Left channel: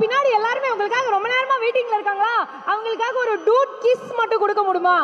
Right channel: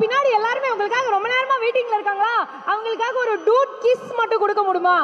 பின்னாடி எல்லாருமே உங்களுக்காக ரொம்ப நேரமா வெயிட்டிங்ல இருக்காங்களா? அவங்களுக்காக ஒரு டூட் கிஸ் மட்டும் கொடுக்க முடியுமா?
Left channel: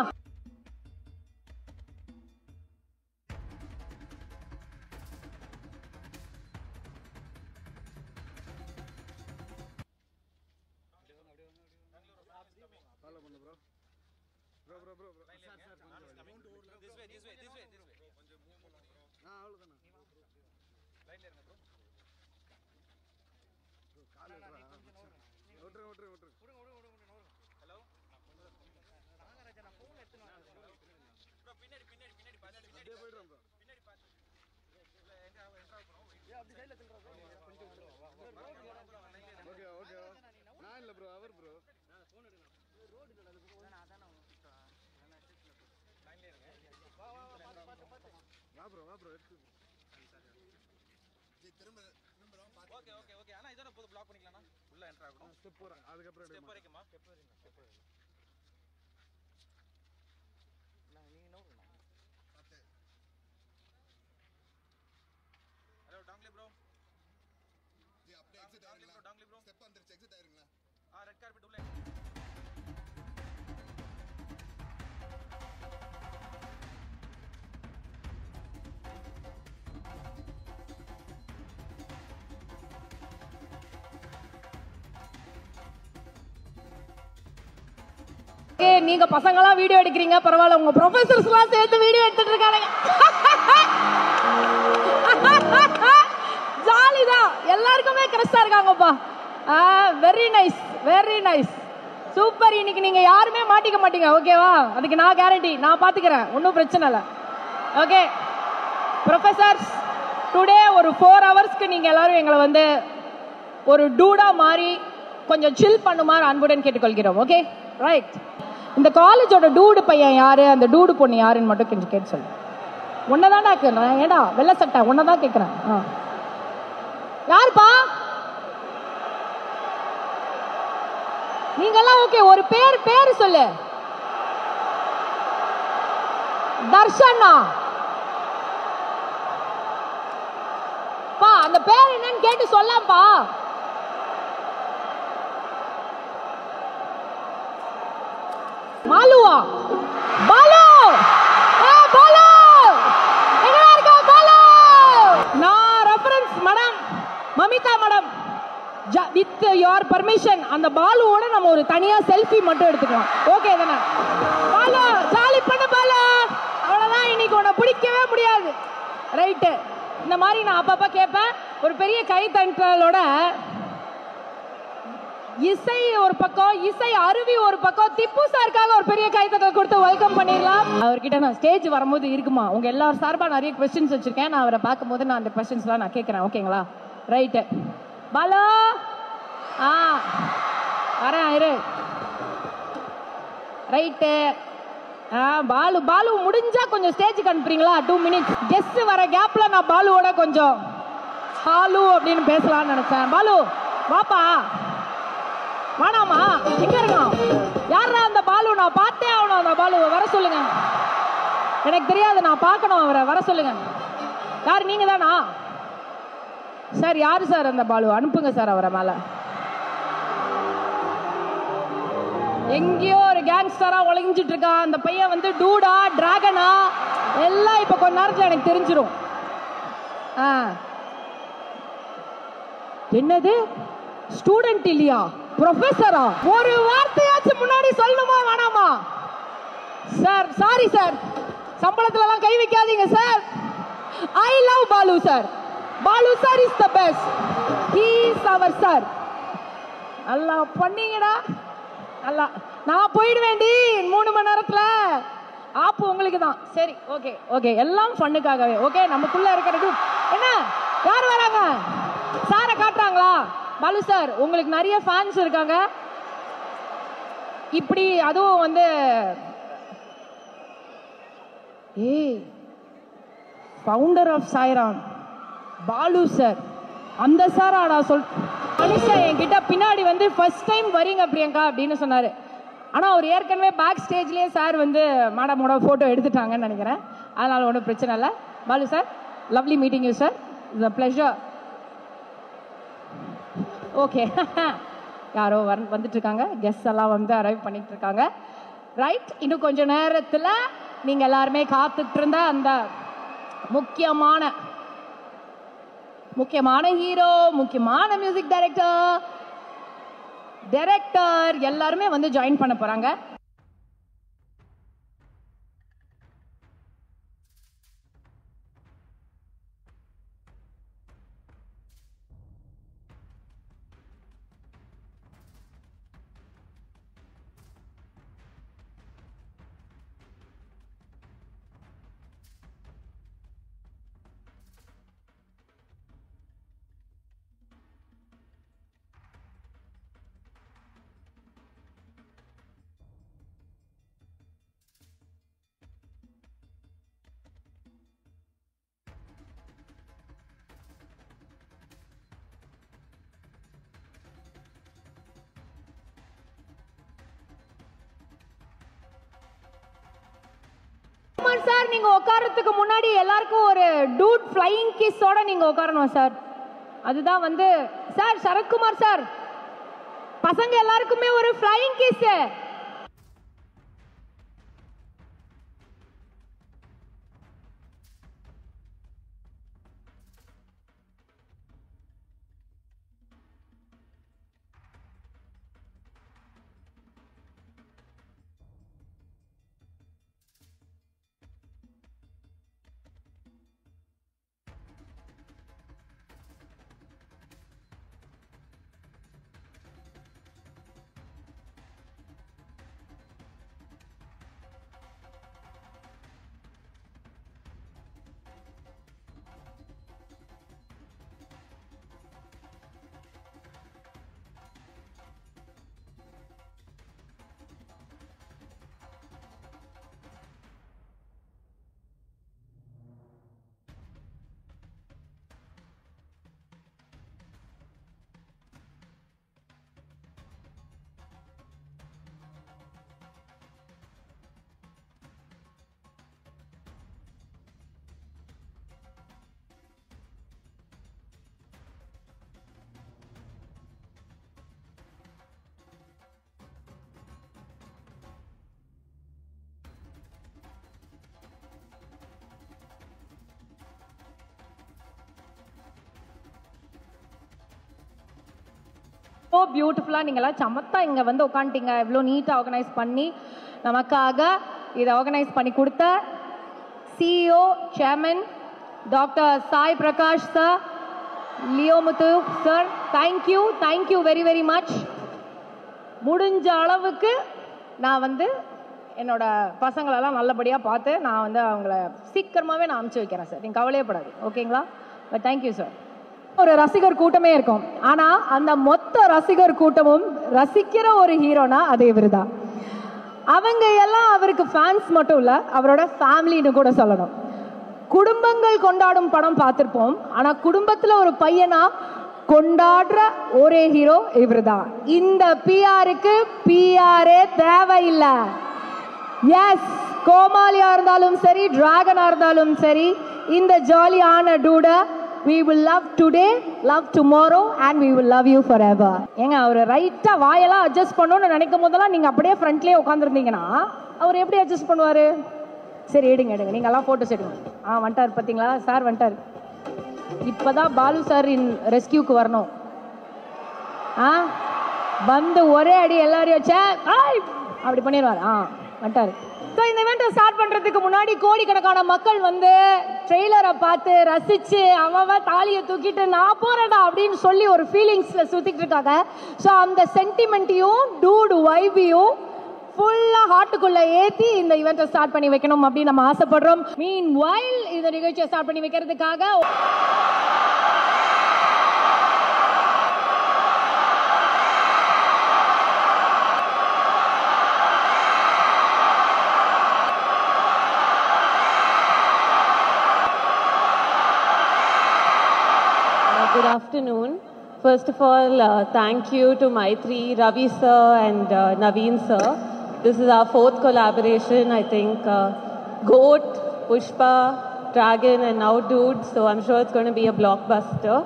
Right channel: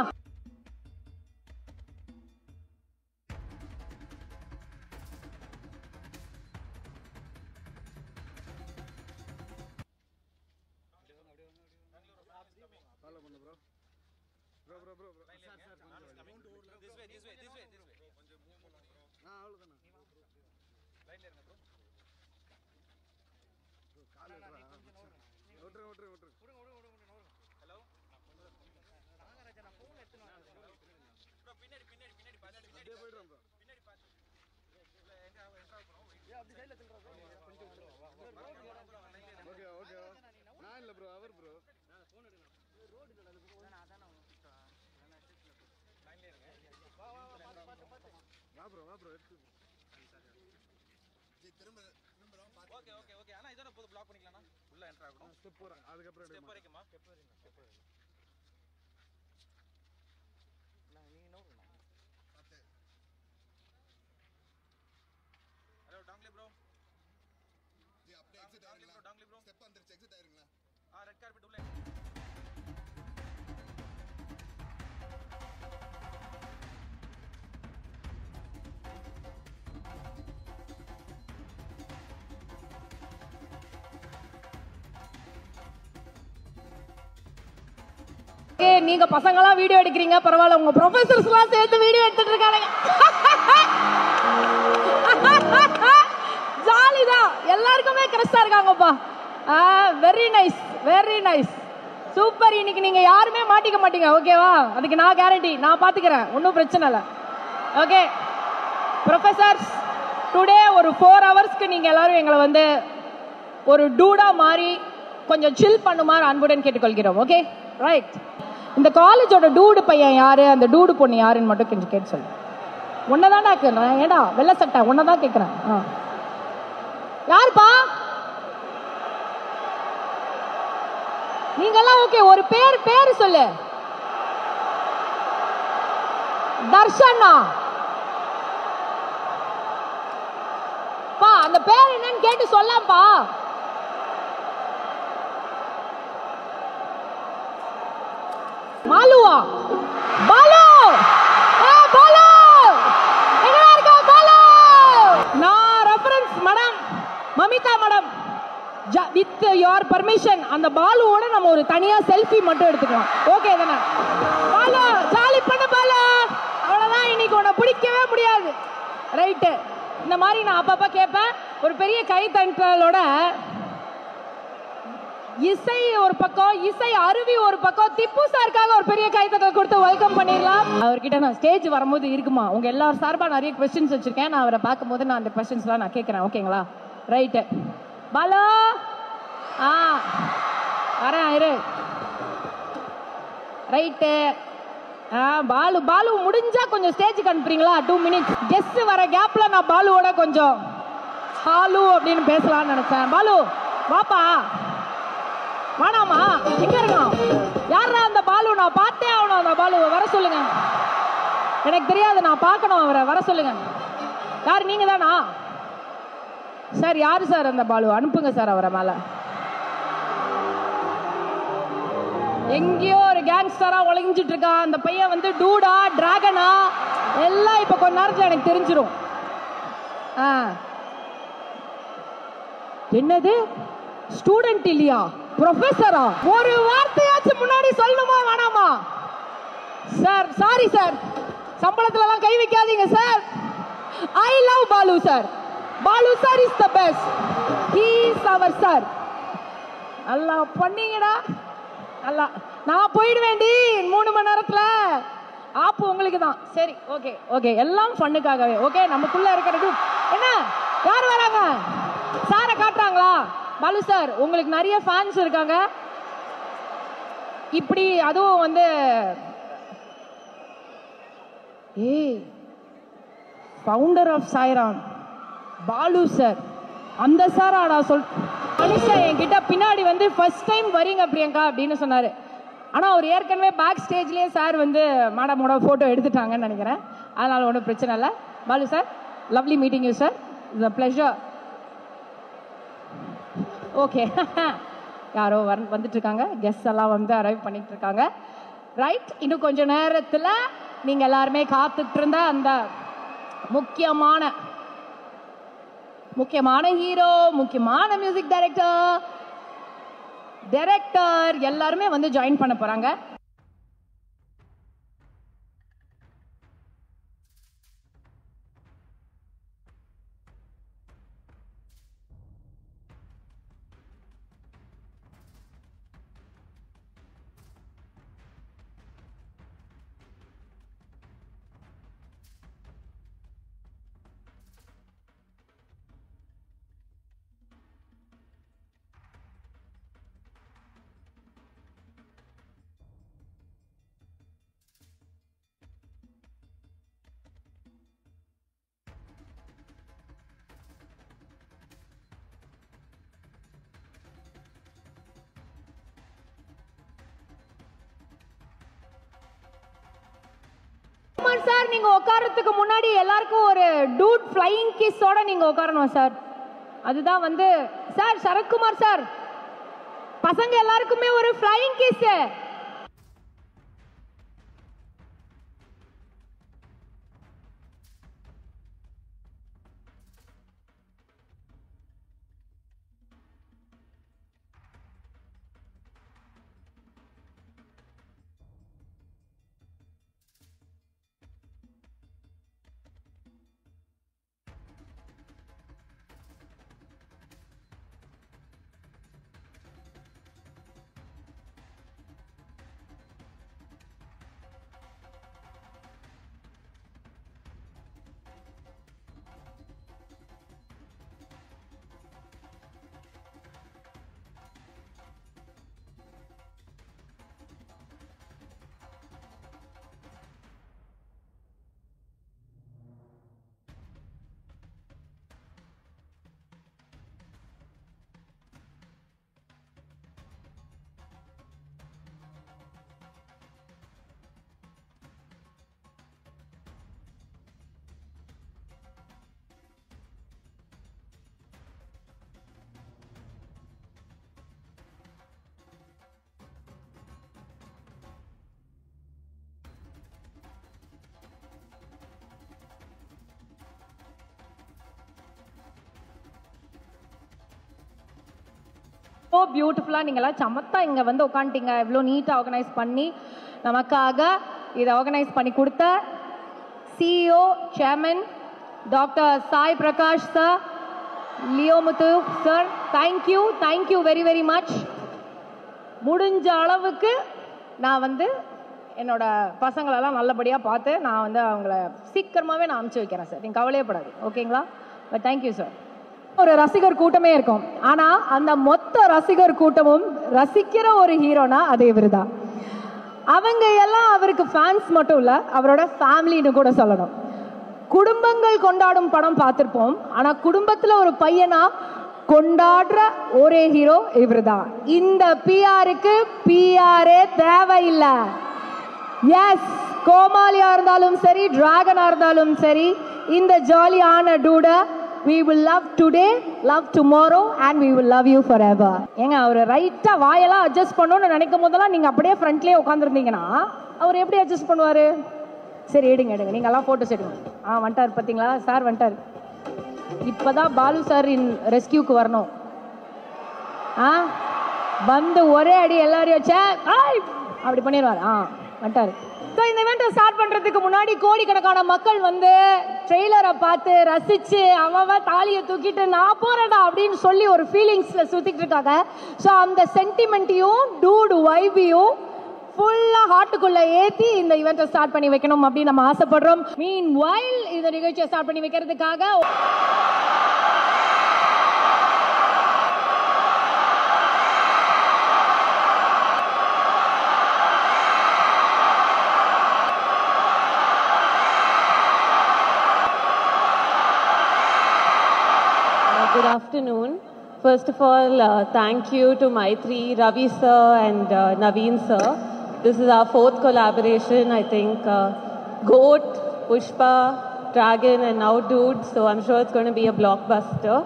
நீங்க பசங்க எல்லாம் வீடியோ எடுக்கிறீங்க, பரவாயில்ல. உங்க ப்ரொஃபசர்ஸ் எல்லாம் சேர்த்து வீடியோ எடுத்துட்டு இருக்காங்க. ஜாலிதான், எல்லாருக்குமே கிரஸ்டா இருக்காங்கப்பா. Very nice, very nice, super. இன்னைக்கு நீங்க யாருமே மாட்டிக்க மாட்டீங்க, ஓகேவா? அதுக்கு நான் கேரண்டி, நான் பாத்துக்கிறேன், ஒன்னும் பிரச்சனை இல்லை. ஓகே ப்ரொஃபசர்ஸ் கூட ஒரு 4 ஹவர்ஸ்க்கு நீங்க எல்லாரும் எங்களை வந்து ஒரு டூடா மாதிரி கொஞ்சம் சில் பண்ணுமாறு அன்புடன் கேட்டுக்கொள்கிறோம். Okay right. இந்த காலேஜோட டூடு பையன் யாரு, அந்த டூடு பொண்ணு யாருன்னு மட்டும் கொஞ்சம் கேட்டு சொல்லு. உன்னதான்டா கேட்கிறேன், ஏடா வெள்ளை சட்டை, உன்னதான் கேட்கிறேன். யாருப்பா நீங்கெல்லாம்? ஓகே, ஒரு பேரு சொல்லு. தர்ஷனா பா, அந்த பேர் என்னன்னு கேட்டு சொல்லப்பா. மாலுவா? பாலு, பாலு எங்க இருக்கா? பாலு, நான் reference madam Mamitha madam, with your permission அந்த பாலுவோட நம்ம ஒரு தனியா செல்ஃபி மட்டும் எடுத்துக்கலாம். ஓகே தானே? பாலு ஜாலி பண்ணு பாலு, அவ்வளவுதான். இன்னைக்கு உன்னை பிடிக்கவே முடியாது, ரைட்டு? இந்த மாதிரி நான் அப்பப்ப கேட்பேன். ஒரு பெரிய கைத்தட்டலோட இசை ஒரு பக்கம், இசை அருவி ஒரு பக்கம், திப்பு சாருக்காக ஒரு பெரிய கைத்தட்டல் கொடுத்து வெல்கம் பண்ணிடலாம். அவர்கிட்ட நான் ஸ்டேஜ் வரும்போது இருக்குமா, உங்க எல்லாரும் சார்பா நிறைய கொஸ்டின்ஸ் வச்சிருக்கேன். நான் அவரை பார்க்கும் போது நான் அந்த கொஸ்டின்ஸ்லாம் நான் கேட்கிறேன், ஓகேங்களா? ரைட்டு பாலா, வரேன் இரு. ரைட்டு பாலு, பாலு முடிஞ்சா கொஞ்சம் ஸ்டேஜுக்கு அனுப்புறீங்களா? 2 மினிட்ஸ். கெஸ்ட் வர கேப்ல நான் பாலுவோட கொஞ்சம் ஹாலு அப்படின்னு பேசலாம்னு நினைச்சேன். பாலு வாப்பா. வேணாமா? எங்க இருக்கணும்? யாரா அந்த பாலு? நான் பார்த்தே ஆகணும் அந்த பாலுவை, வர சொல்லுங்க. எனக்கு தெரியாது, நான் பார்க்கணும் அவரை, வர சொல்லுங்க. யார் நீங்க தானா சார்? யாரு சார் அந்த பாலு? அனுப்புங்க சார் அவரை மேல. எங்கேயோ ஒரு கேங்ஸ்டரா ஒளிஞ்சிட்டு இருக்கான் அந்த பையன். வந்து டூடா டிராகனா எல்லாம் இப்ப கொஞ்ச நேரத்துல எனக்கு தெரிஞ்சிடும். என்னது ஸ்டூடெண்ட் இல்லையா, ப்ரொஃபஸரா? ஒரு வார்த்தையாச்சும் முன்னாடி சொல்லணுமா வேணாமா? சார் சாரி சார், சம்பளத்துல எல்லாம் கை வைக்காதீங்க sir. I love Balu sir. Balu sir is the best. He is our sir. நல்லா பண்ணீங்கடா. நல்லா நான் போயிடுவேண்டி 3 மணி நேரத்துல. ஆப்பு உங்களுக்கு தான். சரி, ஓகே ஓகே, எல்லாம் ஃபன்னுக்காகவே. ஓகே, நமக்குள்ள இருக்கிறது என்ன? யார் வராங்க? சாரை காட்டுறாங்களா? பாலு சார், உங்களுக்கு நிறைய ஃபேன்ஸ் இருக்காங்க. இப்படி அதுவும் வந்து founder of Sairam Balu sir, அந்த சார் ஆடா மனுஷன் என்கிட்ட பின்னாடி வந்து ஃபர்ஸ்ட் டைம் வரீங்க பிரியங்கா அப்படின்னு சொன்னாரு. ஆனா அவர் ஏற்கனவே பேக் ஸ்டேஜ்லயே சார் வந்து மேடமோட போட்டோ எடுத்துட்டாங்கன்னு நினைக்கிறேன். அதனால ஒன்றும் பிரச்சனை இல்லை. Balu sir, lovely meeting you sir, it's a pleasure. Okay, யாரோ வந்துட்டு இருக்காங்க, கெஸ்ட் எல்லாம் வந்து அரைவ் பண்ணிட்டு இருக்காங்க. ரைட், இன்னும் கொஞ்ச நேரத்தில் நீங்க எல்லாருமே காத்துட்டு இருந்த அந்த முக்கியமான ஹீரோ, முக்கியமான மியூசிக் டைரக்டர் எல்லாருமே வந்து ஜாயின் பண்ண போறாங்க. சார், நீங்க உட்காரத்துக்கு முன்னாடி எல்லாருக்கும் ஒரு டூட் ஃப்ளையிங் கிஸ்ஸோட நீங்க உட்காரணும் சார். அதுதான் வந்து சார் சரத்குமார் சார், பசங்க எல்லாருக்குமே ஒரு ஃப்ளையிங் கிஸ். பியூட்டிஃபுல்லா நீங்களாம் சமத்தா இங்க வந்து உட்காந்துட்டீங்க. இவ்வளோ நீட்டா ஆர்கனைஸ் பண்ணி நமக்காக இதை ஆர்கனைஸ் பண்ணி கொடுத்த CEO chairman doctor Sai Prakash sir, Leomuthu sir, thank you very very much. முடிஞ்ச அளவுக்கு நான் வந்து என்னோட பசங்களெல்லாம் நல்லபடியாக பார்த்து நான் வந்து அவங்கள சீக்கிரமாகவே நான் அனுப்பிச்சு வைக்கிறேன் சார், நீங்கள் கவலையப்படாது. ஓகேங்களா? But thank you sir. ஒரு ரசிகர் கூட்டமே இருக்கும், ஆனா அந்த மொத்த ரசிகர் கூட்டமும் ரசிக்கிற ஒரு ஹீரோனா அது இவருதான். அவங்க எல்லாம் அவருக்கு ஃபேன்ஸ் மட்டும் இல்ல, அவரோட ஃபேமிலின்னு கூட சொல்லணும். குடும்பங்கள் கொண்டாடும் படம் பார்த்திருப்போம், ஆனா குடும்பத்துல ஒரு பையனா கொண்டாடுற ஒரே ஹீரோ இவருதான். இந்த பிஆருக்கு பிஆரே தேவையில்லை. எஸ், கோமாளியா இருந்தாலும் சரி, டிராகனா இருந்தாலும் சரி, இந்த ஜாலியான டூட we will love today, love tomorrow and we will love you forever. ஏங்க அவர் ரைட்டா வாயெல்லாம் அட்ஜஸ்ட் பண்ணணும்னு நினைக்கும் போதெல்லாம் நீங்க அப்படியே ஃப்ரண்ட்லயே உட்காந்துருந்தீங்கன்னா அவர் எப்படி அட்ஜஸ்ட் பண்ணுவாரு? சரி, எடுங்க நீங்க எல்லாம் போட்டோஸ் எடுங்க. வந்துட்டார் பாத்தீங்களா சார், வந்துட்டார். இப்பதான் பாலு சார் ரெஸ்கியூக்கு வரணும். வந்து ஒரே அடி எல்லாரையும் வச்சா அப்படி பண்ணிடுவார். வந்துட்டாரு. ஸோ இந்த இவெண்ட்டை ஸ்டார்ட் பண்றதுக்கு முன்னாடி கோடிக்கணக்கான மக்கள் வந்து ட்ரெய்லரை பார்த்து ரசிச்சு அவன் தாலியை தூக்கிட்டு நான் போறேடா அப்படின்னு சொல்லி ஒரு ஃபீலிங்ஸ்ல சுத்திட்டு இருக்காங்க. ஸோ அந்த சென்டிமெண்ட்டையும் டூடு வைபையும் ஃபுல்லா ஹார்ட்டுக்குள்ள ஏத்தி இந்த இவெண்ட்டை ஸ்டார்ட் பண்ணி வைக்கணும் அப்படின்னு நம்ம ஆசைப்படுறோம். மீன் வைல் இந்த நிகழ்ச்சியை ஸ்டார்ட் பண்ணி வைக்கிறதுக்காக Good afternoon. First of all, thank you to Maitri, Ravi sir and Naveen sir. This is our 4th collaboration, I think. Goat, Pushpa, Dragon and now Dude. So I'm sure it's going to be a blockbuster.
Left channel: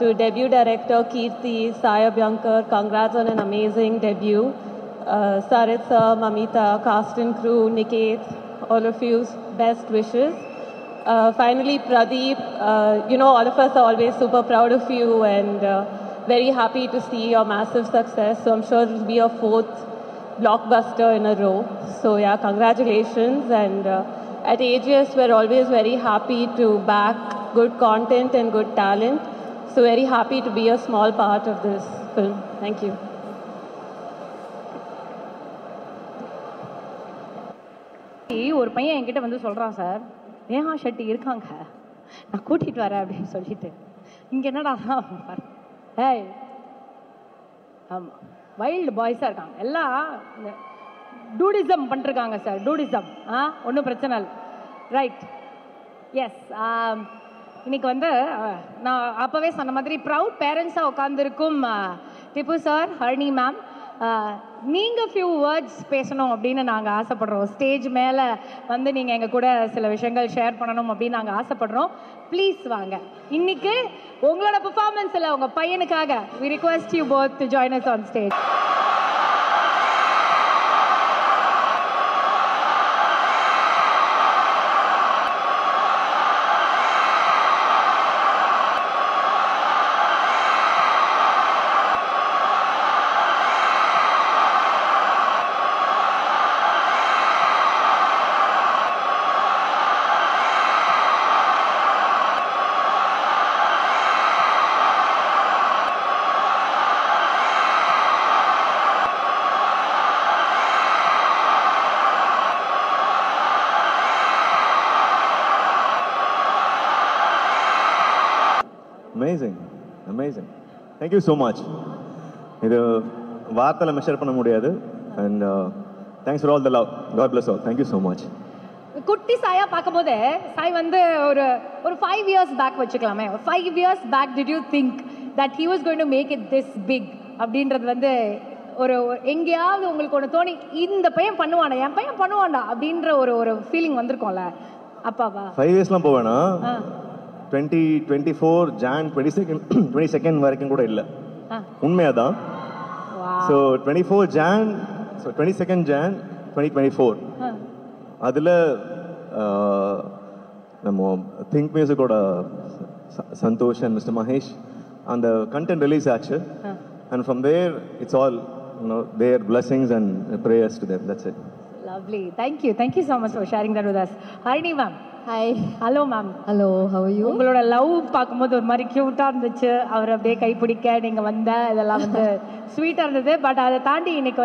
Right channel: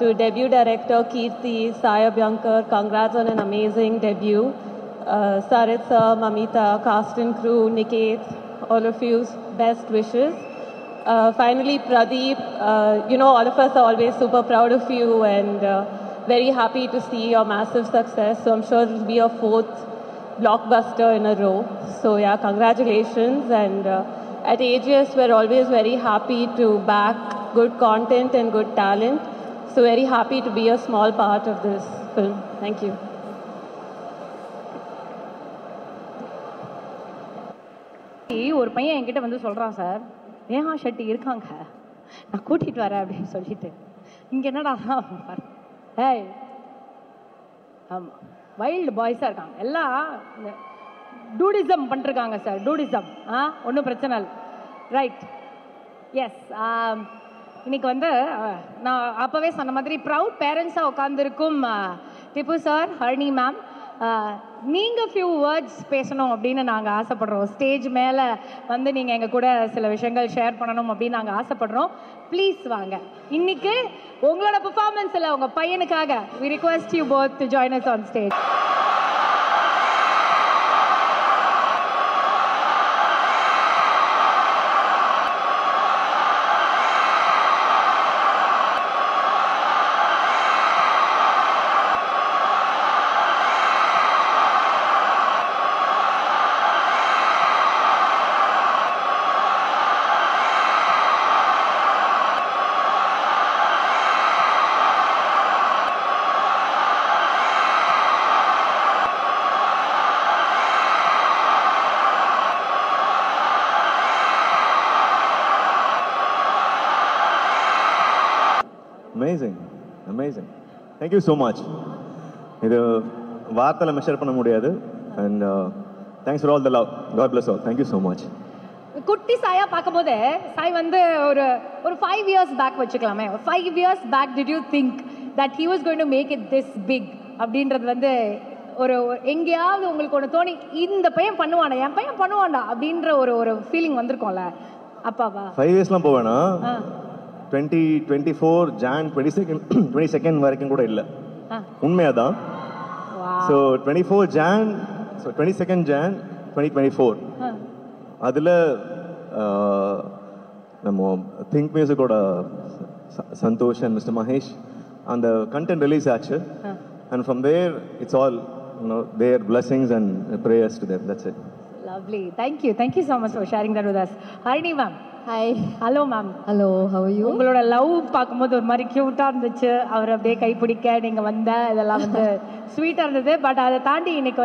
To debut director Kirti, Saya Byankar, congrats on an amazing debut. Sarit sir, Mamita, cast and crew, Niket, all of you, best wishes. Finally, Pradeep, all of us are always super proud of you and very happy to see your massive success. So I'm sure it will be your 4th blockbuster in a row. So yeah, congratulations. And at AGS, we're always very happy to back good content and good talent. So very happy to be a small part of this film. Thank you. ஒரு பையன் என்கிட்ட வந்து சொல்றான், sir Neha Shetty இருக்காங்க, நான் கூட்டிட்டு வரேன் அப்படின்னு சொல்லிட்டு. இங்க என்னடா வைல்டு பாய்ஸா இருக்காங்க, எல்லாம் டூடிசம் பண்ணிருக்காங்க சார். டூடிசம் ஒன்றும் பிரச்சனை இல்லை. Right, yes. இன்னைக்கு வந்து நான் அப்பவே சொன்ன மாதிரி ப்ரவுட் பேரண்ட்ஸா உட்காந்துருக்கும் திப்பு சார், ஹரிணி மேம், நீங்க ஃபியூ வேர்ட்ஸ் பேசணும் அப்படின்னு நாங்க ஆசைப்படுறோம். ஸ்டேஜ் மேல வந்து நீங்க எங்க கூட சில விஷயங்கள் ஷேர் பண்ணணும் அப்படின்னு நாங்க ஆசைப்படுறோம். ப்ளீஸ் வாங்க. இன்னைக்கு உங்களோட பெர்ஃபார்மன்ஸ்ல உங்க பையனுக்காக we request you both to join us on stage. Amazing, amazing. Thank you so much. இது வார்த்தையில மெஷர் பண்ண முடியாது. And thanks for all the love. God bless all. Thank you so much. குட்டி சாயா பார்க்கும்போது சாய் வந்து ஒரு 5 years பேக் வச்சுக்கலாமே. 5 years back did you think that he was going to make it this big அப்படின்றது வந்து ஒரு எங்கேயாவது உங்களுக்கு ஒன்று தோணி இந்த பையன் பண்ணுவானா, என் பையன் பண்ணுவான்டா அப்படின்ற ஒரு ஃபீலிங் வந்திருக்கும்ல அப்பாவா? 5 yearsலாம் போவேனா? 2024 Jan 22nd வரைக்கும் கூட இல்லை, உண்மையாதான். So 24 Jan, so 22nd Jan 2024 அதில் நம்ம திங்க் மியூசிக்கோட சந்தோஷ் அண்ட் மிஸ்டர் மகேஷ் அந்த கண்டென்ட் ரிலீஸ் ஆச்சு. And from there it's all their blessings and prayers to them. That's it. Lovely. Thank you so much for sharing that with us. Harini ma'am. Hi. Hello ma'am. Hello, how are you? உங்களோட love பார்க்கும்போது ஒரு மாதிரி கியூட்டா இருந்துச்சு. அவர் அப்படியே கைப்பிடிக்க நீங்க வந்த இதெல்லாம் வந்து ஸ்வீட்டா இருந்தது. பட் அதை தாண்டி இன்னைக்கு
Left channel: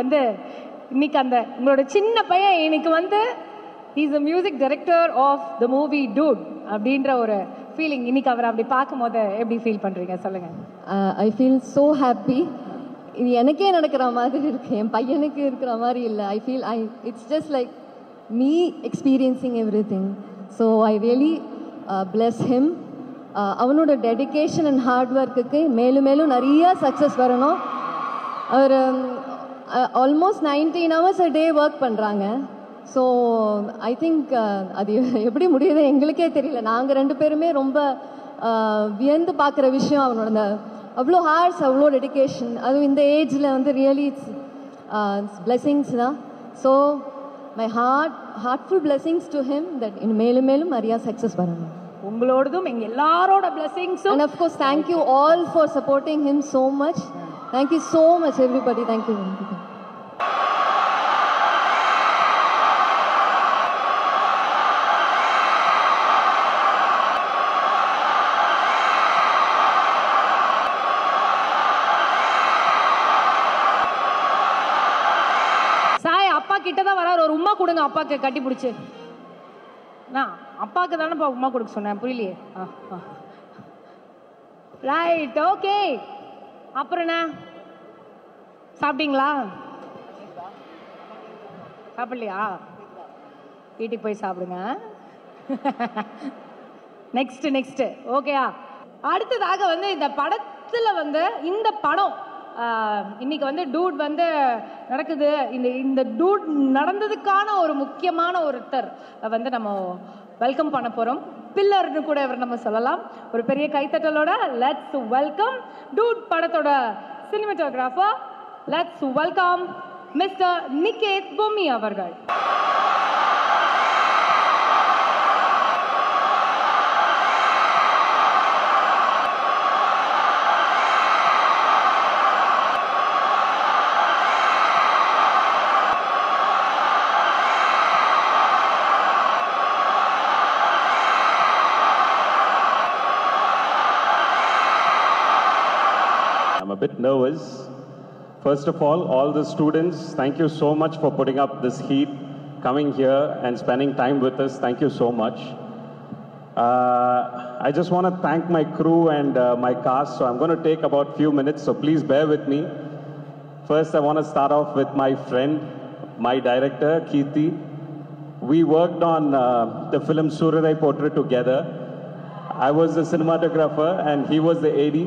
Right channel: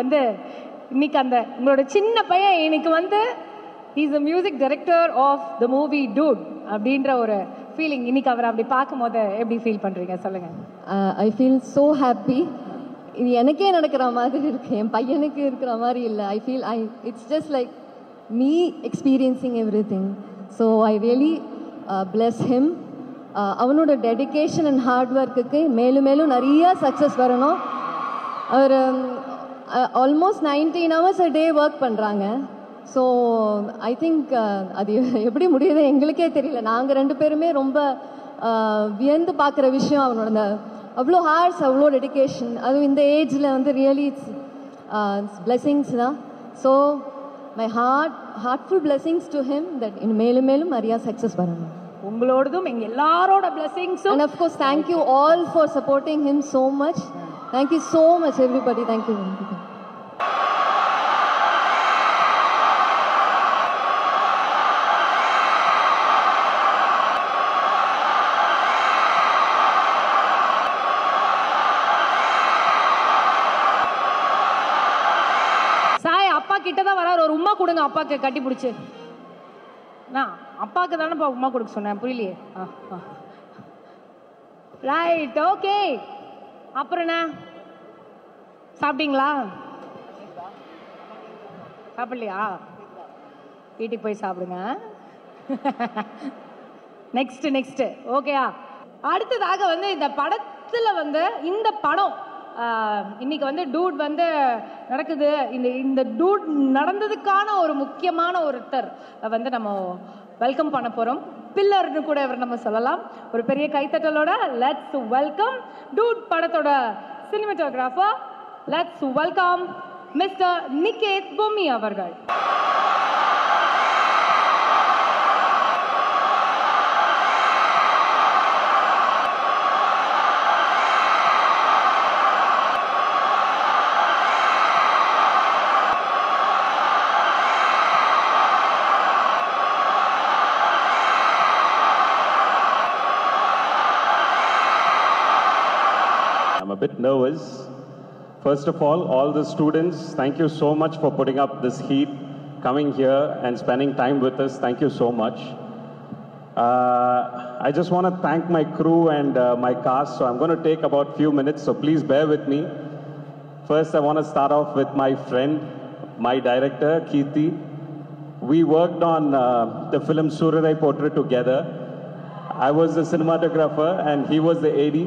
அந்த உங்களோட சின்ன பையன் இன்னைக்கு வந்து is a music director of the movie Dude அப்படின்ற ஒரு ஃபீலிங் இன்னைக்கு அவர் அப்படி பார்க்கும்போது எப்படி ஃபீல் பண்றீங்க சொல்லுங்க? I feel so happy. இது எனக்கே நடக்கிற மாதிரி இருக்கு, என் பையனுக்கு இருக்கிற மாதிரி இல்லை. It's just like me experiencing everything. So I really bless him. அவனோட டெடிக்கேஷன் அண்ட் ஹார்ட் ஒர்க்குக்கு மேலும் மேலும் நிறைய சக்ஸஸ் வரணும். அவர் almost 19 hours a day work பண்ணுறாங்க. ஸோ ஐ திங்க் அது எப்படி முடியுது எங்களுக்கே தெரியல. நாங்கள் 2 பேருமே ரொம்ப வியந்து பார்க்குற விஷயம் அவனோட அவ்வளோ ஹார்ட்ஸ், அவ்வளோ டெடிக்கேஷன். அதுவும் இந்த ஏஜில் வந்து ரியலி இட்ஸ் பிளெஸிங்ஸ்னா. So my heartful blessings to him that மேலும் மேலும் நிறையா சக்ஸஸ் வரணும். உங்களோடதும் எங்கள் எல்லாரோட பிளெஸிங்ஸும். And of course thank you all for supporting him so much. Thank you so much everybody. Thank you. கொடுங்க அப்பாக்கு கட்டி பிடிச்சி. நான் அப்பாவுக்கு தானேப்பா உமா கொடுக்க சொன்னேன், புரியலையே. Right, okay. அப்புறம் என்ன சாப்பிட்டீங்களா? சாப்பிடலையா? வீட்டுக்கு போய் சாப்பிடுங்க. Next next okay. அடுத்ததாக வந்து இந்த படத்துல வந்து இந்த படம் இன்னைக்கு வந்து டூட் வந்து நடக்குது. இந்த டூட் நடந்ததுக்கான ஒரு முக்கியமான ஒருத்தர் வந்து நம்ம வெல்கம் பண்ண போறோம். பில்லர்னு கூட இவர் நம்ம சொல்லலாம். ஒரு பெரிய கைத்தட்டலோட லெட்ஸ் வெல்கம் டூட் படத்தோட cinematographer. Let's welcome mister Niketh Bommi அவர்கள். First of all the students, thank you so much for putting up this heat, coming here and spending time with us. Thank you so much. I just want to thank my crew and my cast. So I'm going to take about a few minutes, so please bear with me. First, I want to start off with my friend, my director, Keerthi. We worked on the film Surya Kotra together. I was the cinematographer and he was the AD.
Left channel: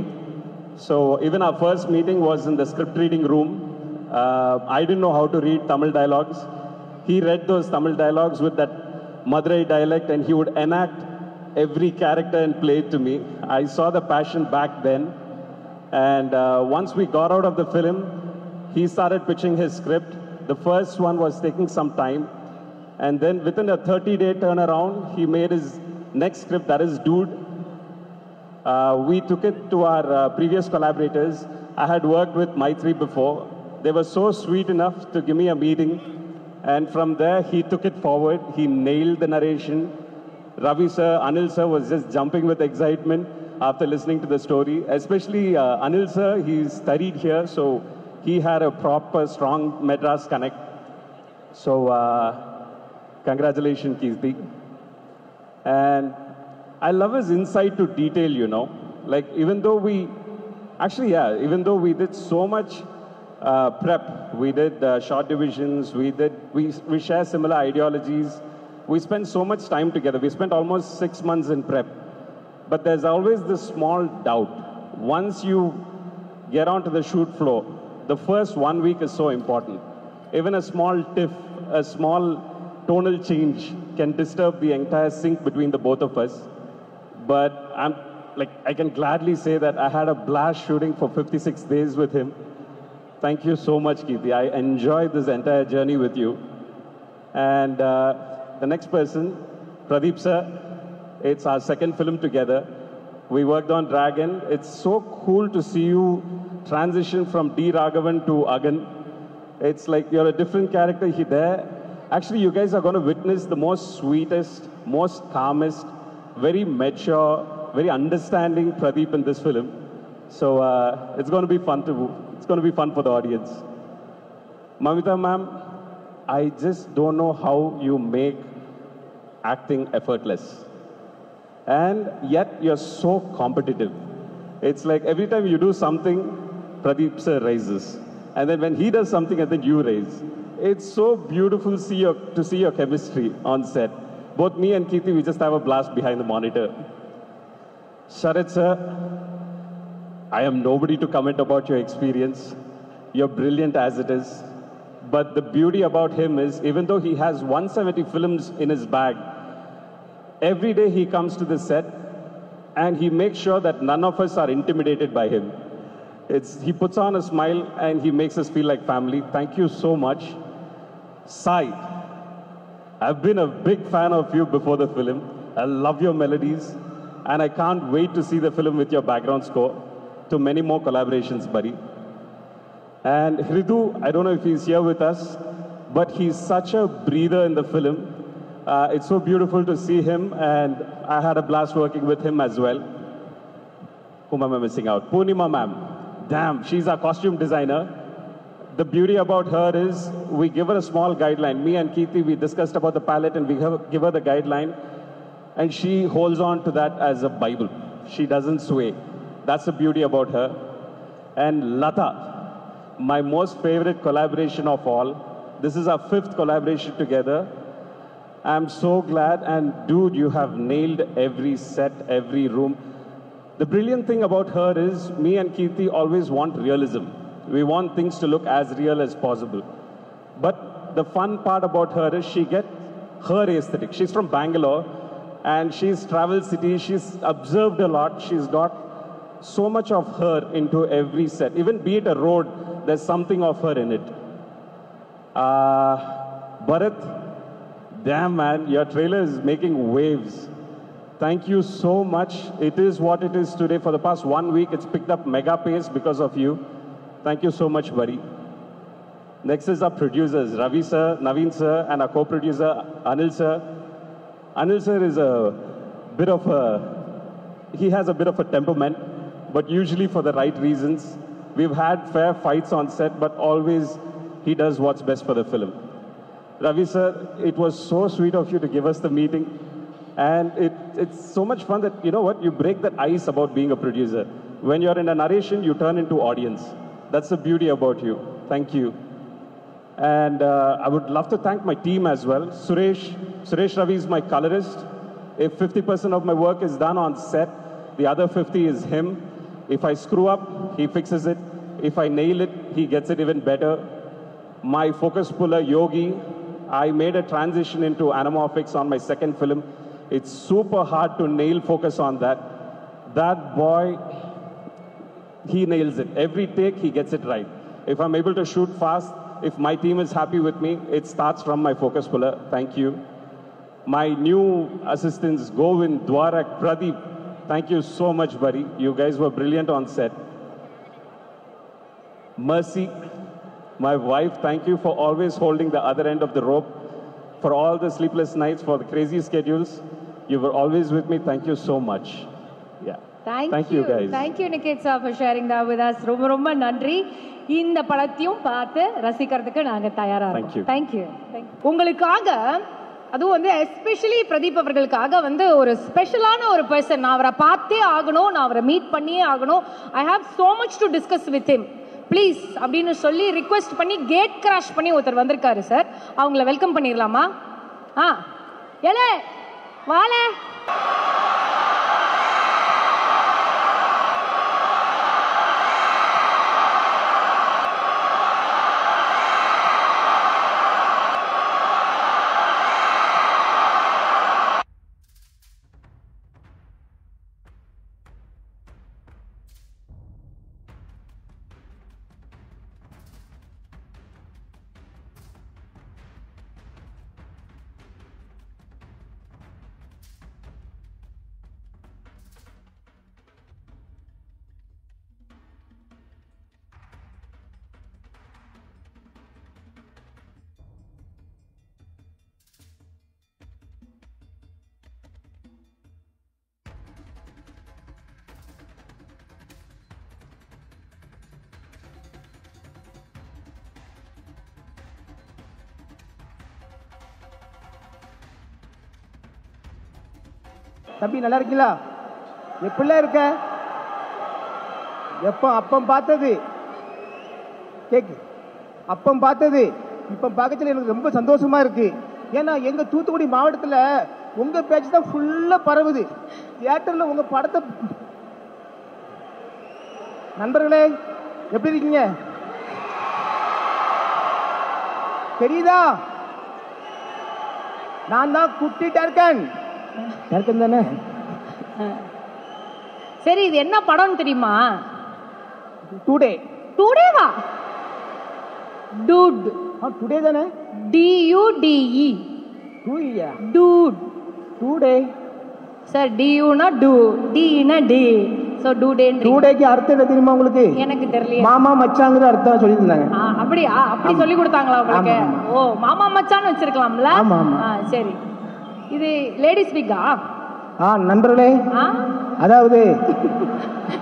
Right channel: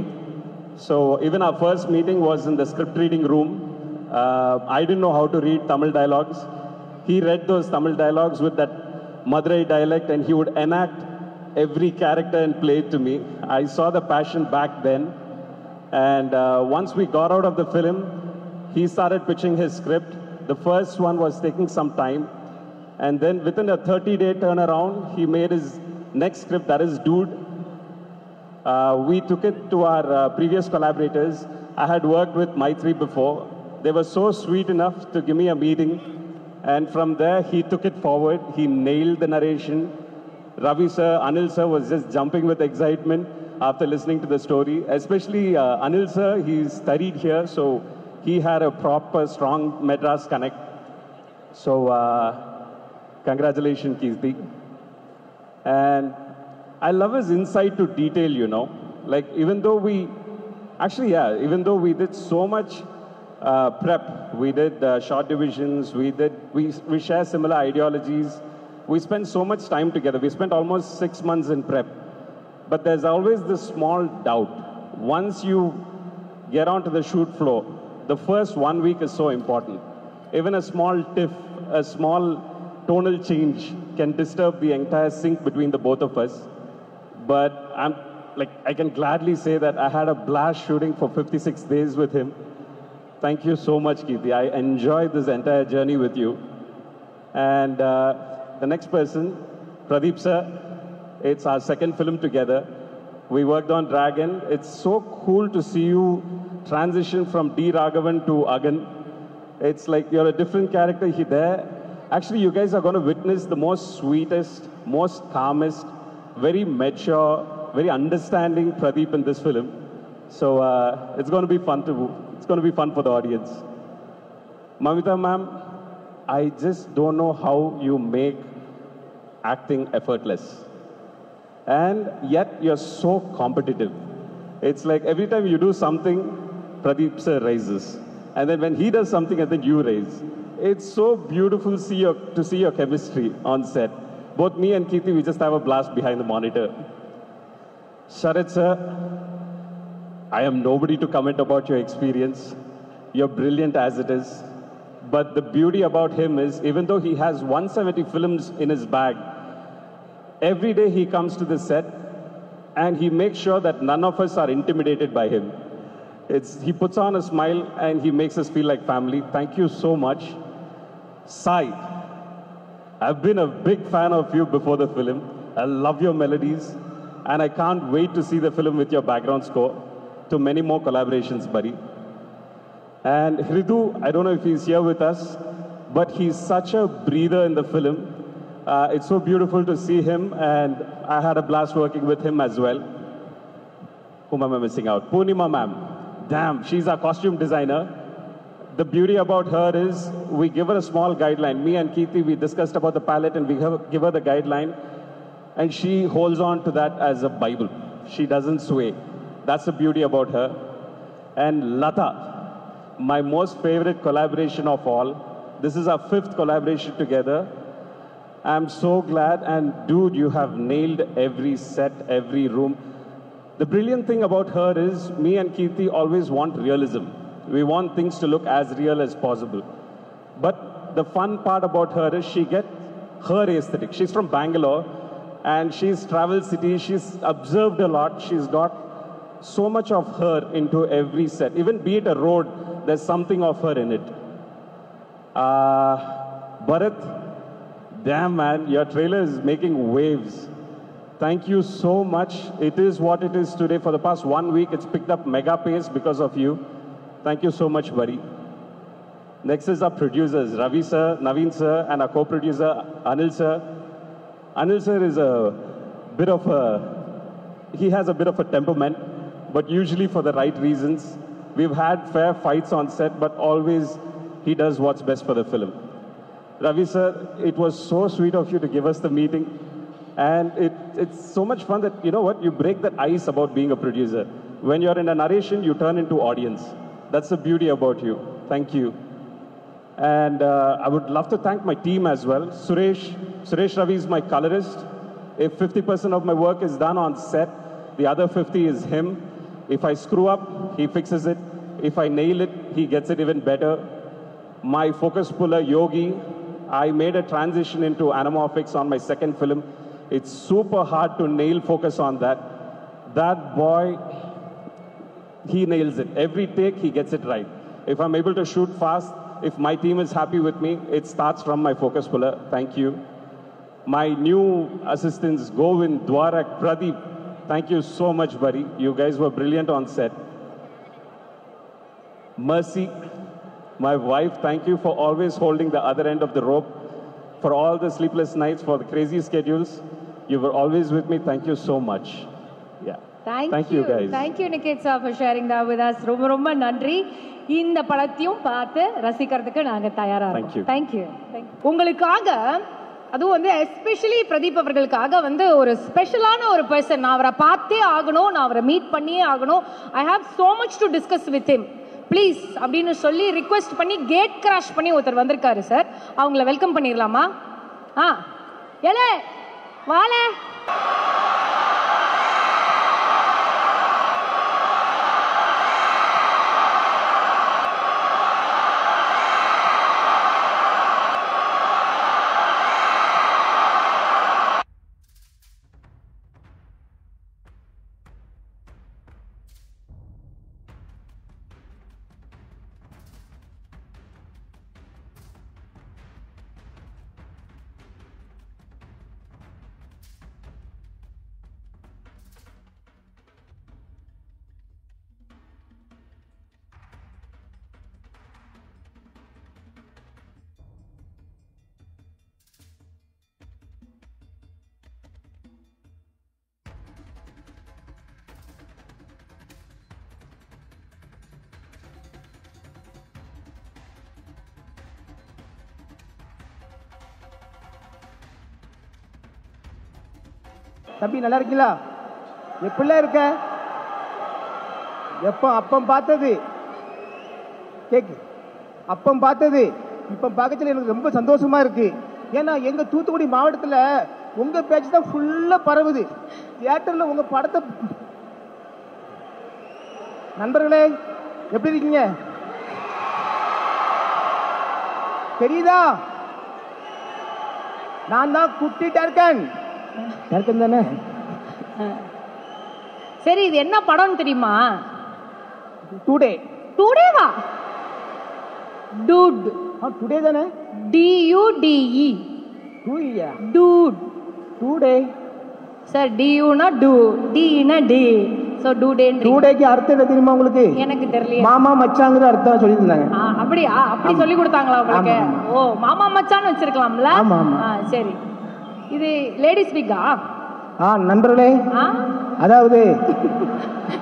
So even our first meeting was in the script reading room. I didn't know how to read Tamil dialogues. He read those Tamil dialogues with that Madurai dialect and he would enact every character and play it to me. I saw the passion back then. And once we got out of the film, he started pitching his script. The first one was taking some time. And then within a 30-day turnaround, he made his next script, that is Dude. We took it to our previous collaborators. I had worked with Maitri before. They were so sweet enough to give me a meeting. And from there, he took it forward. He nailed the narration. Ravi sir, Anil sir was just jumping with excitement after listening to the story. Especially Anil sir, he studied here, so he had a proper strong meta study. So, congratulations, Keerthi. And I love his insight to detail, you know. Like, even though we did so much prep, we did short divisions, we share similar ideologies, we spent so much time together. We spent almost 6 months in prep. But there's always this small doubt. Once you get onto the shoot floor, the first 1 week is so important. Even a small tiff, a small tonal change can disturb the entire sync between the both of us. But I can gladly say that I had a blast shooting for 56 days with him. Thank you so much, Keerthi. I enjoyed this entire journey with you. And the next person, Pradeep sir, it's our second film together. We worked on Dragon. It's so cool to see you transition from D. Raghavan to Agan. It's like you're a different character there. Actually, you guys are going to witness the most sweetest, most calmest, very mature, very understanding Pradeep in this film. So it's going to be fun for the audience. Mamita ma'am, I just don't know how you make acting effortless. And yet you're so competitive. It's like every time you do something, Pradeep sir raises. And then when he does something, I think you raise. It's so beautiful to see your chemistry on set. Both me and Keerthi, we just have a blast behind the monitor. Sharat sir, I am nobody to comment about your experience. You're brilliant as it is. But the beauty about him is, even though he has 170 films in his bag, every day he comes to the set and he makes sure that none of us are intimidated by him. He puts on a smile and he makes us feel like family. Thank you so much. Sai, I've been a big fan of you before the film. I love your melodies and I can't wait to see the film with your background score. To many more collaborations, buddy. And Hridu, I don't know if he's here with us, but he's such a breather in the film. It's so beautiful to see him, and I had a blast working with him as well. Whom am I missing out? Purnima ma'am. Damn, she's our costume designer. the beauty about her is we give her a small guideline. Me and Kirti, we discussed about the palette and we give her the guideline and she holds on to that as a Bible. She doesn't sway. That's the beauty about her. And Lata, my most favorite collaboration of all. This is our 5th collaboration together. I'm so glad, and dude, you have nailed every set, every room. The brilliant thing about her is, me and Kirti always want realism. We want things to look as real as possible. But the fun part about her is she gets her aesthetic. She's from Bangalore, and she's traveled cities, she's observed a lot, she's got so much of her into every set. Even be it a road, there's something of her in it. Bharat, damn man, your trailer is making waves. Thank you so much. It is what it is today. For the past 1 week, it's picked up mega pace because of you. Thank you so much, buddy. Next is our producers, Ravi sir, Naveen sir, and our co-producer, Anil sir. Anil sir is he has a bit of a temperament, but usually for the right reasons. We've had fair fights on set, but always he does what's best for the film. Ravi sir, it was so sweet of you to give us the meeting. And it's so much fun that, you know what, you break the ice about being a producer. When you're in a narration, you turn into audience. That's the beauty about you. Thank you. And I would love to thank my team as well. Suresh Ravi is my colorist. If 50% of my work is done on set, the other 50 is him. If I screw up, he fixes it. If I nail it, he gets it even better. My focus puller, Yogi, I made a transition into anamorphics on my second film. It's super hard to nail focus on that. That boy, he nails it. Every take, he gets it right. If I'm able to shoot fast, if my team is happy with me, it starts from my focus puller. Thank you. My new assistants, Govind, Dwarak, Pradeep, thank you so much, buddy. You guys were brilliant on set. Mercy, my wife, thank you for always holding the other end of the rope. For all the sleepless nights, for the crazy schedules, you were always with me. Thank you so much. Yeah. Thank you guys. Thank you, Niket sir, for sharing that with us. ரொம்ப நன்றி. இந்த படத்தையும் பார்த்து ரசிக்கிறதுக்கு நாங்க தயாரா இருக்கோம். Thank you. உங்களுக்காக அதுவும் வந்து எஸ்பெஷலி பிரதீப் அவர்களுக்காக வந்து ஒரு ஸ்பெஷலான ஒரு பர்சன். நான் அவரை பார்த்தே ஆகணும், நான் அவரை மீட் பண்ணியே ஆகணும். I have so much to discuss with him. Please அப்படின்னு சொல்லி ரிக்வெஸ்ட் பண்ணி கேட் கிராஷ் பண்ணி ஒருத்தர் வந்திருக்காரு சார். அவங்கள வெல்கம் பண்ணிடலாமா? ஏல வாழ தம்பி நல்லா இருக்கீங்களா? எப்படிலாம் இருக்க? எப்போ அப்பம் பார்த்தது கேக்கு அப்பம் பார்த்தது இப்போ பார்க்கறதுல எனக்கு ரொம்ப சந்தோஷமா இருக்கு. ஏன்னா எங்க தூத்துக்குடி மாவட்டத்தில் உங்க பேச்சு தான் ஃபுல்லா பரவுது. தியேட்டர்ல உங்க படத்தை நண்பர்களே எப்படி இருக்கீங்க? தெரியுதா? நான் தான் குட்டிட்டா இருக்கேன். தானே சரி, இது என்ன படம் தெரியுமா? டுடே. டுடேவா? டூட். டுடே தானே? DUDE. டூயா? டூட். டுடே. சார் DUனா டூ, Dனா டே. So today. டுடேக்கு அர்த்தம் என்ன தெரியுமா உங்களுக்கு? எனக்கு தெரியல. மாமா மச்சாங்கிற அர்த்தம் சொல்லி இருந்தாங்க. அப்படியா? அப்படி சொல்லி கொடுத்தாங்களா உங்களுக்கு? ஓ, மாமா மச்சான்னு வச்சிருக்கலாம்ல. ஆமா ஆமா. சரி, இது லேடிஸ் வீக்கா? நண்பர்களே, அதாவது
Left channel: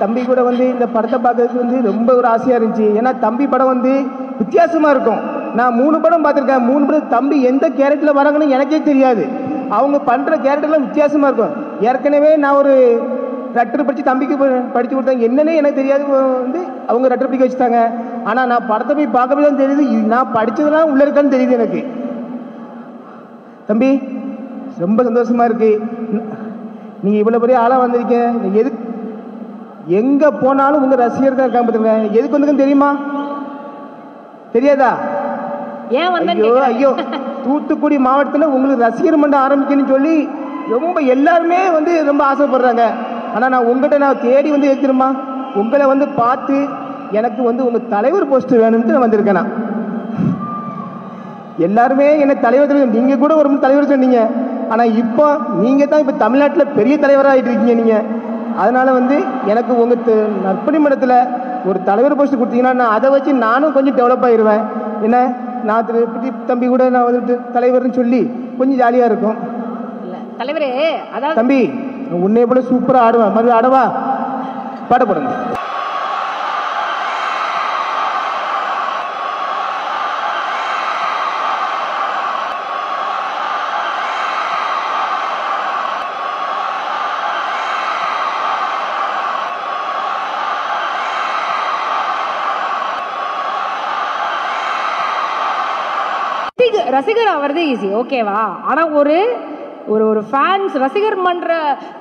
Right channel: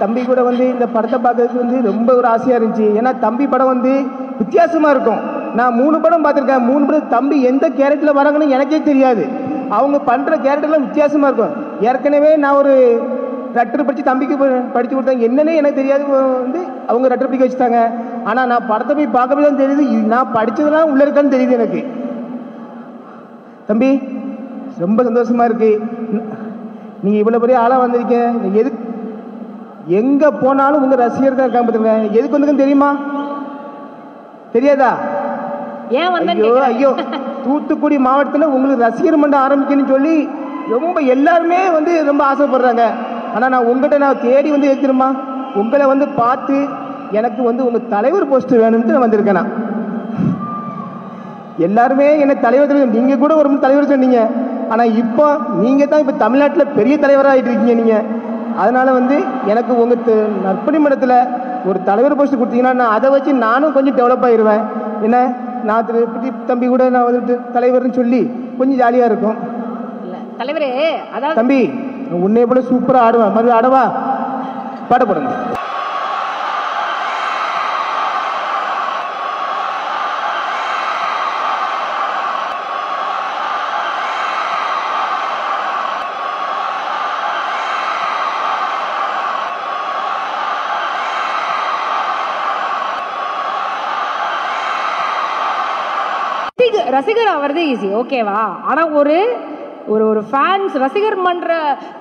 தம்பி கூட வந்து இந்த படத்தை பார்த்ததுக்கு வந்து ரொம்ப ஒரு ஆசையா இருந்துச்சு. ஏன்னா தம்பி படம் வந்து வித்தியாசமா இருக்கும். நான் 3 படம் பார்த்திருக்கேன். 3 படம் தம்பி எந்த கேரக்டர்ல வராங்கன்னு எனக்கே தெரியாது. அவங்க பண்ற கேரக்டர்லாம் வித்தியாசமா இருக்கும். ஏற்கனவே நான் ஒரு ரட்டர் படிச்சு தம்பிக்கு படிச்சு கொடுத்தாங்க, என்னன்னே எனக்கு தெரியாது. வந்து அவங்க ரட்டர் படிக்க வச்சுட்டாங்க. ஆனா நான் படத்தை போய் பார்க்கவே தான் தெரியுது, நான் படிச்சதெல்லாம் உள்ள இருக்கான்னு தெரியுது எனக்கு. தம்பி ரொம்ப சந்தோஷமா இருக்கு. நீங்க இவ்வளவு பெரிய ஆளா வந்திருக்கீங்க. எது எங்க போனாலும் உங்க ரசிகர்கள் இருக்காங்க பாத்துங்க. எதுக்கு வந்துருக்குன்னு தெரியுமா? தெரியாதா? ஏன் ஐயோ ஐயோ, தூத்துக்குடி மாவட்டத்தில் உங்களுக்கு ரசிகர் மன்றம் ஆரம்பிக்கணும்னு சொல்லி ரொம்ப எல்லாருமே வந்து ரொம்ப ஆசைப்படுறாங்க. ஆனா நான் உங்ககிட்ட நான் தேடி வந்து வைக்கிறேமா, உங்களை வந்து பார்த்து எனக்கு வந்து உங்க தலைவர் போஸ்ட் வேணும்னு வந்திருக்கேன். நான் எல்லாருமே என்ன தலைவர், நீங்க கூட ஒரு தலைவர் சொன்னீங்க. ஆனா இப்ப நீங்க தான் இப்ப தமிழ்நாட்டில் பெரிய தலைவராக ஆயிட்டு இருக்கீங்க நீங்க. அதனால வந்து எனக்கு உங்க நற்பணி மன்றத்துல ஒரு தலைவர் போஸ்ட் கொடுத்தீங்கன்னா நான் அதை வச்சு நானும் கொஞ்சம் டெவலப் ஆயிடுவேன். என்ன நான் தம்பி கூட நான் வந்துட்டு தலைவர்னு சொல்லி கொஞ்சம் ஜாலியா இருக்கும். தலைவரே அதாவது தம்பி உன்னை போல சூப்பரா ஆடுவேன். மறு ஆடவா? பாட போடுங்க. ரசிகர் ஆகிறது ஈஸி, ஓகேவா? ஆனா ஒரு ஒரு ஃபேன்ஸ் ரசிகர் மன்ற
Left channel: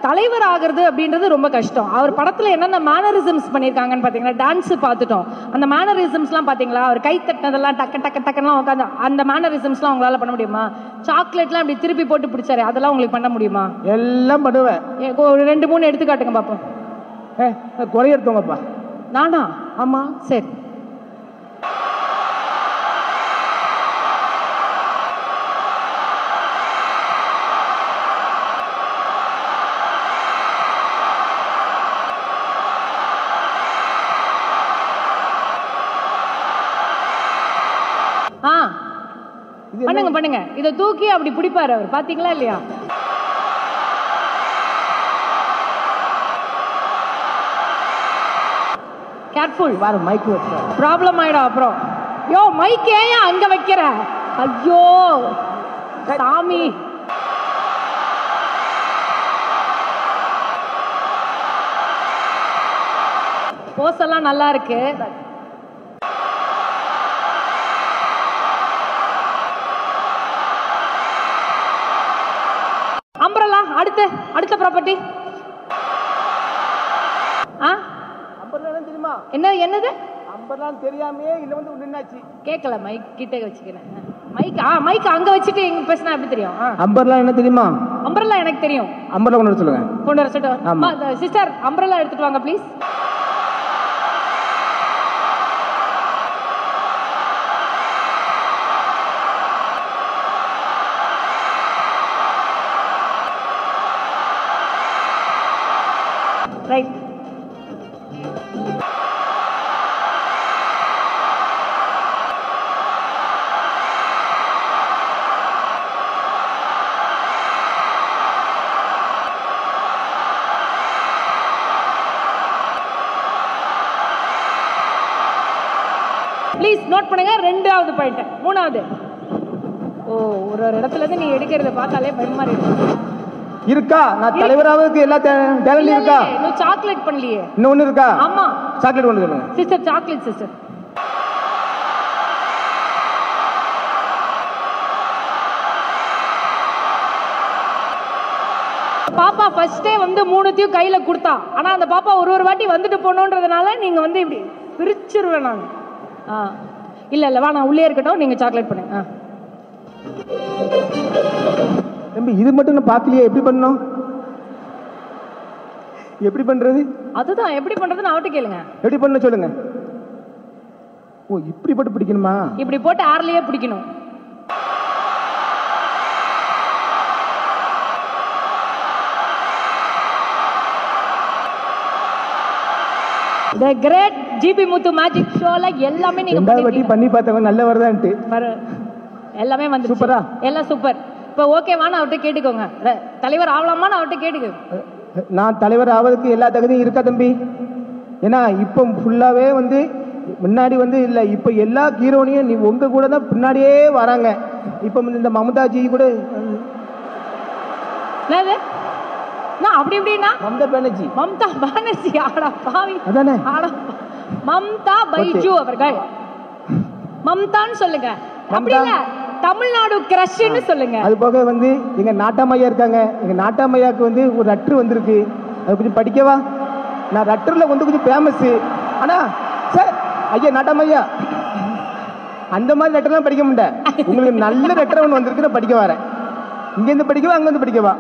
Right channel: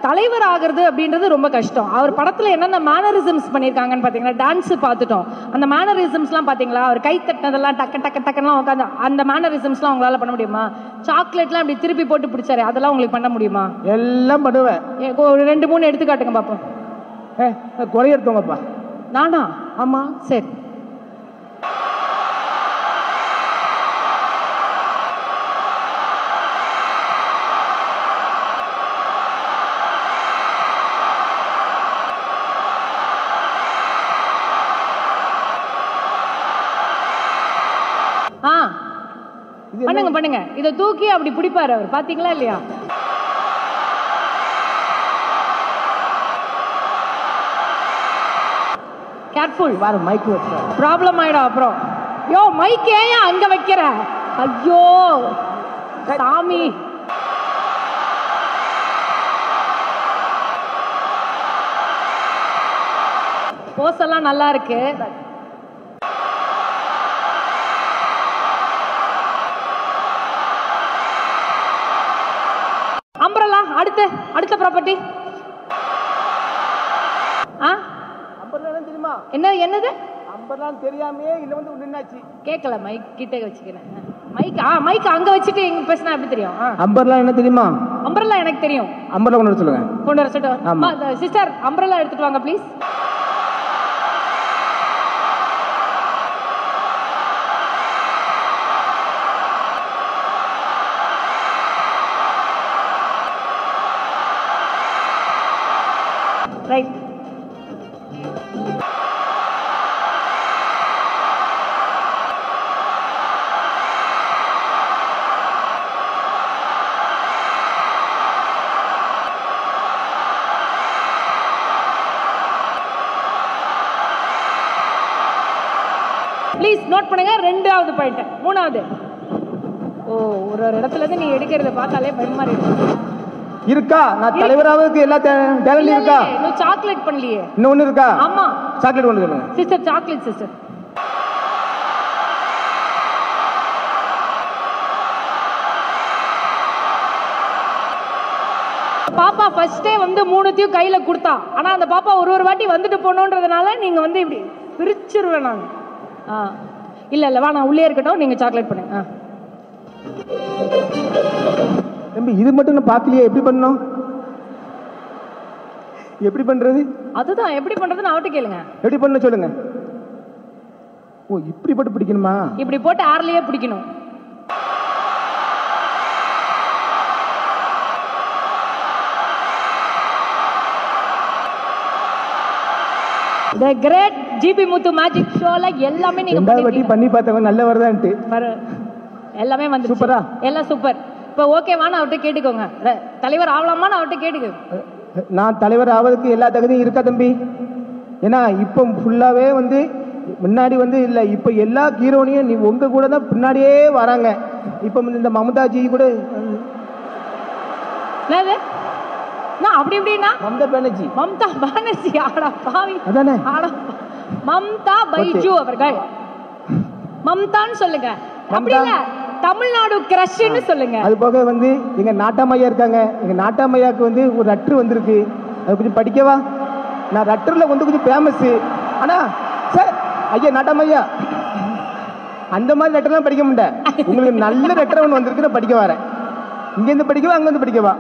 தலைவர் ஆகிறது அப்படின்றது ரொம்ப கஷ்டம். அவர் படத்துல என்னென்ன மேனரிசம்ஸ் பண்ணியிருக்காங்கன்னு பாத்தீங்களா? டான்ஸ் பார்த்துட்டோம். அந்த மேனரிசம்ஸ்லாம் பாத்தீங்களா? அவர் கை தட்டினதெல்லாம் டக்கு டக்கு டக்குலாம் உட்காந்து அந்த மேனரிசம்ஸ்லாம் உங்களால பண்ண முடியுமா? சாக்லேட்லாம் அப்படி திருப்பி போட்டு பிடிச்சாரு, அதெல்லாம் உங்களுக்கு பண்ண முடியுமா? எல்லாம் பண்ணுவேன். ஒரு 2-3 எடுத்துக்காட்டுங்க பாப்போம். குறைய எடுத்தோங்கப்பா. நானா? ஆமா சரி. பண்ணுங்க பண்ணுங்க. இத தூக்கி அப்படி பிடிப்பாரு அவர், பாத்தீங்களா இல்லையா? கேர்ஃபுல், பாரு மைக் ப்ராப்ளம் ஆயிடும் அப்புறம். யோ மைக் ஏன் அங்க வைக்கிற? ஐயோ சாமி. போஸ் எல்லாம் நல்லா இருக்கு. அம்பரலா அடுத்த ப்ராப்பர்ட்டி. தெரியுமா? என்னது அம்பர்லாம் தெரியாமே இல்ல வந்து நின்னாச்சு. கேட்கல, மைக் கிட்ட வச்சுக்கிறேன். மைக் அங்க வச்சுட்டு எங்க பேசினா எப்படி தெரியும்? அம்பர்லாம் என்ன தெரியுமா? அம்பரலா எனக்கு தெரியும். அம்பர்லா கொண்டு வர சொல்லுங்க. கொண்டு வர சொல்லிட்டு சிஸ்டர் அம்பரலா எடுத்துட்டு வாங்க ப்ளீஸ். ரைட். ப்ளீஸ் நோட் பண்ணுங்க. 2வது பாயிண்ட். 3வது. ஒரு இடத்துல இருந்து நீ எடுக்கிறத பார்த்தாலே பயமா இருக்கு. இருக்கா? நான் தலைவராவுக்கு எல்லா டேலண்ட் இருக்கா? சாக்லேட் பண்ணலையே. இன்னொன்னு இருக்கா? ஆமா சாக்லேட் கொண்டு சொல்லுங்க சிஸ்டர். Chocolate sister. பாப்பா ஃபர்ஸ்டே வந்து 3த்தையும் கையில கொடுத்தா. ஆனா அந்த பாப்பா ஒரு வாட்டி வந்துட்டு போனோன்றதுனால நீங்க வந்து இப்படி பிரிச்சிருவேன் நான். இல்ல வா, நான் உள்ளே இருக்கட்டும், நீங்க சாக்லேட் பண்ணுங்க. தம்பி இது மட்டும் நான் பார்க்கலையே, எப்படி பண்ணணும்? எப்படி பண்றது? அதுதான் எப்படி பண்றதுன்னு அவட்ட கேளுங்க. எப்படி பண்ண சொல்லுங்க. ஓ இப்படி போட்டு பிடிக்கணுமா? இப்படி போட்டு ஆர்லயே பிடிக்கணும். The great GB Muthu magic showல எல்லாமே நீங்க பண்ணி பார்த்தவங்க நல்ல வரதான்ட்டு எல்லாமே வந்து சூப்பரா, எல்லாம் சூப்பர். இப்போ ஓகேவான்னு அவர்கிட்ட கேட்டுக்கோங்க. தலைவர் ஆகலாமான்னு அவர்கிட்ட கேட்டுக்கோங்க. நான் தலைவர் ஆவதுக்கு எல்லா தகுதியும் இருக்கா தம்பி? ஏன்னா இப்போ ஃபுல்லாவே வந்து முன்னாடி வந்து இல்லை, இப்போ எல்லா ஹீரோனையும் நீ உங்க கூட தான் பின்னாடியே வராங்க. இப்போ இந்த மமதாஜி கூட அப்படி எப்படின்னா மம்தா பானர்ஜி ஆடா பாவி அதானே ஆடா மம்தா பைஜு அவர்கள் மம்தான்னு சொல்லுங்க, அப்படி இல்ல தமிழ்நாடு கிரஷ்ன்னு சொல்லுங்க. அது போக வந்து எங்க நாட்டாமையா இருக்காங்க. எங்க நாட்டாமையாக்கு வந்து ஒரு லெட்டர் வந்திருக்கு, அது கொஞ்சம் படிக்கவா? நான் லெட்டர்ல வந்து கொஞ்சம் ஃபேமஸ். ஆனா சார் ஐயா நாட்டாமையா அந்த மாதிரி லெட்டர்லாம் படிக்க முடியல. உங்களுக்கு நல்ல லெட்டர் ஒன்று வந்திருக்கு, நான் படிக்க வரேன். இங்க இருந்து படிக்கவா அங்க இருந்து படிக்கவா?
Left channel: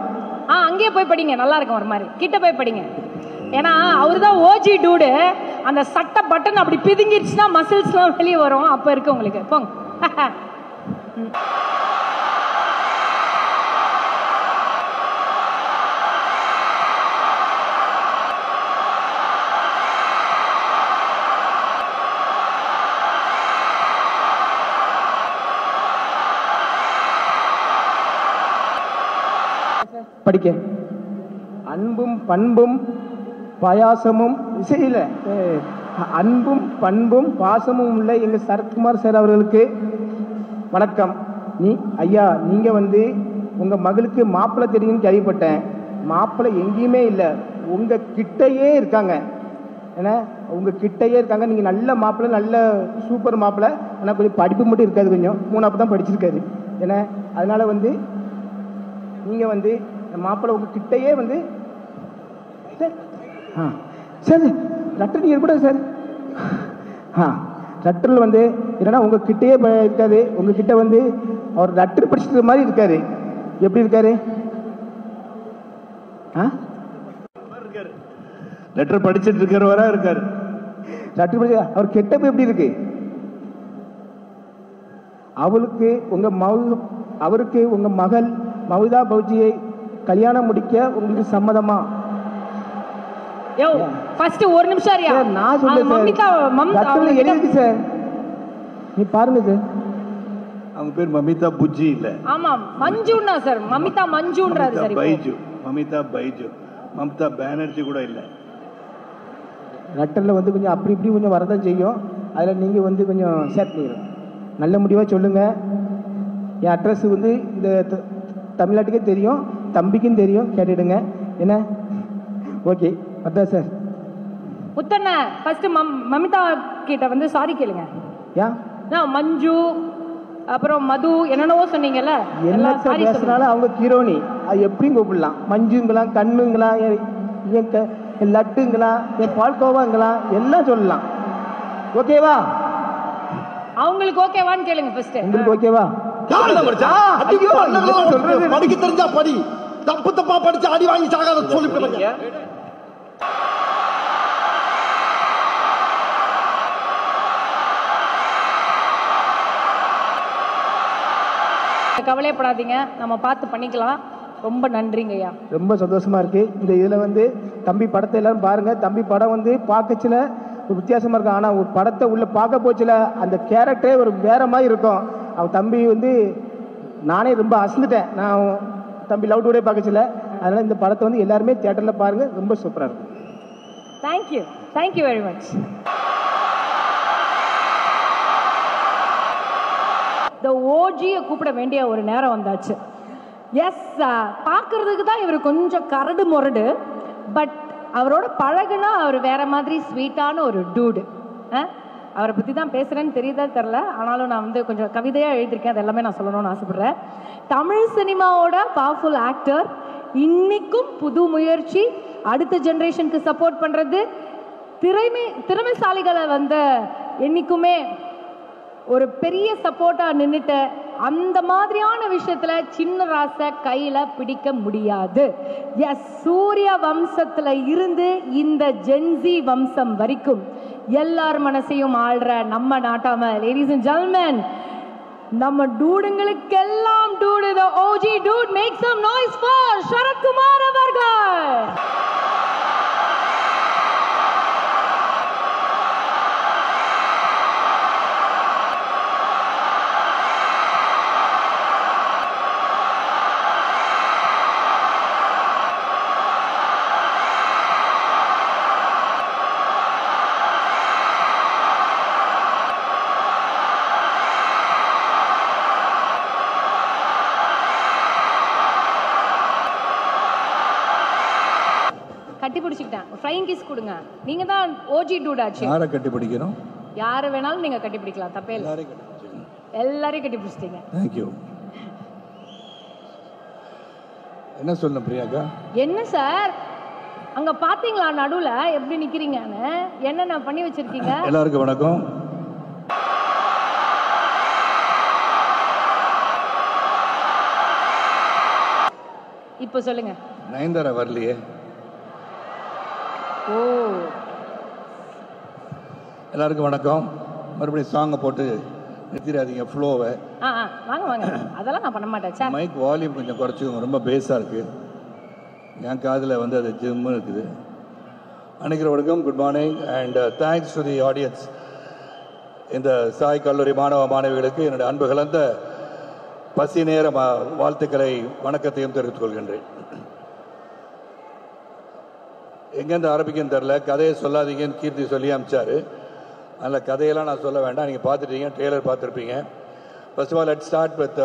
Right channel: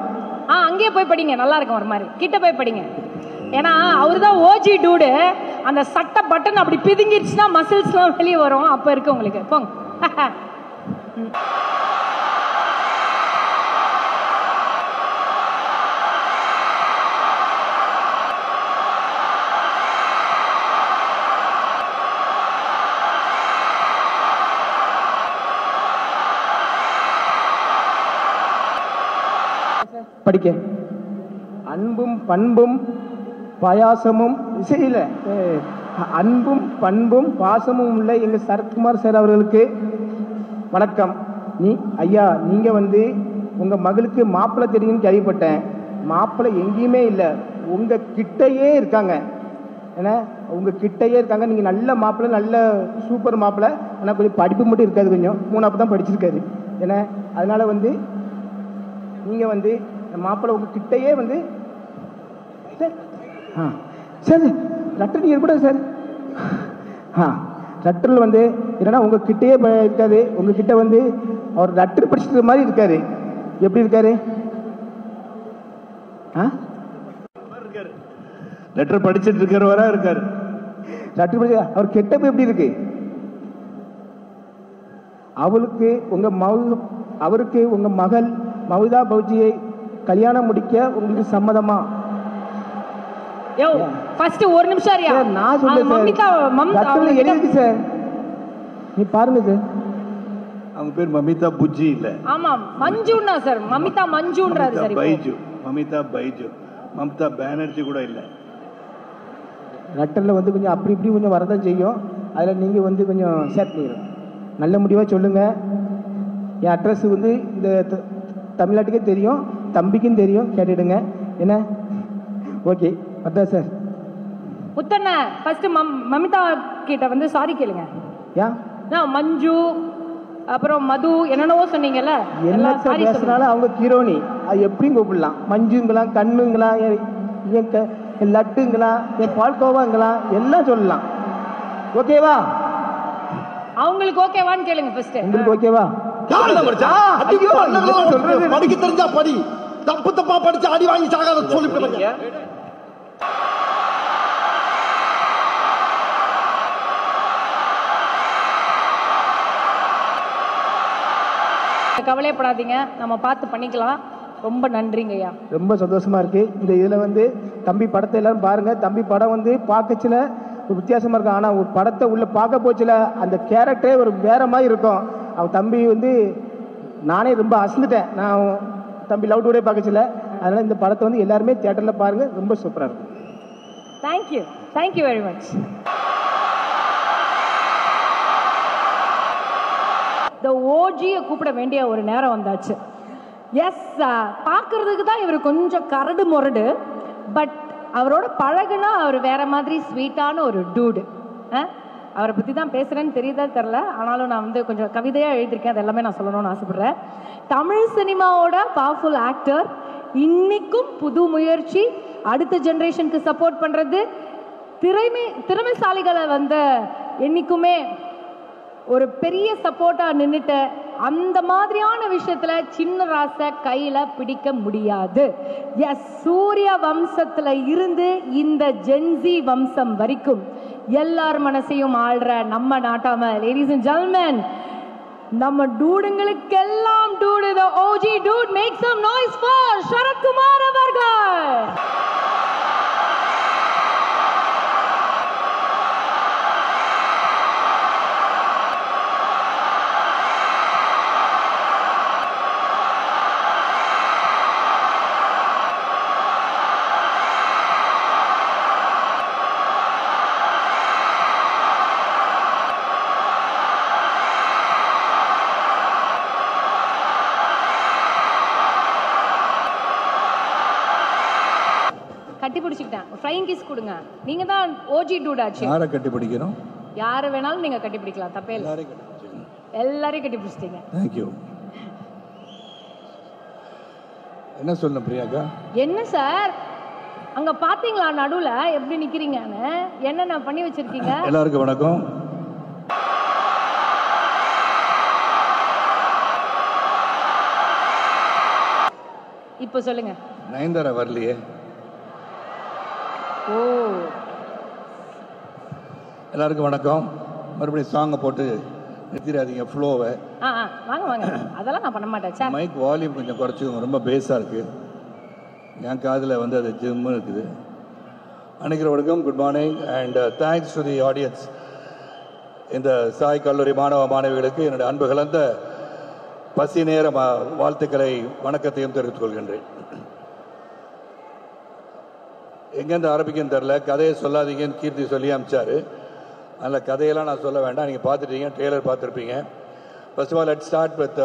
அங்கேயே போய் படிங்க, நல்லா இருக்கும். ஒரு மாதிரி கிட்ட போய் படிங்க. ஏன்னா அவருதான் ஓஜி டூடு. அந்த சட்டை பட்டன் அப்படி பிதுங்கிருச்சுன்னா மசில்ஸ் எல்லாம் வெளியே வரும். அப்ப இருக்கு உங்களுக்கு. போங்க. படிக்க அன்பும் பண்பும் பாயாசமும் இசையில அன்பும் பண்பும் பாசமும் உள்ள எங்க சரத்குமார் சார் அவர்களுக்கு வணக்கம். ஐயா நீங்க வந்து உங்க மகளுக்கு மாப்பிள்ளை தெரியும்னு கேள்விப்பட்டேன். மாப்பிள்ளை எங்கேயுமே இல்லை, உங்க கிட்டையே இருக்காங்க. ஏன்னா உங்க கிட்டையே இருக்காங்க. நீங்க நல்ல மாப்பிள்ளை, நல்ல சூப்பர் மாப்பிள்ளை. ஆனால் கொஞ்சம் படிப்பு மட்டும் இருக்காது, கொஞ்சம் 3ஆவது தான் படிச்சிருக்காரு. ஏன்னா அதனால வந்து நீங்க வந்து மாப்பிள்ளை உங்க கிட்டையே வந்து சார் லெட்டர் நீங்க கூட சார் லெட்டர்ல வந்து என்னன்னா உங்க கிட்டையே இருக்காது. உங்ககிட்ட வந்து அவர் லெட்டர் படிச்சுட்டு மாதிரி இருக்காரு. எப்படி இருக்காரு? லெட்டர் படிச்சுட்டு இருக்கிறவரா இருக்காரு. லெட்டர் படிச்சு அவர் கெட்டப்ப எப்படி இருக்கு? அவருக்கு உங்க மகள் மமதா பௌஜியை கல்யாணம் முடிக்க உங்களுக்கு சம்மதமா? ஒரு நிமிஷம் நான் சொல்றேன் எழுதி சார், நீ பாருங்க சார். அவங்க பேர் மமிதா புஜ்ஜி இல்ல, ஆமா மஞ்சுன்னா சார். மமிதா மஞ்சுன்றாரு சார். பைஜு, மமிதா பைஜு, மம்தா பானர்ஜி கூட இல்ல. லெட்டர்ல வந்து கொஞ்சம் அப்படி இப்படி கொஞ்சம் வரதான் செய்யும். அதுல நீங்க வந்து கொஞ்சம் சேர்த்து நல்ல முடிவா சொல்லுங்க. என் அட்ரஸ் வந்து இந்த தமிழ்நாட்டுக்கே தெரியும், தம்பிக்கும் தெரியும், கேட்டுடுங்க. என்ன ஓகே அதான் சார். முத்தண்ண ஃபர்ஸ்ட் மமிதா கிட்ட வந்து சாரி கேளுங்க. மஞ்சு அப்புறம் மது என்னென்னவோ சொன்னீங்கல்ல, என்ன பேசுனாலும் அவங்க ஹீரோனி, அது எப்படியும் கூப்பிடலாம். மஞ்சுங்களா, கண்ணுங்களா, லட்டுங்களா, பால்கோவாங்களா, எல்லாம் சொல்லலாம். ஓகேவா? அவங்களுக்கு ஓகேவான்னு கேளுங்க ஃபர்ஸ்ட். உங்களுக்கு ஓகேவா? படிக்க தெரிஞ்சா படி, தப்பு தப்பா படிச்சு அடி வாங்கி சாகாத சொல்லி கவலைப்படாதீங்க, நம்ம பார்த்து பண்ணிக்கலாம். ரொம்ப நன்றிங்க ஐயா. ரொம்ப சந்தோஷமா இருக்கு. இந்த இதுல வந்து தம்பி படத்தை எல்லாரும் பாருங்க. தம்பி படம் வந்து பார்க்கச்சுல ஒரு வித்தியாசமா இருக்கும். ஆனா ஒரு படத்தை உள்ள பார்க்க போச்சுல அந்த கேரக்டரே ஒரு வேற மாதிரி இருக்கும். அவன் தம்பி வந்து நானே ரொம்ப அசந்துட்டேன். நான் தம்பி லவ் டுடே பார்க்கச்சுல. அதனால இந்த படத்தை வந்து எல்லாருமே தியேட்டர்ல பாருங்க, ரொம்ப சூப்பரா இருக்கு. Thank you, thank you very much. இந்த ஓஜியை கூப்பிட வேண்டிய ஒரு நேரம் வந்தாச்சு. எஸ், பார்க்கறதுக்கு தான் இவர் கொஞ்சம் கரடு முரடு, பட் அவரோட பழகுனா அவர் வேற மாதிரி ஸ்வீட்டான ஒரு டூடு. அவரை பற்றி தான் பேசுகிறேன்னு தெரியுதா தெரில, ஆனாலும் நான் வந்து கொஞ்சம் கவிதையாக எழுதியிருக்கேன். அது எல்லாமே நான் சொல்லணும்னு ஆசைப்படுறேன். தமிழ் சினிமாவோட பவர்ஃபுல் ஆக்டர், இன்னைக்கும் புது முயற்சி, அடுத்த ஜென்ரேஷனுக்கு சப்போர்ட் பண்ணுறது, திறமைசாலிகளை வந்து என்னைக்குமே ஒரு பெரிய சப்போர்ட்டா நின்றுட்டு அந்த மாதிரியான விஷயத்துல சின்ன ராசை கையில பிடிக்க முடியாது. எஸ், சூரிய வம்சத்துல இருந்து இந்த ஜென்சி வம்சம் வரைக்கும் எல்லார் மனசையும் ஆள்ற நம்ம நாட்டாம லேடிஸ் அண்ட் ஜென்டில்மேன், நம்ம டூடுங்களுக்கெல்லாம் dude, the OG dude, make some noise for Sarathkumar அவர்கள். வச்சுக்கிட்டேன். ஃப்ளைங் கிஸ் கொடுங்க. நீங்க தான் ஓஜி டூட் ஆச்சு. யாரை கட்டி பிடிக்கிறோம்? யாரை வேணாலும் நீங்க கட்டி பிடிக்கலாம், தப்பே இல்லை. எல்லாரையும் கட்டி பிடிச்சிட்டீங்க. தேங்க்யூ. என்ன சொல்ல பிரியாக்கா? என்ன சார் அங்க பாத்தீங்களா நடுவுல எப்படி நிக்கிறீங்கன்னு? என்ன பண்ணி வச்சிருக்கீங்க? எல்லாருக்கும் வணக்கம். இப்ப சொல்லுங்க. நயன்தாரா வரலையே. ஓ, எல்லாருக்கும் வணக்கம். மறுபடியும் சாங்கை போட்டு நிறுத்திடாதீங்க ஃப்ளோவை. வாங்க வாங்க, அதெல்லாம் நான் பண்ண மாட்டேன் சார். மைக் வால்யூம் கொஞ்சம் குறைச்சிக்கோங்க, ரொம்ப பேஸாக இருக்கு. என் காதில் வந்து அது ஜிம்மு இருக்குது. அனைவருக்கும் good morning and thanks to the audience. இந்த சாய் கல்லூரி மாணவ மாணவிகளுக்கு என்னுடைய அன்பு கலந்த பசி நேர வாழ்த்துக்களை வணக்கத்தையும் தெரிவித்துக் கொள்கின்றேன். எங்கேருந்து ஆரம்பிக்கும் தெரியல, கதையை சொல்லாதீங்கன்னு கீர்த்தி சொல்லி அனுப்பிச்சாரு. நல்ல கதையெல்லாம் நான் சொல்ல வேண்டாம், நீங்கள் பார்த்துட்டீங்க, ட்ரெய்லர் பார்த்துருப்பீங்க. First of all, let's start with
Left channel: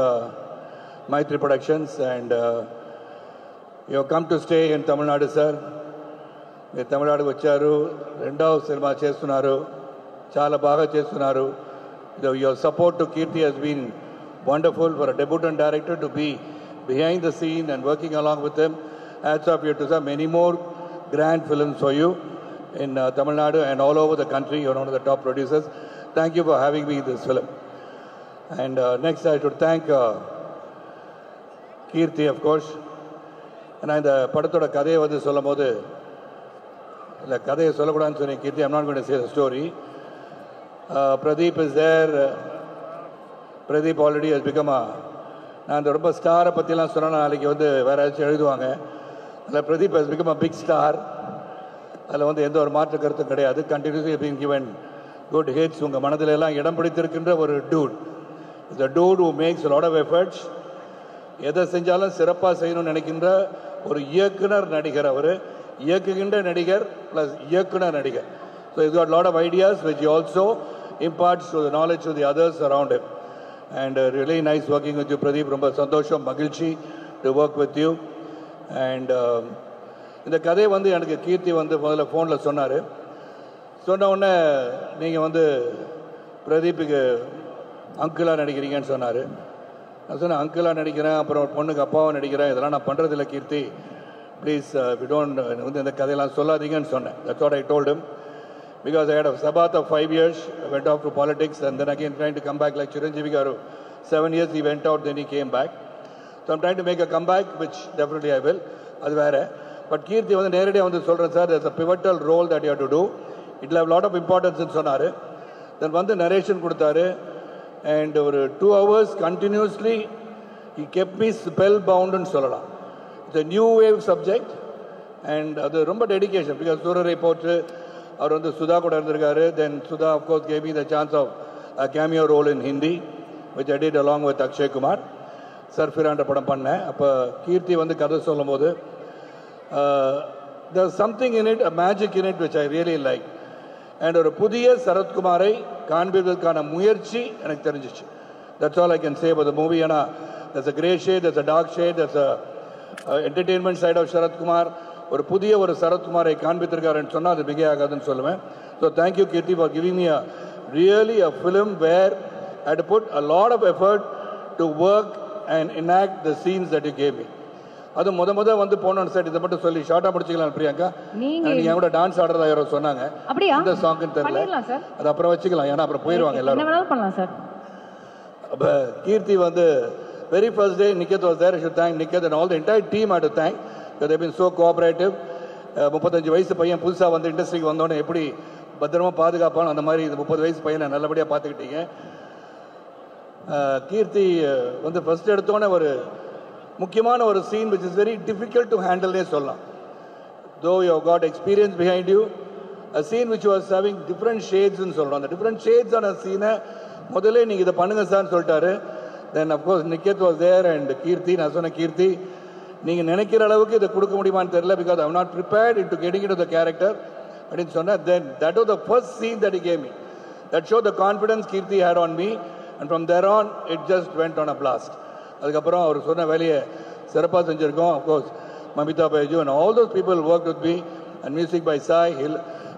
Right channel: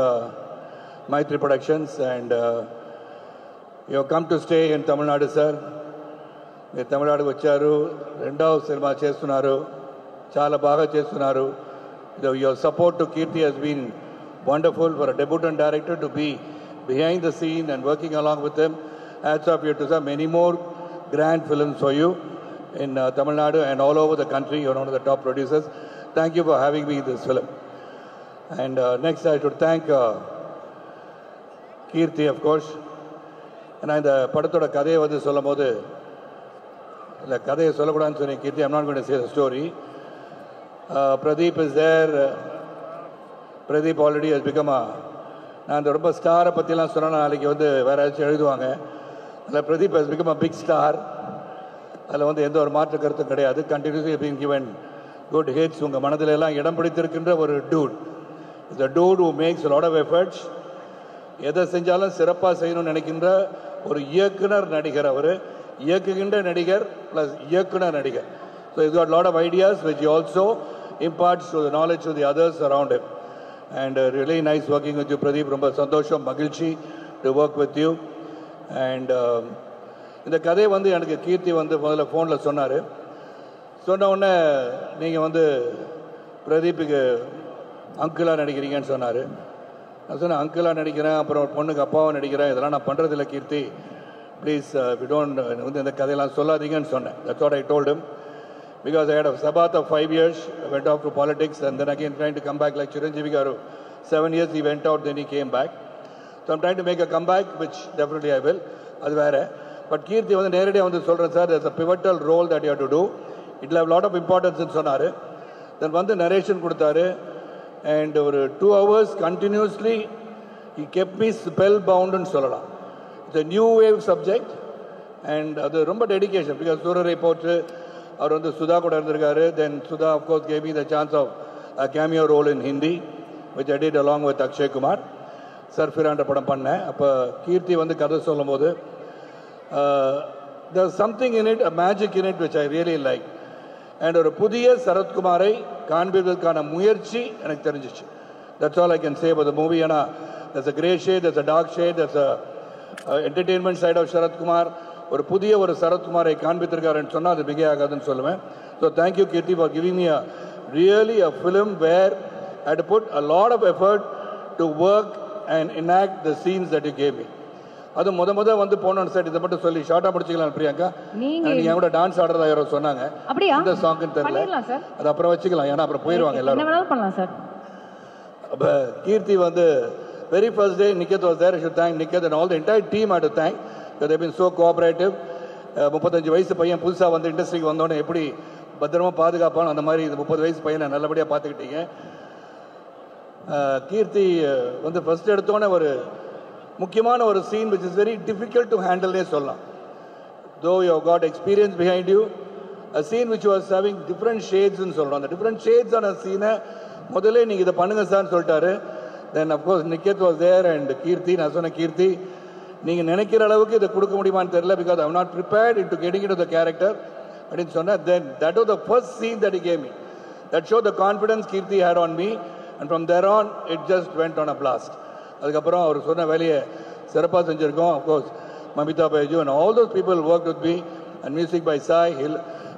Maitri Productions and you have come to stay in Tamil Nadu, sir. మీరు తమిళనాడుకు వచ్చారు, రెండవ సినిమా చేస్తున్నారు, చాలా బాగా చేస్తున్నారు. Your support to Kirti has been wonderful for a debutant director to be behind the scene and working along with him. Hats off you to sir. Many more grand films for you in Tamil Nadu and all over the country. You're one of the top producers. Thank you for having me in this film. And next I should thank Kirti, of course. And இந்த படத்தோட கதையை வந்து சொல்லும் போது, இல்லை கதையை சொல்லக்கூடாதுன்னு சொன்னேன் கீர்த்தி. I'm not going to say the story. Pradeep is there. Pradeep already has become நான் ரொம்ப ஸ்டாரை பற்றிலாம் சொன்னால் அன்றைக்கி வந்து வேற ஏதாச்சும் எழுதுவாங்க. ஆனால் Pradeep has become a big star. அதில் வந்து எந்த ஒரு மாற்று கருத்தும் கிடையாது. Continuously being given good hits. உங்கள் மனதில் எல்லாம் இடம் பிடித்திருக்கின்ற ஒரு dude. It's a dude who makes a lot of efforts. எதை செஞ்சாலும் சிறப்பாக செய்யணும்னு நினைக்கின்ற ஒரு இயக்குனர் நடிகர். அவர் இயக்குகின்ற நடிகர் பிளஸ் இயக்குனர் நடிகர். So he's got a lot of ideas which he also imparts to the knowledge to the others around him. And really nice working with you, Pradeep. ரொம்ப சந்தோஷம், மகிழ்ச்சி to work with you. And இந்த கதையை வந்து எனக்கு கீர்த்தி வந்து முதல்ல ஃபோனில் சொன்னார். சொன்ன உடனே நீங்கள் வந்து பிரதீப்புக்கு அங்கிளாக நடிக்கிறீங்கன்னு சொன்னார். நான் சொன்னேன் அங்கிளாக நடிக்கிறேன், அப்புறம் ஒரு பொண்ணுக்கு அப்பாவும் நடிக்கிறேன், இதெல்லாம் நான் பண்ணுறதில்ல கீர்த்தி, ப்ளீஸ் வி டோன்ட் வந்து இந்த கதையெல்லாம் சொல்லாதீங்கன்னு சொன்னேன். That's what I told him. Because I had a sabat of 5 years, I went off to politics and then again trying to come back like Chiranjeevi Garu. 7 years he went out, then he came back. So I'm trying to make a comeback, which definitely I will. அது வேறு. But கீர்த்தி வந்து நேரடியாக வந்து சொல்கிறேன் sir, there's a pivotal role that you have to do. It will have a lot of importance சொன்னார். தென் வந்து narration கொடுத்தாரு. And ஒரு 2 hours continuously he kept me spellbound சொல்லலாம். It's a new wave subject and அது ரொம்ப dedication. Because சூரரை போட்டு அவர் வந்து சுதா கூட இருந்திருக்காரு. தென் Sudha of course gave me the chance of a cameo role in Hindi which I did along with Akshay Kumar. சர்ஃபிரான்ற படம் பண்ணேன். அப்போ கீர்த்தி வந்து கதை சொல்லும் போது there's something in it, a magic in it which I really like. And ஒரு புதிய சரத்குமாரை காண்பிப்பதற்கான முயற்சி எனக்கு தெரிஞ்சிச்சு. That's all I can say about the movie. ஏன்னா there's a grey shade, there's a dark shade, there's a entertainment side of Sarathkumar. ஒரு புதிய ஒரு சரத்குமாரை காண்பித்திருக்காருன்னு சொன்னால் அது மிக ஆகாதுன்னு சொல்லுவேன். So thank you Kirti for giving me a film where I had to put a lot of effort to work and enact the scenes that you gave me. அது முத வந்து போனோன்னு சார், இதை மட்டும் சொல்லி ஷார்ட்டாக முடிச்சுக்கலாம் பிரியாங்கா. நீங்கள் என் கூட டான்ஸ் ஆடுறதா யாரோ சொன்னாங்க. அப்படியா? இந்த சாங்குன்னு தெரியல, அது அப்புறம் வச்சுக்கலாம், ஏன்னா அப்புறம் போயிடுவாங்க எல்லாரும். என்ன வேணாலும் பண்ணலாம் சார். அப்போ கீர்த்தி வந்து very first day Niket was there. I should thank Niket and all the entire team I had to thank because they've been so cooperative. 35 வயசு பையன் புதுசாக வந்து இண்டஸ்ட்ரிக்கு வந்தோடனே எப்படி பத்திரமா பாதுகாப்பாலும் அந்த மாதிரி 30 வயசு பையனை நல்லபடியாக பார்த்துக்கிட்டீங்க. கீர்த்தி வந்து ஃபர்ஸ்ட் எடுத்தோடனே ஒரு முக்கியமான ஒரு scene which is very difficult to handle சொல்லலாம். Though you have got experience behind you, a scene which was having different shades ன்னு சொல்றோம். அந்த different shades ஆன சீனை முதல்ல நீங்க இதை பண்ணுங்க சார்னு சொல்லிட்டாரு. Then of course Niket was there and Kirti. நான் சொன்ன கீர்த்தி நீங்க நினைக்கிற அளவுக்கு இதை கொடுக்க முடியுமான்னு தெரியல because I am not prepared into getting into the character அப்படின்னு சொன்னா. Then that was the first scene that he gave me that showed the confidence Kirti had on me and from there on it just went on a blast. அதுக்கப்புறம் அவர் சொன்ன வேலையை சிறப்பாக செஞ்சிருக்கோம். Of course Mamita Baiju and all those people worked with me and music by Sai.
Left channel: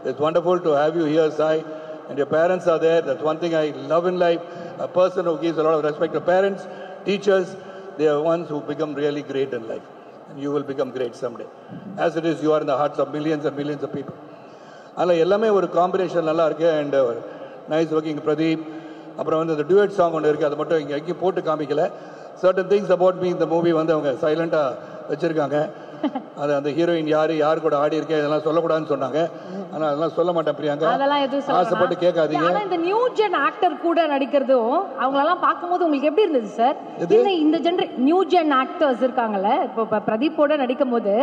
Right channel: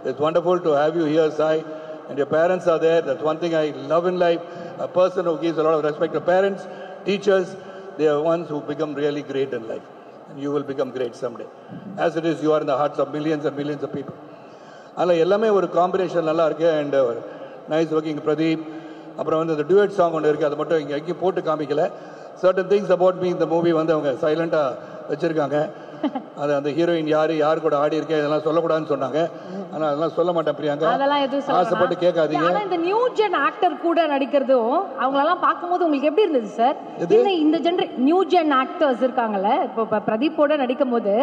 It's wonderful to have you here, Sai. And your parents are there. That's one thing I love in life. A person who gives a lot of respect to parents, teachers, they are ones who become really great in life. And you will become great someday. As it is, you are in the hearts of millions and millions of people. அதில் எல்லாமே ஒரு combination நல்லா இருக்கு. And nice working Pradeep. அப்புறம் வந்து இந்த டுவேட் song ஒன்று இருக்குது, அது மட்டும் இங்கே எங்கேயும் போட்டு காமிக்கல. சர்டன் திங்ஸ் அபவுட் மீ இந்த மூவி வந்து அவங்க சைலண்டாக வச்சுருக்காங்க. அது அந்த ஹீரோயின் யார் கூட ஆடி இருக்கேன் இதெல்லாம் சொல்லக்கூடாதுன்னு சொன்னாங்க. ஆனால் அதெல்லாம் சொல்ல மாட்டேன் பிரியாங்க, அதெல்லாம் எதுவும் ஆசைப்பட்டு கேட்காதீங்க. ஆனா இந்த நியூ ஜென் ஆக்டர் கூட நடிக்கிறதும் அவங்களெல்லாம் பார்க்கும்போது உங்களுக்கு எப்படி இருந்தது சார்? இந்த நியூ ஜென் ஆக்டர்ஸ் இருக்காங்கல்ல, இப்போ பிரதீப்போட நடிக்கும் போது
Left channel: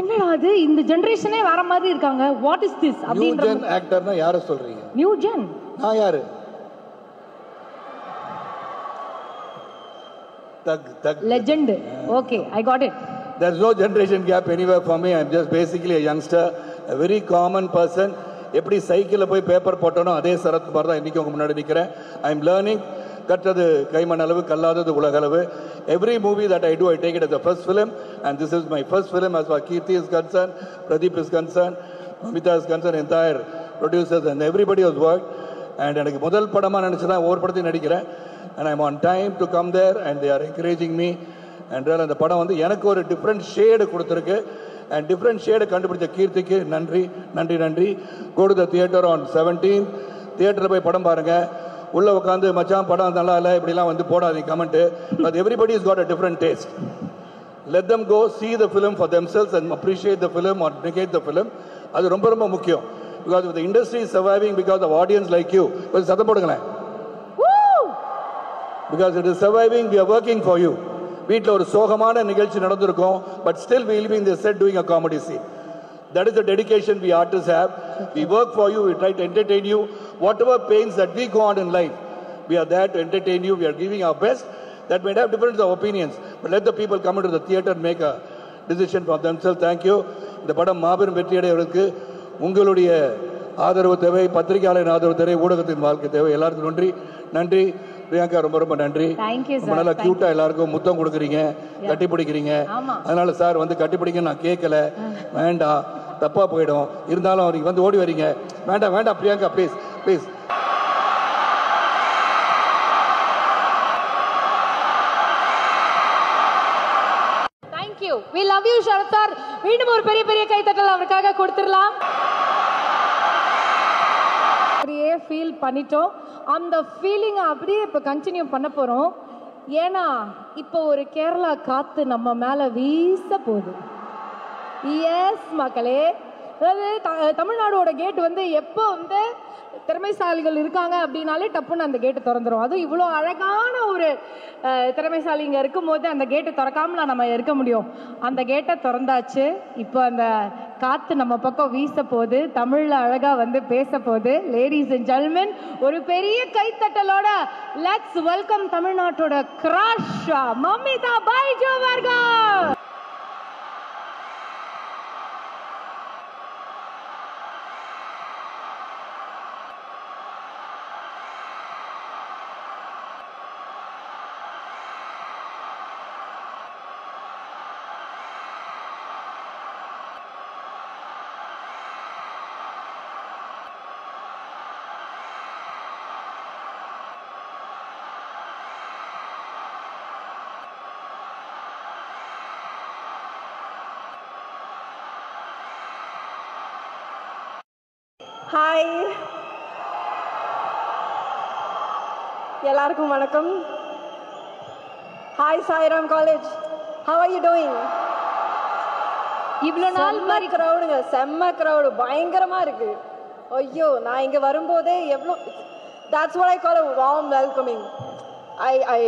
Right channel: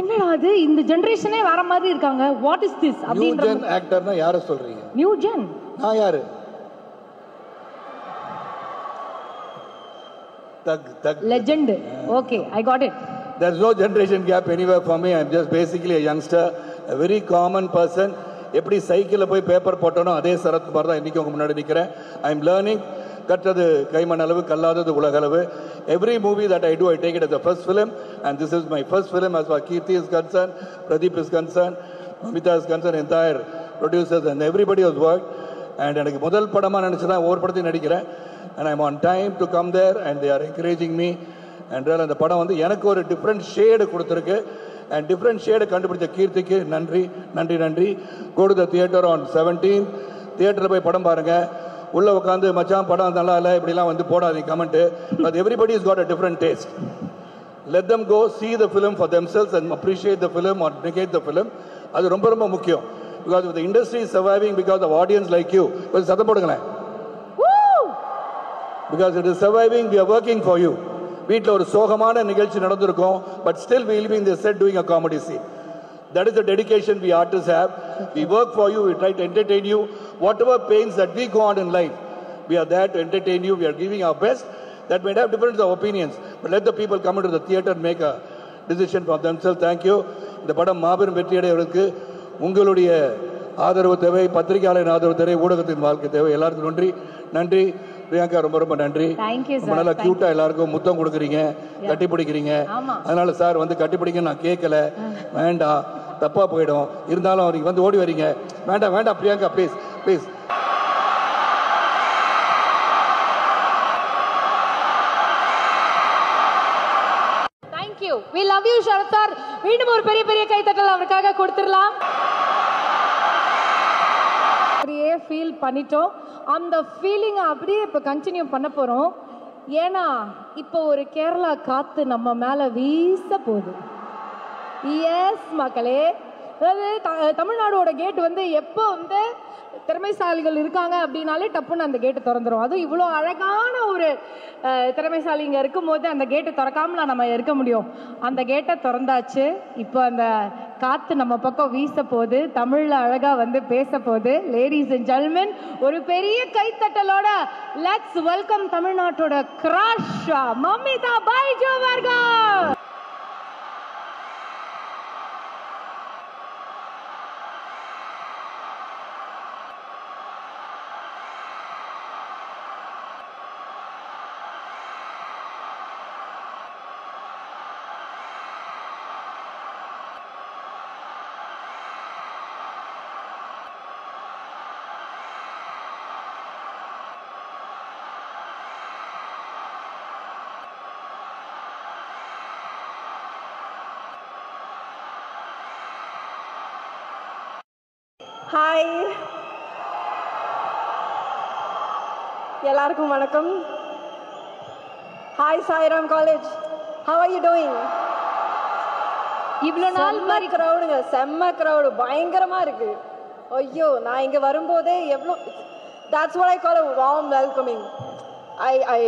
என்னடா அது இந்த ஜெனரேஷனே வேற மாதிரி இருக்காங்க, what is this new gen ஆக்டர்னா யாரை சொல்றீங்க? நியூ ஜென் நான் யாரு? legend. Okay, I got it. There's no generation gap anywhere for me. I'm just basically a youngster, a very common person. எப்படி சைக்கிளில் போய் பேப்பர் போட்டோனோ அதே சரத் மாதிரி தான் இன்றைக்கி உங்கள் முன்னாடி நிற்கிறேன். I am learning. கற்றது கைமண் அளவு, கல்லாதது உலக அளவு. Every movie that I do, I take it as a first film, and this is my first film as far as Kirti is concerned, Pradeep is concerned, Mamita is concerned, entire producers and everybody has worked. And எனக்கு முதல் படமாக நினச்சி தான் ஒவ்வொரு படத்தையும் நடிக்கிறேன். And I'm on time to come there and they are encouraging me. And அந்த படம் வந்து எனக்கு ஒரு டிஃப்ரெண்ட் ஷேடு கொடுத்துருக்கு. அண்ட் டிஃப்ரெண்ட் ஷேடை கண்டுபிடிச்ச கீர்த்திக்கு நன்றி நன்றி நன்றி. Go to the theater on 17th. தியேட்டரில் போய் படம் பாருங்க. உள்ள உட்காந்து மச்சான் படம் நல்லா இல்லை இப்படிலாம் வந்து போடாதீங்க comment. But everybody has got a different taste. Let them go see the film for themselves and appreciate the film or negate the film. அது ரொம்ப ரொம்ப முக்கியம். Because the industry is surviving because of audience like you. கொஞ்சம் சத்தம் போடுங்களேன். Because it is surviving, we are working for you. வீட்டில் ஒரு சோகமான நிகழ்ச்சி நடந்திருக்கும், but still we will be in the set doing a comedy scene. That is the dedication we artists have. We work for you, we try to entertain you. Whatever pains that we go on in life, we are there to entertain you. We are giving our best. That may have difference of opinions, but let the people come into the theater and make a decision for themselves. Thank you. இந்த படம் மாபெரும் வெற்றியடைவதற்கு உங்களுடைய ஆதரவு தேவை, பத்திரிகையாளர் ஆதரவு தேவை, ஊடகத்தின் வாழ்க்கை தேவை. எல்லாருக்கும் நன்றி நன்றி. பிரியங்கா ரொம்ப ரொம்ப நன்றி. நல்லா கியூட்டா எல்லாருக்கும் முத்தம் கொடுக்குறீங்க, கட்டி பிடிக்கிறீங்க. அதனால சார் வந்து கட்டி பிடிக்க நான் கேட்கல, மீண்டும் தப்பா போயிடும். இருந்தாலும் அவருக்கு வந்து ஓடி வரீங்க. வேண்டாம் வேண்டாம் Priyanka, please please. Thank you. we love you Sarath sir. மீண்டும் ஒரு பெரிய பெரிய கைத்தட்டல் அவருக்காக கொடுத்துடலாம். அப்படியே ஃபீல் பண்ணிட்டோம். அந்த ஃபீலிங் அப்படியே இப்போ கண்டினியூ பண்ண போறோம். ஏன்னா இப்போ ஒரு கேரளா காத்து நம்ம மேல வீச போகுது. எஸ் மக்களே, அதாவது தமிழ்நாடோட கேட் வந்து எப்போ வந்து திறமைசாலிகள் இருக்காங்க அப்படின்னாலே டப்புன்னு அந்த கேட்டு திறந்துடும். அதுவும் இவ்வளோ அழகான ஒரு திறமைசாலிங்க இருக்கும்போது அந்த கேட்டை திறக்காமல நம்ம இருக்க முடியும். அந்த கேட்டை திறந்தாச்சு. இப்போ அந்த காற்று நம்ம பக்கம் வீச போகுது, தமிழில் அழகாக வந்து பேச போகுது. லேடிஸ் அண்ட் ஜென்டில்மென், ஒரு பெரிய கைத்தட்டலோட லெட்ஸ் வெல்கம் தமிழ்நாட்டோட கிராஷ் மமிதா பைஜு அவர்கள். ஹாய், எல்லாருக்கும் வணக்கம். Hi Sairam college, how are you doing? இவ்வளோ நாள் மாதிரி க்ரௌடுங்க, செம்ம க்ரௌடு, பயங்கரமா இருக்கு. ஐயோ, நான் இங்க வரும்போதே எவ்வளோ, that's what I call a warm welcoming. I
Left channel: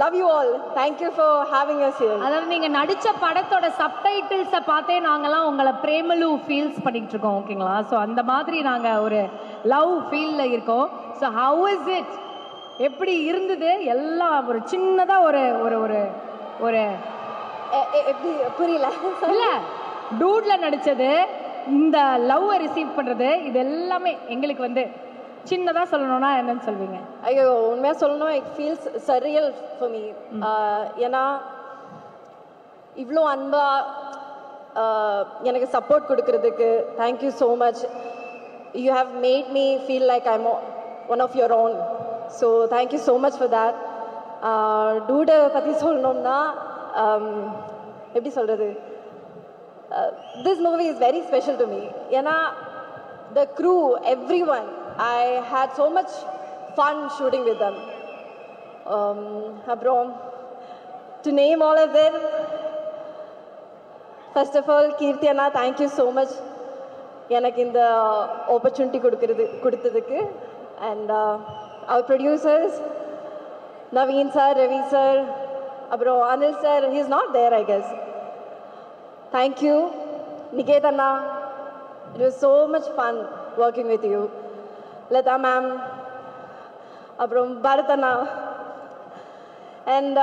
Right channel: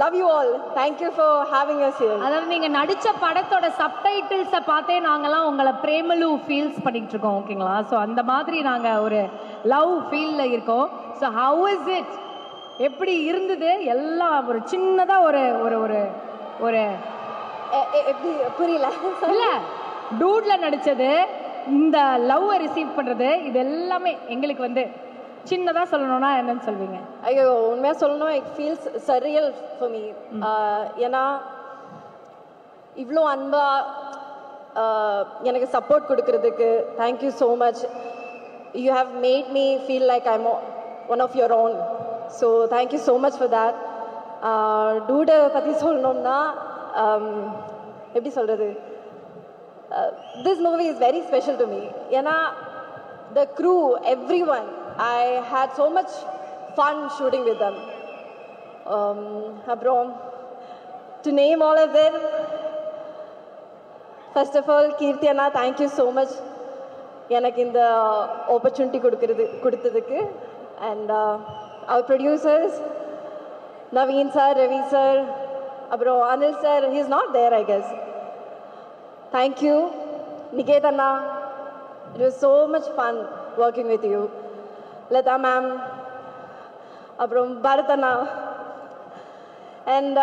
love you all. Thank you for having us here. அதாவது நீங்க நடிச்ச படத்தோட சப்டைட்டில்ஸை பார்த்தே நாங்கெல்லாம் உங்களை பிரேமலு ஃபீல்ஸ் பண்ணிட்டு இருக்கோம். ஓகேங்களா? ஸோ அந்த மாதிரி நாங்க ஒரு லவ் ஃபீல்ல இருக்கோம். ஸோ ஹவ் இஸ் இட், எப்படி இருந்தது எல்லாம்? ஒரு சின்னதா ஒரு ஒரு ஒரு ஒரு புரியல இல்ல, டூட்ல நடிச்சது, இந்த லவ்வை ரிசீவ் பண்றது, இது எல்லாமே எங்களுக்கு வந்து சின்னதா சொல்லணும்னா என்னன்னு சொல்வீங்க? ஐயோ, உண்மையா சொல்லணும், it feels surreal for me. ஏன்னா இவ்வளோ அன்பா எனக்கு சப்போர்ட் கொடுக்கறதுக்கு thank you so much. You have made me feel like I am one of your own. So thank you so much for that. டூடை பற்றி சொல்லணும்னா எப்படி சொல்கிறது, this movie is very special to me. ஏன்னா the crew, everyone, I had so much fun shooting with them. Abram, to name all of them, first of all, Kirti Anna, thank you so much எனக்கு இந்த opportunity கொடுத்ததுக்கு. And our producers, Naveen sir, Ravi sir, Abram, Anil sir, he is not there I guess. Thank you. Niket Anna, it was so much fun working with you. Lata ma'am, Abram, Bharat Anna, and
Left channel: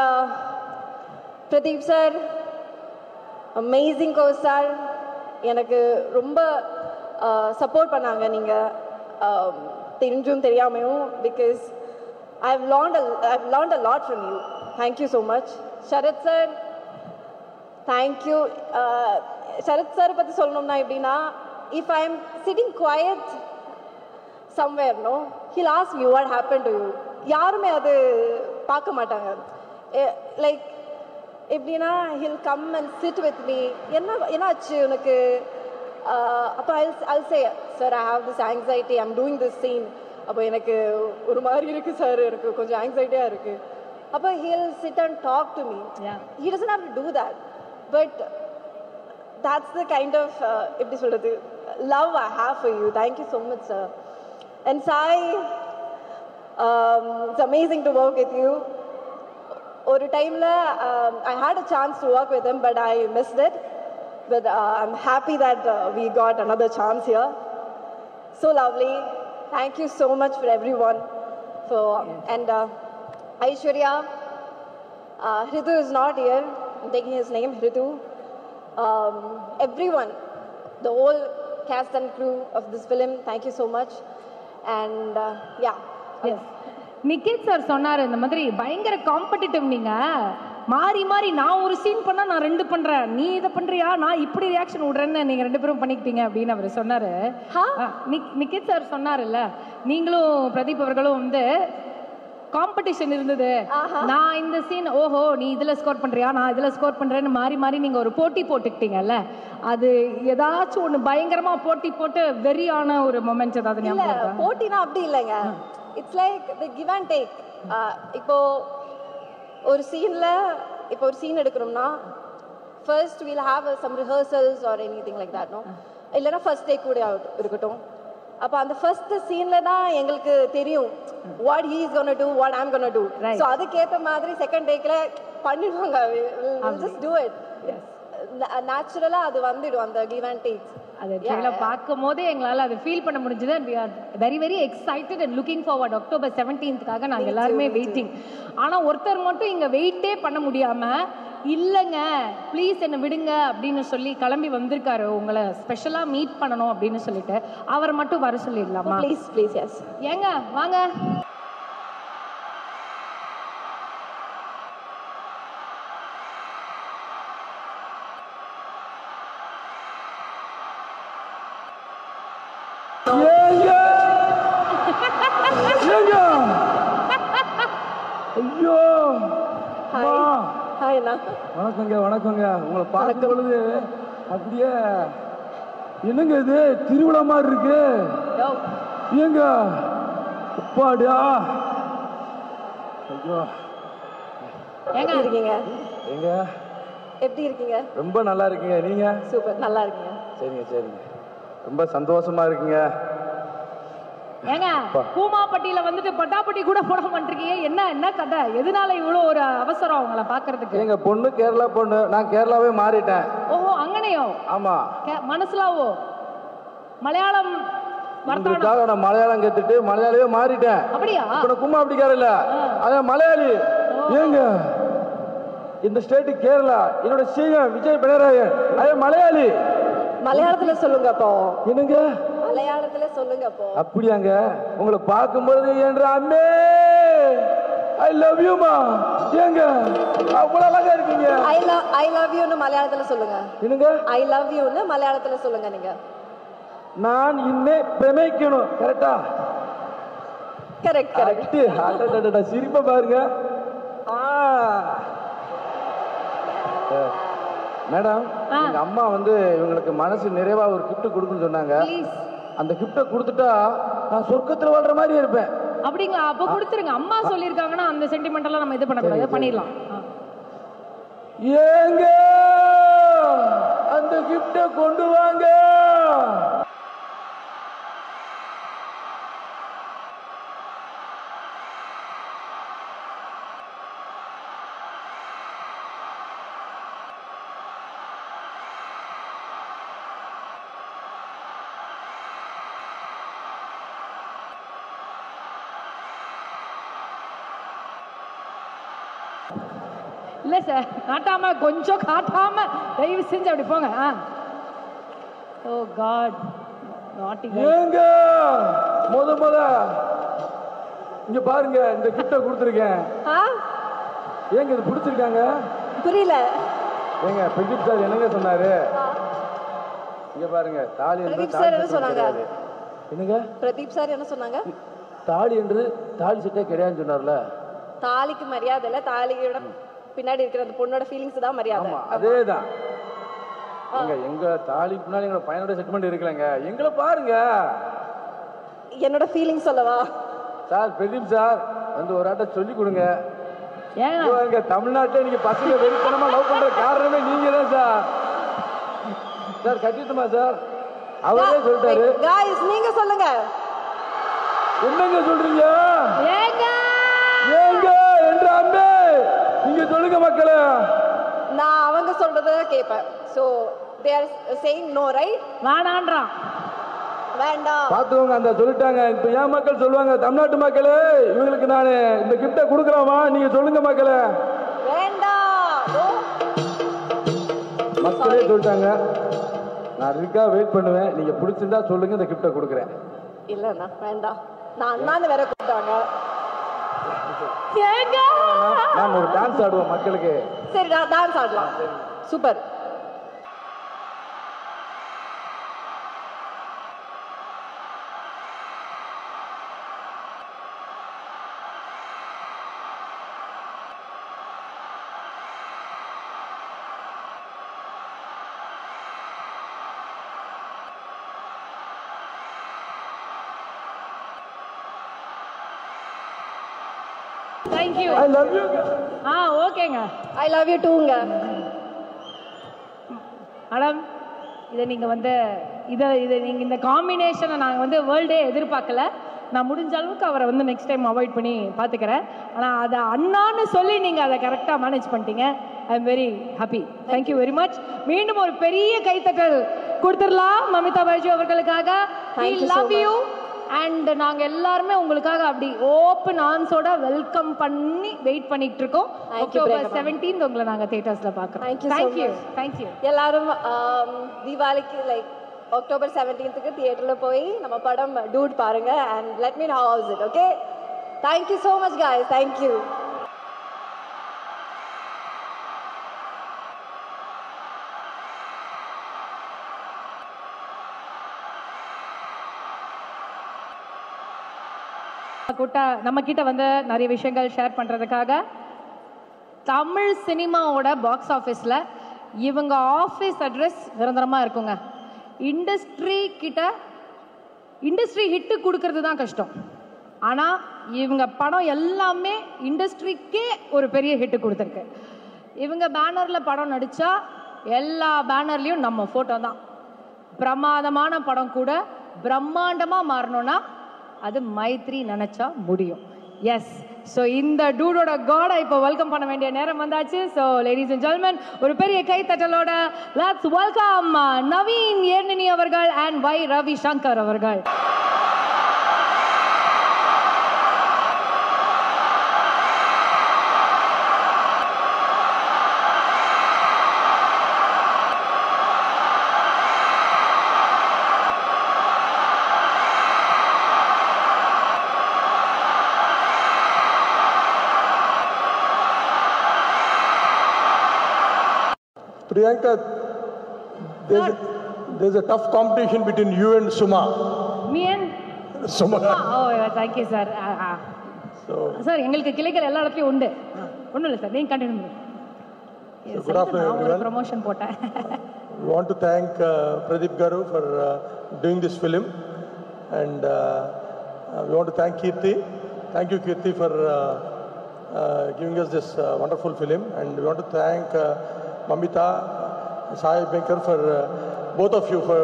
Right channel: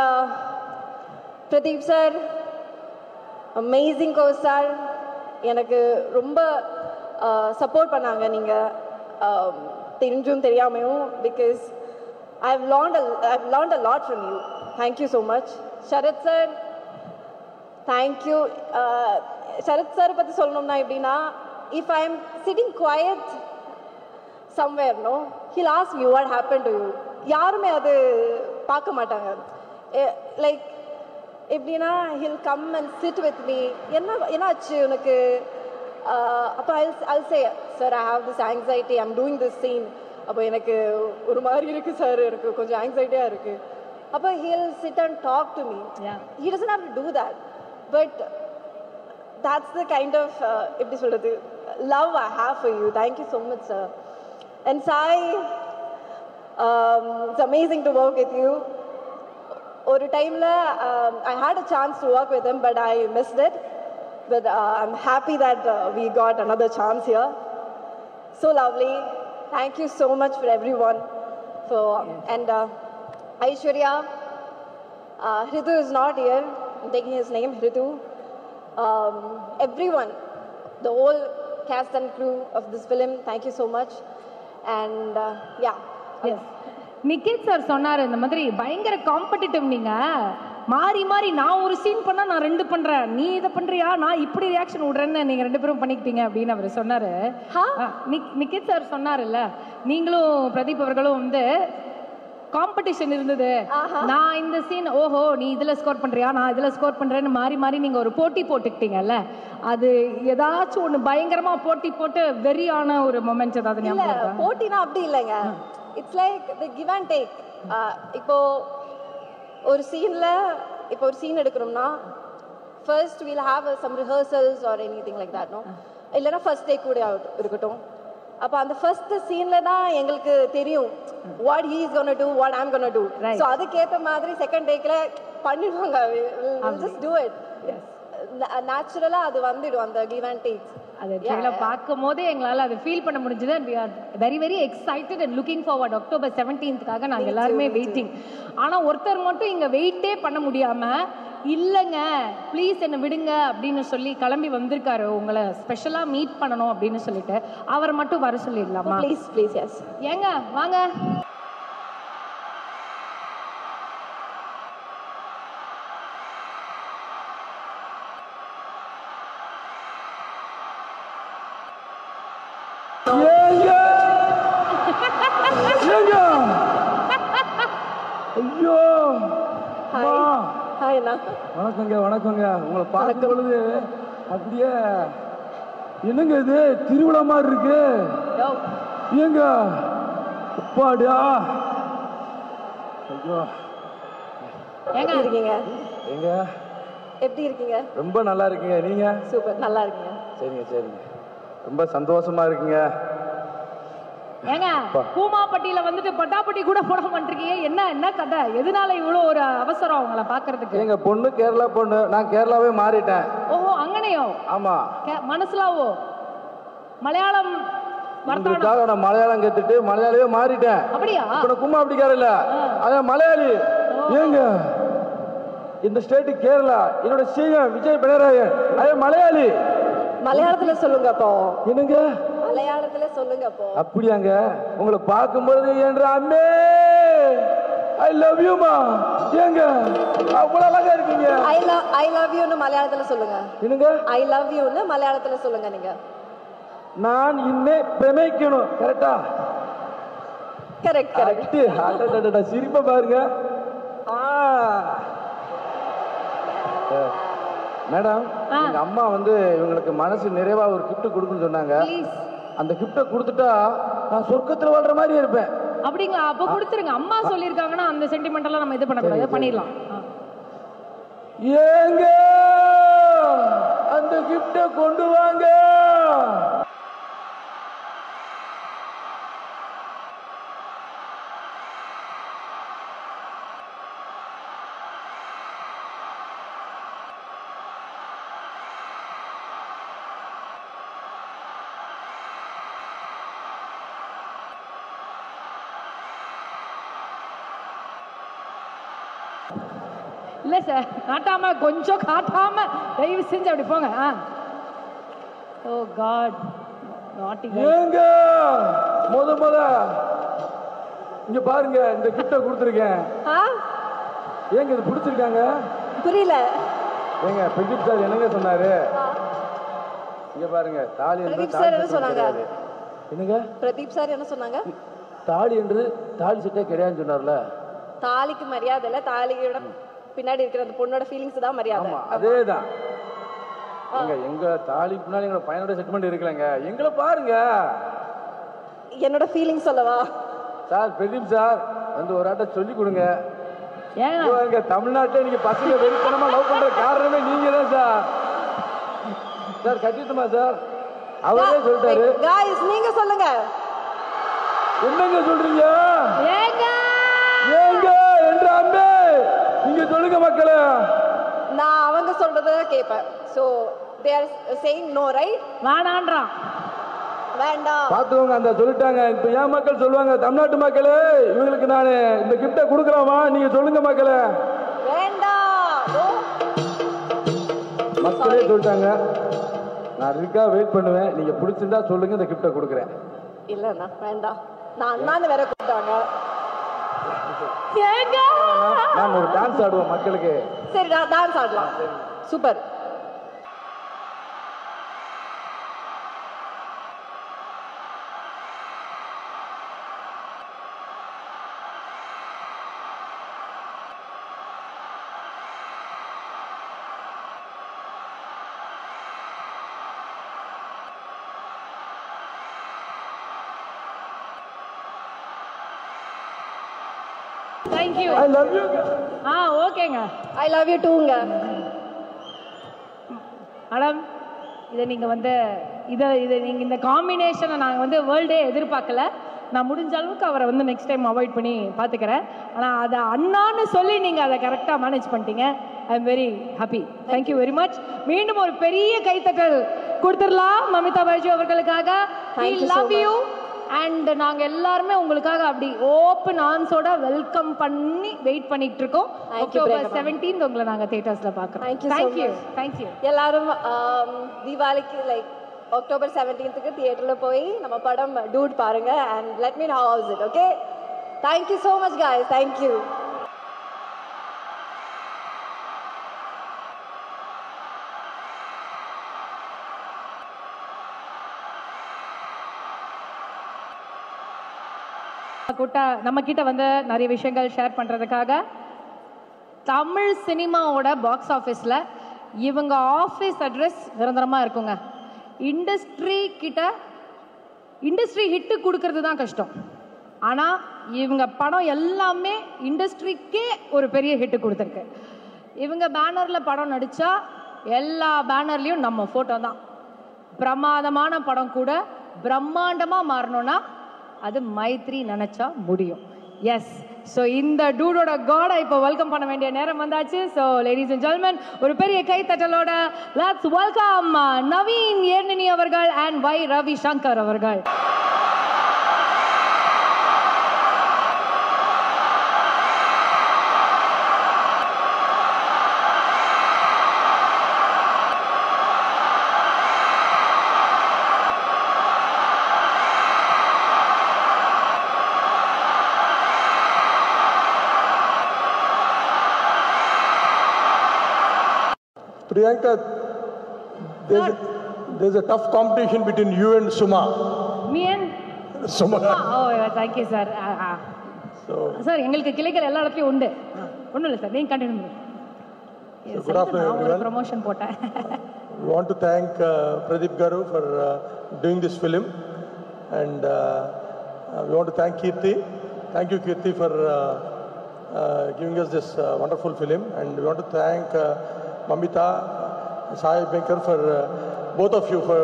Pradeep sir, amazing co-star. எனக்கு ரொம்ப support பண்ணாங்க நீங்கள் தெரிஞ்சும் தெரியாமையும், because I've learned a lot from you. Thank you so much. Sharath sir, thank you. Sharath sir பற்றி சொல்லணும்னா எப்படின்னா, if I'm sitting quiet somewhere, no, he'll ask me what happened to you. யாருமே அது பார்க்க மாட்டாங்க. Like எப்படின்னா, he'll come and sit with me. என்னாச்சு உனக்கு? அப்போ I'll say, sir, I have this anxiety, I'm doing this scene. அப்போ எனக்கு ஒரு மாதிரி இருக்கு சார், எனக்கு கொஞ்சம் ஆங்ஸைட்டியாக இருக்கு. அப்போ he'll sit and talk to me. He doesn't have to do that, but that's the kind of எப்படி சொல்றது, love I have for you. Thank you so much, sir. And Sai, it's amazing to work with you. ஒரு டைம்ல I had a chance to work with him, but I missed it. But I'm happy that we got another chance here. So lovely. Thank you so much for everyone. And Aishwarya, Ritu is not here. I'm taking his name, Ritu. Everyone, the whole cast and crew of this film, thank you so much. And yeah. Yes. Nikith sir சொன்னாரு, இந்த மாதிரி பயங்கர competitive, நீங்க மாறி மாறி நான் ஒரு scene பண்ணா நான் 2 பண்றேன், நீ இதை பண்றியா, நான் இப்படி ரியாக்ஷன் விடுறேன்னு நீங்க 2 பேரும் பண்ணிக்கிட்டீங்க அப்படின்னு அவர் சொன்னாரு. நிக்கித் சார் சொன்னாருல்ல, நீங்களும் பிரதீப் அவர்களும் வந்து காம்படிஷன் இருந்தது, நான் இந்த சீன் ஓஹோ நீ இதுல ஸ்கோர் பண்றியா, நான் இதுல ஸ்கோர் பண்றேன்னு மாறி மாறி நீங்க ஒரு போட்டி போட்டுக்கிட்டீங்கல்ல, அது ஏதாச்சும் ஒண்ணு பயங்கரமா போட்டி போட்டு வெறியான ஒரு மொமெண்ட் ஏதாவது? இல்ல, போட்டினா அப்படி இல்லைங்க. It's like the give and take. இப்போ ஒரு சீன்ல இப்போ ஒரு சீன் எடுக்கணும்னா first we'll have some rehearsals or anything like that, no? இல்லனா ஃபர்ஸ்ட் டேக் கூட இருக்கட்டும். அப்ப அந்த ஃபர்ஸ்ட் சீன்ல தான் எங்களுக்கு தெரியும் what he is going to do, what I'm going to do. So அதுக்கேற்ற மாதிரி செகண்ட் டேக்ல பண்ணிடுவாங்க. I'll just do it. நேச்சுரலா அது வந்துடும் அந்த கிவ் அண்ட் டேக். அது ட்ரெயிலர் பார்க்கும் போதே எங்களால் அது ஃபீல் பண்ண முடிஞ்சது. we are very very excited and looking forward. October 17th நாங்கள் எல்லாருமே வெயிட்டிங். ஆனால் ஒருத்தர் மட்டும் இங்கே வெயிட்டே பண்ண முடியாமல், இல்லைங்க ப்ளீஸ் என்னை விடுங்க அப்படின்னு சொல்லி கிளம்பி வந்திருக்காரு, உங்களை ஸ்பெஷலாக மீட் பண்ணணும் அப்படின்னு சொல்லிட்டு. அவரை மட்டும் வர சொல்லிடலாமா? Please please. எஸ், ஏங்க வாங்க. ஐயோ, வணக்கங்க வணக்கங்க. உங்களை பார்க்கும் பொழுது அப்படியே என்னங்க இது திருவிழா மாதிரி இருக்கு. ஏங்க அப்பாடியா, ஐயோ எங்க இருக்கீங்க? எங்க எப்படி இருக்கீங்க? ரொம்ப நல்லா இருக்கீங்க. நீங்க? சூப்பர், நல்லா இருக்கீங்க. சரிங்க சரிங்க, ரொம்ப சந்தோஷமா இருக்கீங்க. ஏங்க பூமாப்பட்டியில வந்துட்டு பட்டாப்பட்டி கூட போட மாட்டிருக்கீங்க, என்ன கதை? எதனால இவ்வளவு ஒரு அவசரம் உங்களை பாக்குறதுக்கு? எங்க பொண்ணு கேரளா பொண்ணு, நான் கேரளாவே மாறிட்டேன். ஓஹோ, அங்கனையோ? ஆமா. மனசுலாவோ மலையாளம் உங்களுக்காக நான் மலையாளம் கேட்டுட்டு மலையாளியே மாறிட்டேன். அப்படியா? இப்ப நான் கும்மா அப்படிக்கார இல்ல, அதான் மலையாளி. ஏங்க இந்த ஸ்டேட் கேரளா, என்னோட சிஎம் விஜய் பினராயன், அதே மலையாளி. மலையாளத்துல சொல்லுங்க அப்போ. என்னங்க மலையாளத்துல சொல்லுங்க அப்போ. அப்படியாங்க? உங்களை பார்க்கும்போது என்ற அண்ணே ஐ லவ் யூ மா. ஏங்க அவ்வளவு அழகா இருக்கீங்க. ஐ லவ் யூ னு மலையாளத்துல சொல்லுங்க. என்னங்க? ஐ லவ் யூ னு மலையாளத்துல சொல்லுங்க நீங்க. நான் இன்னே பிரமிக்கணும். கரெக்ட்டா? Correct correct. அடடடட சிரிப்ப பாருங்க. மேடம், எங்க அம்மா வந்து இவங்களுக்கு மனசு நிறைவா ஒரு gift கொடுக்கணும்னு சொன்னாங்க. அந்த கிஃப்ட கொடுத்துட்டா நான் சொர்க்கத்துல வாழ்ற மாதிரி இருப்பேன். அப்படிங்களா? அப்ப கொடுத்துருங்க. அம்மா சொல்லிருக்காங்கன்னா அந்த சென்டிமெண்டெல்லாம் நம்ம இது பண்ணக்கூடாது, பண்ணிடலாம். ஏங்க அந்த கிஃப்ட கொண்டு வாங்க. இல்ல சார், காட்டாம கொஞ்சம் காட்டாம தயவு செஞ்சு அப்படி போங்க. ஓ காட், ஏங்க முத இங்க பாருங்க, இந்த கிஃப்ட கொடுத்துருக்கேன். ஏங்க இது பிடிச்சிருக்காங்க? புரியல. ஏங்க பிரதீப் சார் என்னங்க சொன்னாரு? இங்க பாருங்க, தாலி என்று சார் என்ன சொன்னாங்க? என்னங்க பிரதீப் சார் என்ன சொன்னாங்க? தாலி என்று தாலி சுத்தே கிடையாதுன்னு சொன்னார்ல. தாலிக்கு மரியாதை இல்ல, தாலியோட பின்னாடி இருக்கிற அந்த பொண்ணோட ஃபீலிங்ஸ் தான் மரியாதை. அதேதான். எங்க தாலி பின்னாடி எங்க பையனோட செட்மெண்ட் இருக்கலங்க. எங்களை பாருங்க. என்னோட ஃபீலிங் சொல்லவா? சார் பிரதீப் சார் வந்து ஒரு ஆட்ட சொல்லி கொடுங்க. ஏங்க தமிழ்நாட்டில் நீங்க பசங்க வெறித்தனமா லவ் பண்ற காரணமே நீங்க தான் சார். Sir கட்டிட்டுமா sir? அவரே சொல்லிட்டாரு. गाइस நீங்க சொல்லுங்க. என்னங்க சொல்றீங்க? ஏங்க என்றாமே நீங்க சொல்லுங்க மக்களே. நான் அவங்க சொல்றத கேட்பேன். So they are saying no, right? வேண்டாம்ன்றான். வேண்டாம் பாத்துவங்க அந்த சொல்லிட்டாங்க. இப்ப ஏன் மக்கள் சொல்லுவாங்க, தமிழ்நாட்டு மக்களே இவங்களுக்கு நானு இந்த கிஃப்ட கொடுக்கலாமா? நீங்க சொல்லுங்க மக்களே. வேண்டாம். மக்களே சொல்லிட்டாங்க. நான் ரிக்கா வெயிட் பண்ணுவேன். நீங்க பிடிச்சிருந்தா சொல்லுங்க, இந்த கிஃப்ட கொடுக்குறேன். இல்லண்ணா வேண்டாம். நான் அண்ணாந்து வேற கூப்பிட்டாங்க. நான் ஒரு டான்ஸ் ஆடுவோம் மக்களுக்கு. சரி டான்ஸ் ஆடலாம். Super. Thank you. I love you. ஓகேங்க. I love you tooங்க. மேடம், இதை நீங்க வந்து இதை நீங்க இந்த காம்பினேஷனை நாங்கள் வந்து வேர்ல்டே எதிர்பார்க்கல. நான் முடிஞ்ச அளவுக்கு அவரை வந்து நெக்ஸ்ட் டைம் அவாய்ட் பண்ணி பார்த்துக்கிறேன். ஆனால் அதை அண்ணான்னு சொல்லி நீங்கள் அதை கரெக்டாக மேனேஜ் பண்ணிட்டீங்க. I am very happy. Thank you very much. மீண்டும் ஒரு பெரிய கைத்தட்டல் கொடுத்துடலாம் நமிதா பைஜு அவர்களுக்காக. அண்ட் நாங்கள் எல்லாருமே உங்களுக்காக அப்படி ஓப்பன் ஆர்ம்ஸோட வெல்கம் பண்ணி வெயிட் பண்ணிட்டு இருக்கோம். உங்களை நாங்கள் தியேட்டர்ஸ்ல பார்க்குறோம். தேங்க்யூ. எல்லாரும் தீபாவளிக்கு லைக் அக்டோபர் 17க்கு தியேட்டர்ல போய் நம்ம படம் டூட் பாருங்க and let me know how is it. Okay, thank you so much guys. Thank you. நம்ம கிட்ட வந்து நிறைய விஷயங்கள் ஷேர் பண்றதுக்காக தமிழ் சினிமாவோட பாக்ஸ் ஆஃபீஸ்ல இவங்க ஆஃபீஸ் அட்ரஸ் நிரந்தரமா இருக்குங்க. இண்டஸ்ட்ரி ஹிட் கொடுக்கறது தான் கஷ்டம். ஆனா இவங்க படம் எல்லாமே இண்டஸ்ட்ரிக்கே ஒரு பெரிய ஹிட் கொடுத்துருக்கு. இவங்க பேனர்ல படம் நடிச்சா எல்லா பேனர்லயும் நம்ம போட்டோ தான். பிரமாதமான படம் கூட பிரம்மாண்டமா மாறணும்னா அது மைத்ரி நினைச்சா முடியும். எஸ், ஸோ இந்த டூடோட காடை இப்போ வெல்கம் பண்ண வேண்டிய நேரம் வந்தாச்சு. ஸோ லேடிஸ் அண்ட் ஜென்டில்மேன், ஒரு பெரிய கைத்தட்டலோட லெட்ஸ் வெல்கம் நவீன் ஏர்னினி அவர்கள் அண்ட் வை ரவி சங்கர் அவர்கள். Priyanka, there's a tough competition between you and Suma. Me and Suma. Oh, yeah, thank you, sir. Sir எங்களுக்கு கிளைகள் எல்லா இடத்துலையும் உண்டு. ஒன்றும் இல்லை சார், நீங்கள் continue. Good afternoon, everyone. Promotion போட்டேன். We want to thank Pradeep Garu for doing this film. And we want to thank Kirti. Thank you, Kirti, for giving us this wonderful film. And we want to thank Amita, Sai Maker, for both of you for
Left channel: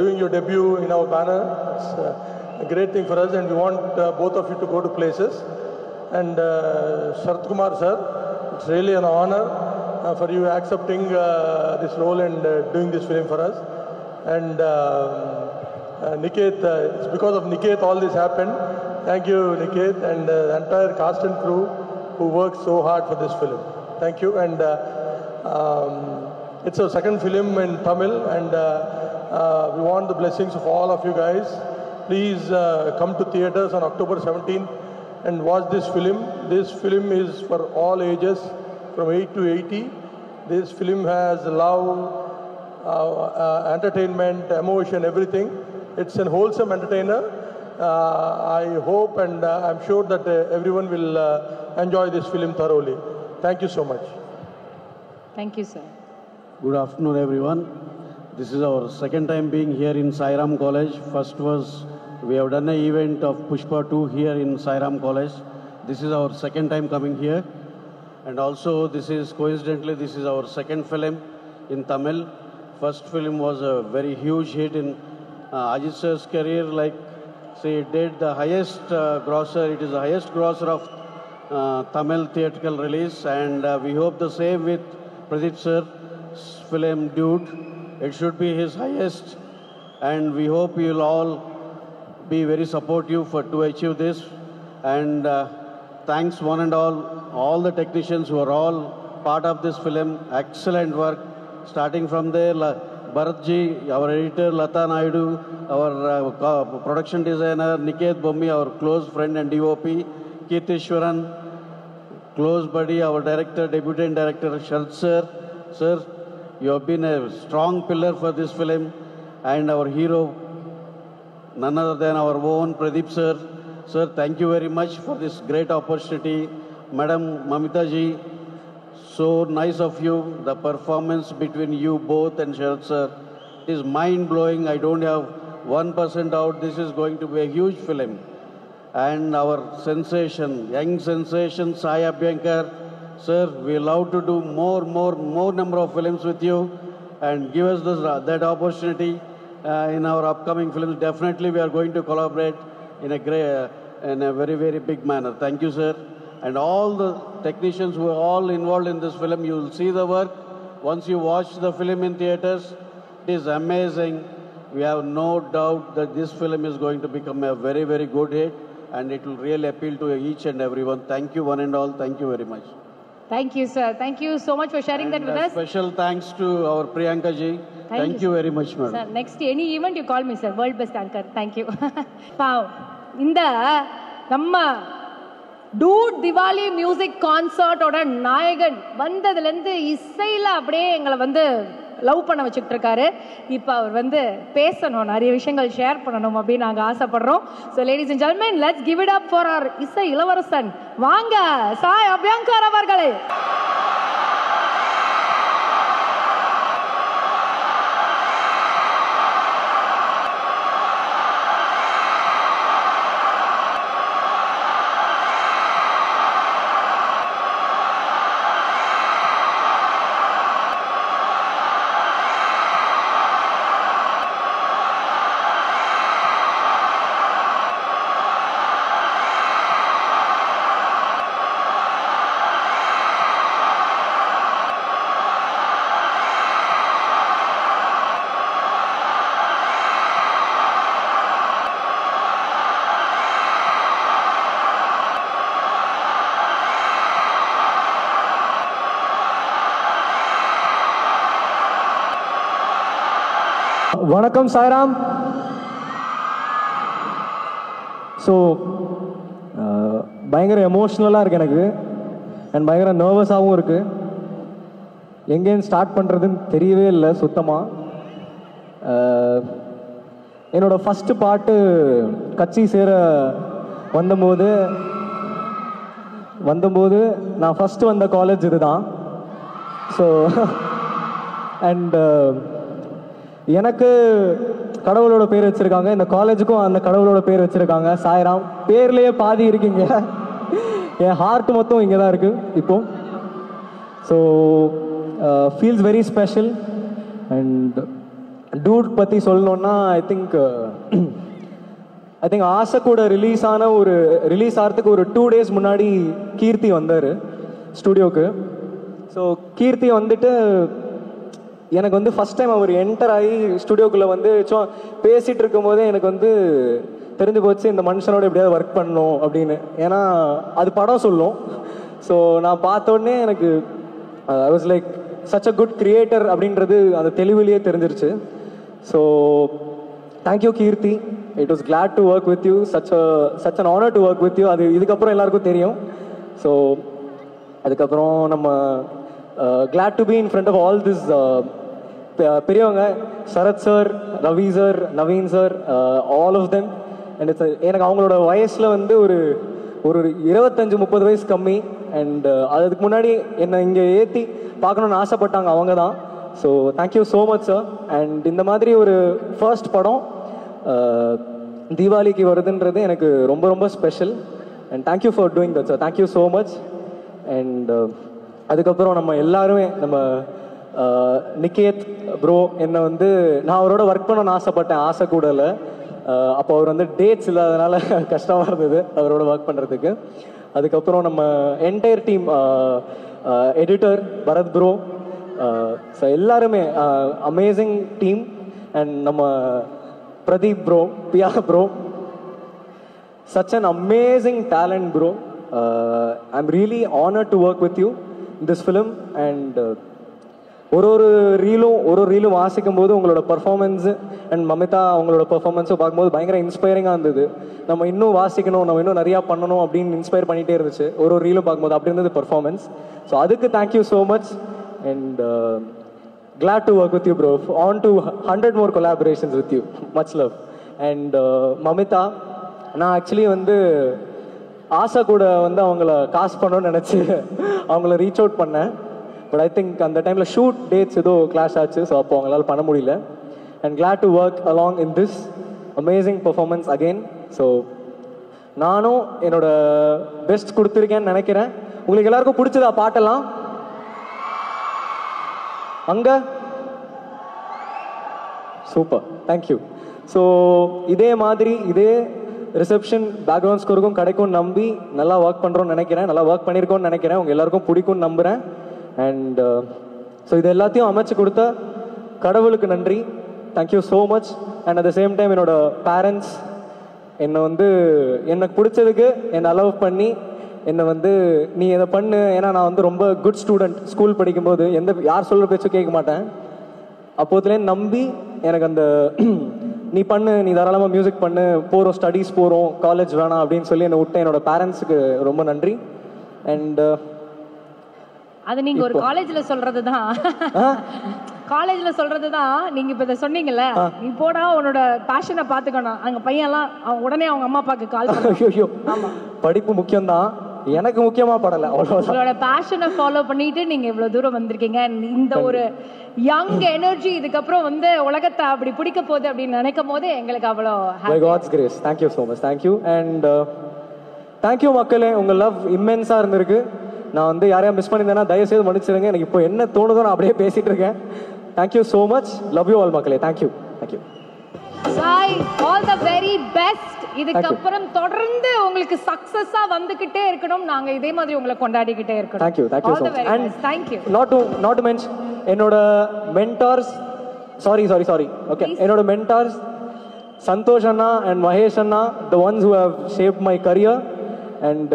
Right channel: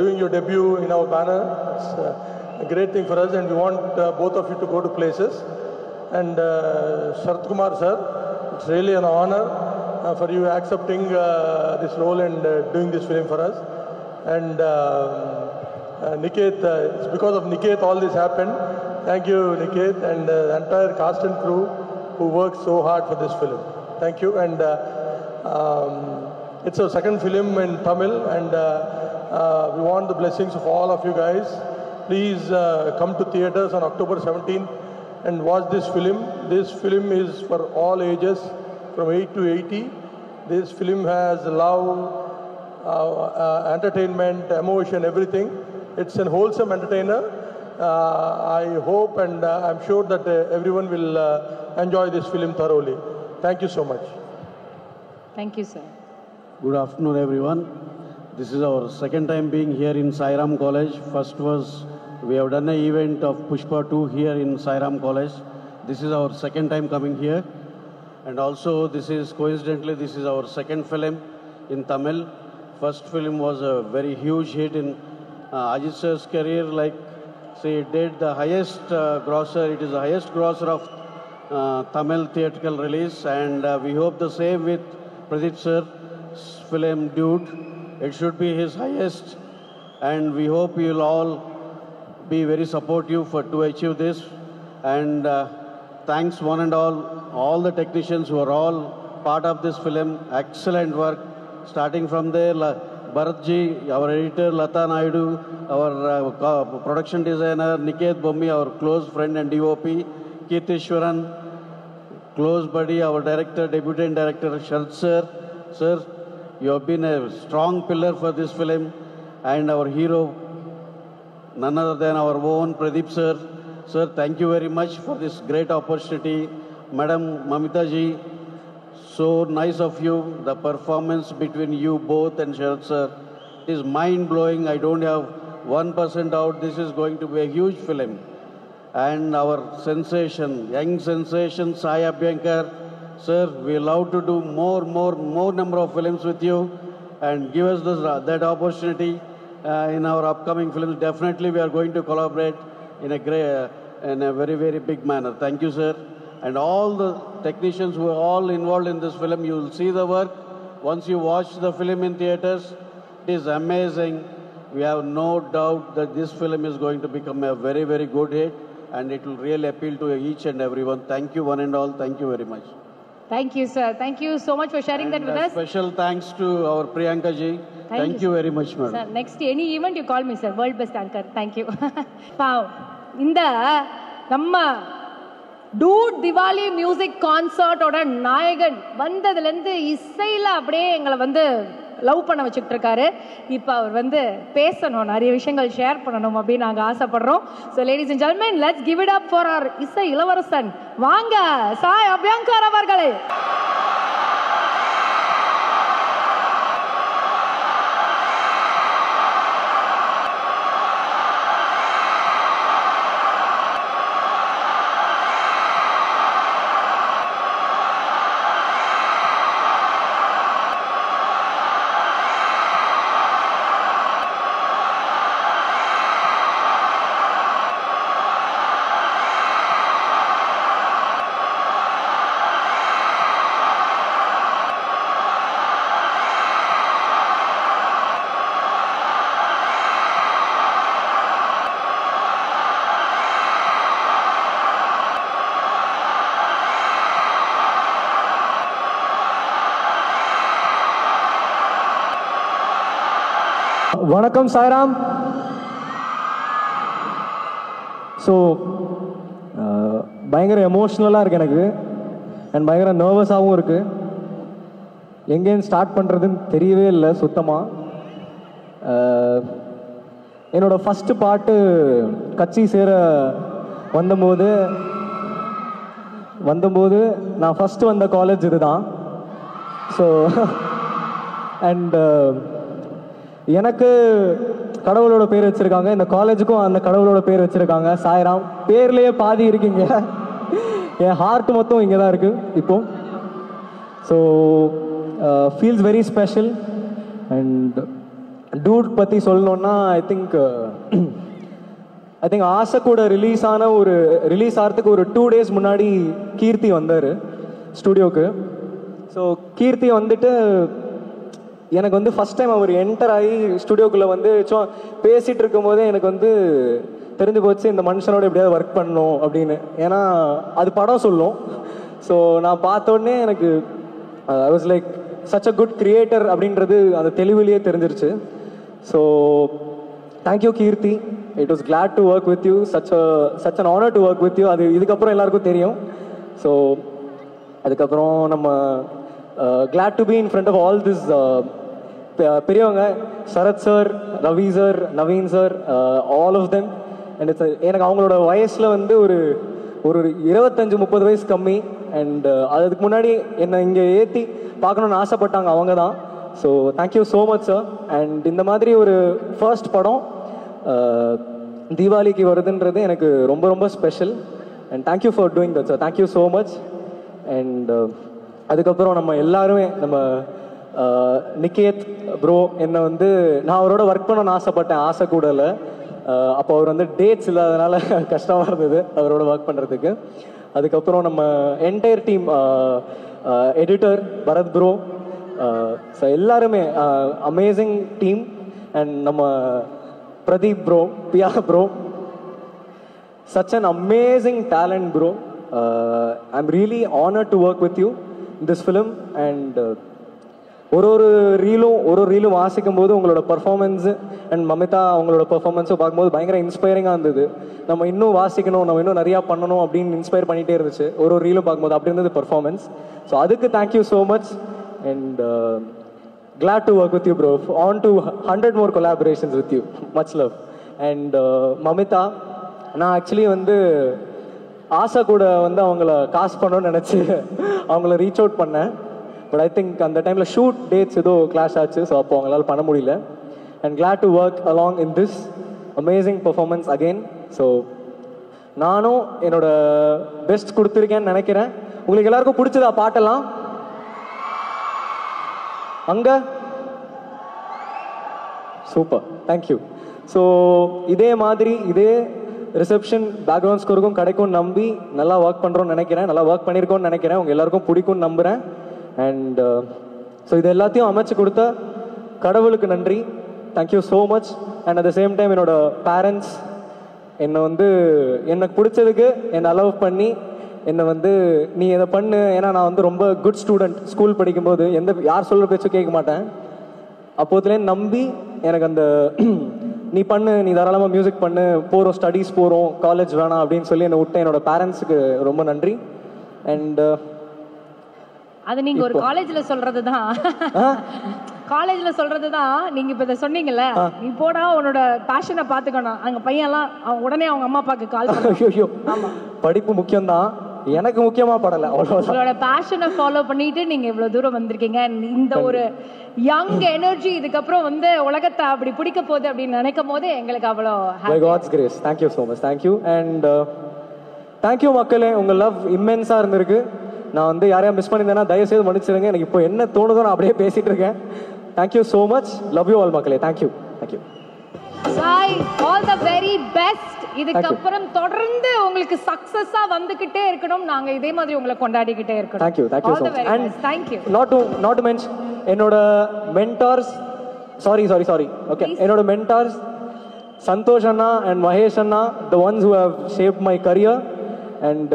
doing your debut in our banner. It's a great thing for us, and we want both of you to go to places. And Sharkumar sir, it's really an honor for you accepting this role and doing this film for us. And Niket, it's because of Niket all this happened. Thank you, Niket, and the entire cast and crew who worked so hard for this film. Thank you, and it's our second film in Tamil. This film is from all ages, 8 to 18. This film has entertainment, emotion, everything. It's a wholesome entertainer. I hope and I'm sure that everyone will enjoy this film thoroughly. Thank you so much. Thank you, sir. Good afternoon, everyone. This is our second time being here in Sairam College. First was we have done an event of Pushpa 2 here in Sairam College. This is our second time coming here. And also this is our second film in Tamil. First film was a very huge hit in Ajit sir's career. Like, say, it did the highest grosser. It is the highest grosser of Tamil theatrical release. And we hope the same with Pradeep sir's film Dude. It should be his highest. And we hope you'll all be very supportive to achieve this. And thanks one and all the technicians who are all part of this film. Excellent work. Starting from there, Bharatji, our editor, Lata Naidu, our production designer, Niket Bommi, our close friend and DOP, Kirtishwaran, close buddy, our director, debutant director, Sharad sir. Sir, you have been a strong pillar for this film, and our hero, none other than our own Pradeep sir. Sir, thank you very much for this great opportunity. Madam Mamita ji, so nice of you. The performance between you both and Sharad sir is mind-blowing. I don't have 1% doubt this is going to be a huge film. And our sensation, young sensation, Sai Abhyankar, sir, we love to do more number of films with you, and give us that opportunity in our upcoming films. Definitely we are going to collaborate in a very, very big manner. Thank you, sir. And all the technicians who are all involved in this film, you will see the work. Once you watch the film in theaters, it is amazing. We have no doubt that this film is going to become a very, very good hit, and it will really appeal to each and everyone. Thank you one and all. Thank you very much. Thank you, sir. Thank you so much for sharing that with us. Special thanks to our Priyanka ji. Thank you very much, madam. Sir, next any event you call me, sir. World best anchor. Thank you. Wow. இந்த நம்ம dude Diwali music கான்சர்ட்டோட நாயகன் வந்ததுலேருந்து இசையில் அப்படியே எங்களை வந்து love பண்ண வச்சுக்கிட்டு இருக்காரு. இப்போ அவர் பேசணும், நிறைய விஷயங்கள் ஷேர் பண்ணணும் அப்படின்னு நாங்கள் ஆசைப்படுறோம். So ladies and gentlemen, let's give it up for our இசை இளவரசன். வாங்க சாய் அபியங்கர் அவர்களே. வணக்கம் சாய்ராம். ஸோ பயங்கர எமோஷ்னலாக இருக்குது எனக்கு, அண்ட் பயங்கர நர்வஸாகவும் இருக்குது. எங்கேருந்து ஸ்டார்ட் பண்ணுறதுன்னு தெரியவே இல்லை சுத்தமாக. என்னோடய ஃபஸ்ட்டு பாட்டு கட்சி சேர வந்தபோது நான் ஃபஸ்ட்டு வந்த காலேஜ் இதுதான். ஸோ அண்டு எனக்கு கடவுளோட பேர் வச்சுருக்காங்க, இந்த காலேஜுக்கும் அந்த கடவுளோட பேர் வச்சுருக்காங்க, சாய்ராம். பேர்லேயே பாதி இருக்குங்க, என் ஹார்ட் மொத்தம் இங்கே தான் இருக்குது இப்போ. So feels very special. And dude பற்றி சொல்லணுன்னா ஐ திங்க் ஆசை கூட ரிலீஸ் ஆகிறதுக்கு ஒரு 2 days முன்னாடி கீர்த்தி வந்தார் ஸ்டுடியோக்கு. ஸோ கீர்த்தி வந்துட்டு எனக்கு வந்து ஃபஸ்ட் டைம் அவர் என்டர் ஆகி ஸ்டுடியோக்குள்ளே வந்து பேசிகிட்டு இருக்கும்போதே எனக்கு வந்து தெரிஞ்சு போச்சு இந்த மனுஷனோட எப்படியாவது ஒர்க் பண்ணணும் அப்படின்னு. ஏன்னா அது படம் சொல்லும். ஸோ நான் பார்த்தோடனே எனக்கு I was like such a good creator அப்படின்றது அந்த தெளிவிலேயே தெரிஞ்சிருச்சு. So thank you Keerthi, it was glad to work with you, such an honour to work with you. அது இதுக்கப்புறம் எல்லாருக்கும் தெரியும். ஸோ அதுக்கப்புறம் நம்ம glad to be in front of all this பெரியவங்க, Sarath sir, Ravi sir, Naveen sir, all of them. And it's எனக்கு அவங்களோட வயசில் வந்து ஒரு 25-30 வயசு கம்மி. அண்ட் அதுக்கு முன்னாடி என்னை இங்கே ஏற்றி பார்க்கணுன்னு ஆசைப்பட்டாங்க அவங்க தான். So thank you so much sir. And இந்த மாதிரி ஒரு ஃபர்ஸ்ட் படம் தீபாவளிக்கு வருதுன்றது எனக்கு ரொம்ப ரொம்ப special. And thank you for doing that sir, thank you so much. And அதுக்கப்புறம் நம்ம எல்லாருமே நம்ம நிகேத் ப்ரோ என்னை வந்து நான் அவரோட ஒர்க் பண்ணணும்னு ஆசைப்பட்டேன், ஆசை கூட இல்லை. அப்போ அவர் வந்து டேட்ஸ் இல்லாதனால கஷ்டமாக இருந்தது அவரோட ஒர்க் பண்ணுறதுக்கு. அதுக்கப்புறம் நம்ம entire team, editor Bharath bro, so எல்லாருமே அமேசிங் டீம். அண்ட் நம்ம Pradeep bro, Piya bro, such an amazing talent bro. I'm really honored to work with you in this film. And ஒரு ரீலும் வாசிக்கும் போது உங்களோட பர்ஃபார்மன்ஸு அண்ட் மமிதா அவங்களோட பர்ஃபார்மன்ஸும் பார்க்கும்போது பயங்கர இன்ஸ்பைரிங்காக இருந்தது. நம்ம இன்னும் வாசிக்கணும், நம்ம இன்னும் நிறையா பண்ணணும் அப்படின்னு இன்ஸ்பயர் பண்ணிகிட்டே இருந்துச்சு ஒரு ரீலும் பார்க்கும்போது. அப்படி இருந்தது பர்ஃபார்மன்ஸ். ஸோ அதுக்கு thank you so much. And glad to work with you bro. On to 100 more collaborations with you. That's it. And Mamitha, நான் ஆக்சுவலி வந்து ஆசா கூட வந்து அவங்கள காஸ்ட் பண்ணணும்னு நினச்சி அவங்கள ரீச் அவுட் பண்ணேன். பட் ஐ திங்க் அந்த டைமில் ஷூட் டேட்ஸ் ஏதோ கிளாஷ் ஆச்சு. ஸோ அப்போ அவங்களால பண்ண முடியல. And glad to work along in this amazing performance again. So நானும் என்னோட பெஸ்ட் கொடுத்துருக்கேன்னு நினைக்கிறேன். உங்களுக்கு எல்லாருக்கும் பிடிச்சதா பாட்டெல்லாம்? அங்கே சூப்பர், தேங்க்யூ. ஸோ இதே மாதிரி இதே ரிசப்ஷன் பேக்ரவுண்ட் ஸ்கோருக்கும் கிடைக்கும் நம்பி நல்லா ஒர்க் பண்ணுறோன்னு நினைக்கிறேன், நல்லா ஒர்க் பண்ணியிருக்கோன்னு நினைக்கிறேன். உங்கள் எல்லாருக்கும் பிடிக்கும்னு நம்புகிறேன். அண்ட் ஸோ இது எல்லாத்தையும் அமைச்சு கொடுத்த கடவுளுக்கு நன்றி, thank you so much. And at the same time என்னோட பேரண்ட்ஸ் என்னை வந்து எனக்கு பிடிச்சதுக்கு என்னை அலோவ் பண்ணி என்னை வந்து நீ இதை பண்ணு, ஏன்னா நான் வந்து ரொம்ப குட் ஸ்டூடெண்ட். ஸ்கூல் படிக்கும்போது யார் சொல்கிற பேச்சும் கேட்க மாட்டேன். அப்போதுலேயே நம்பி எனக்கு அந்த நீ பண்ணு, நீ தாராளமாக மியூசிக் பண்ணு, போகிறோம் ஸ்டடீஸ் போகிறோம், காலேஜ் வேணாம் அப்படின்னு சொல்லி என்னை விட்ட என்னோட பேரண்ட்ஸுக்கு ரொம்ப நன்றி. அண்ட் அது நீங்க ஒரு காலேஜ்ல சொல்றதுதான், காலேஜ்ல சொல்றதுதான். நீங்க இப்ப இதை சொன்னீங்கல்ல, நீ போடா உன்னோட பேஷனை பாத்துக்கணும். அங்க பையன்லாம் உடனே அவங்க அம்மா அப்பாக்கு கால் பண்ண. படிப்பு முக்கியம்தான், எனக்கு முக்கியமா படல. உங்களோட பேஷனை ஃபாலோ பண்ணிட்டு நீங்க இவ்வளவு தூரம் வந்திருக்கீங்க. இந்த ஒரு யங் எனர்ஜி இதுக்கப்புறம் வந்து உலகத்தை அப்படி பிடிக்க போகுது அப்படின்னு நினைக்கும் போது எங்களுக்கு அவ்வளோ by God's grace. Thank you so much. Thank you. And thank you மக்களே, உங்க லவ் இம்மென்ஸா இருந்திருக்கு. நான் வந்து யாரையும் மிஸ் பண்ணியிருந்தேன்னா தயவு செய்து மன்னிச்சிருங்க. எனக்கு இப்போ என்ன தோணுதோ நான் அப்படியே பேசிட்டு இருக்கேன். Thank you so much. Love you all மக்களே. Thank you. Thank you. Sai, all the very best. இதுக்கப்புறம் தொடர்ந்து உங்களுக்கு சக்சஸா வந்துகிட்டே இருக்கணும். நாங்க இதே மாதிரி உங்களை கொண்டாடிக்கிட்டே இருக்கணும். Thank you. Thank you so much. And thank you. Not to mention என்னோட mentors, sorry. Okay. என்னோட mentors Santhosh anna and Mahesh anna, the ones who have shaped my career. And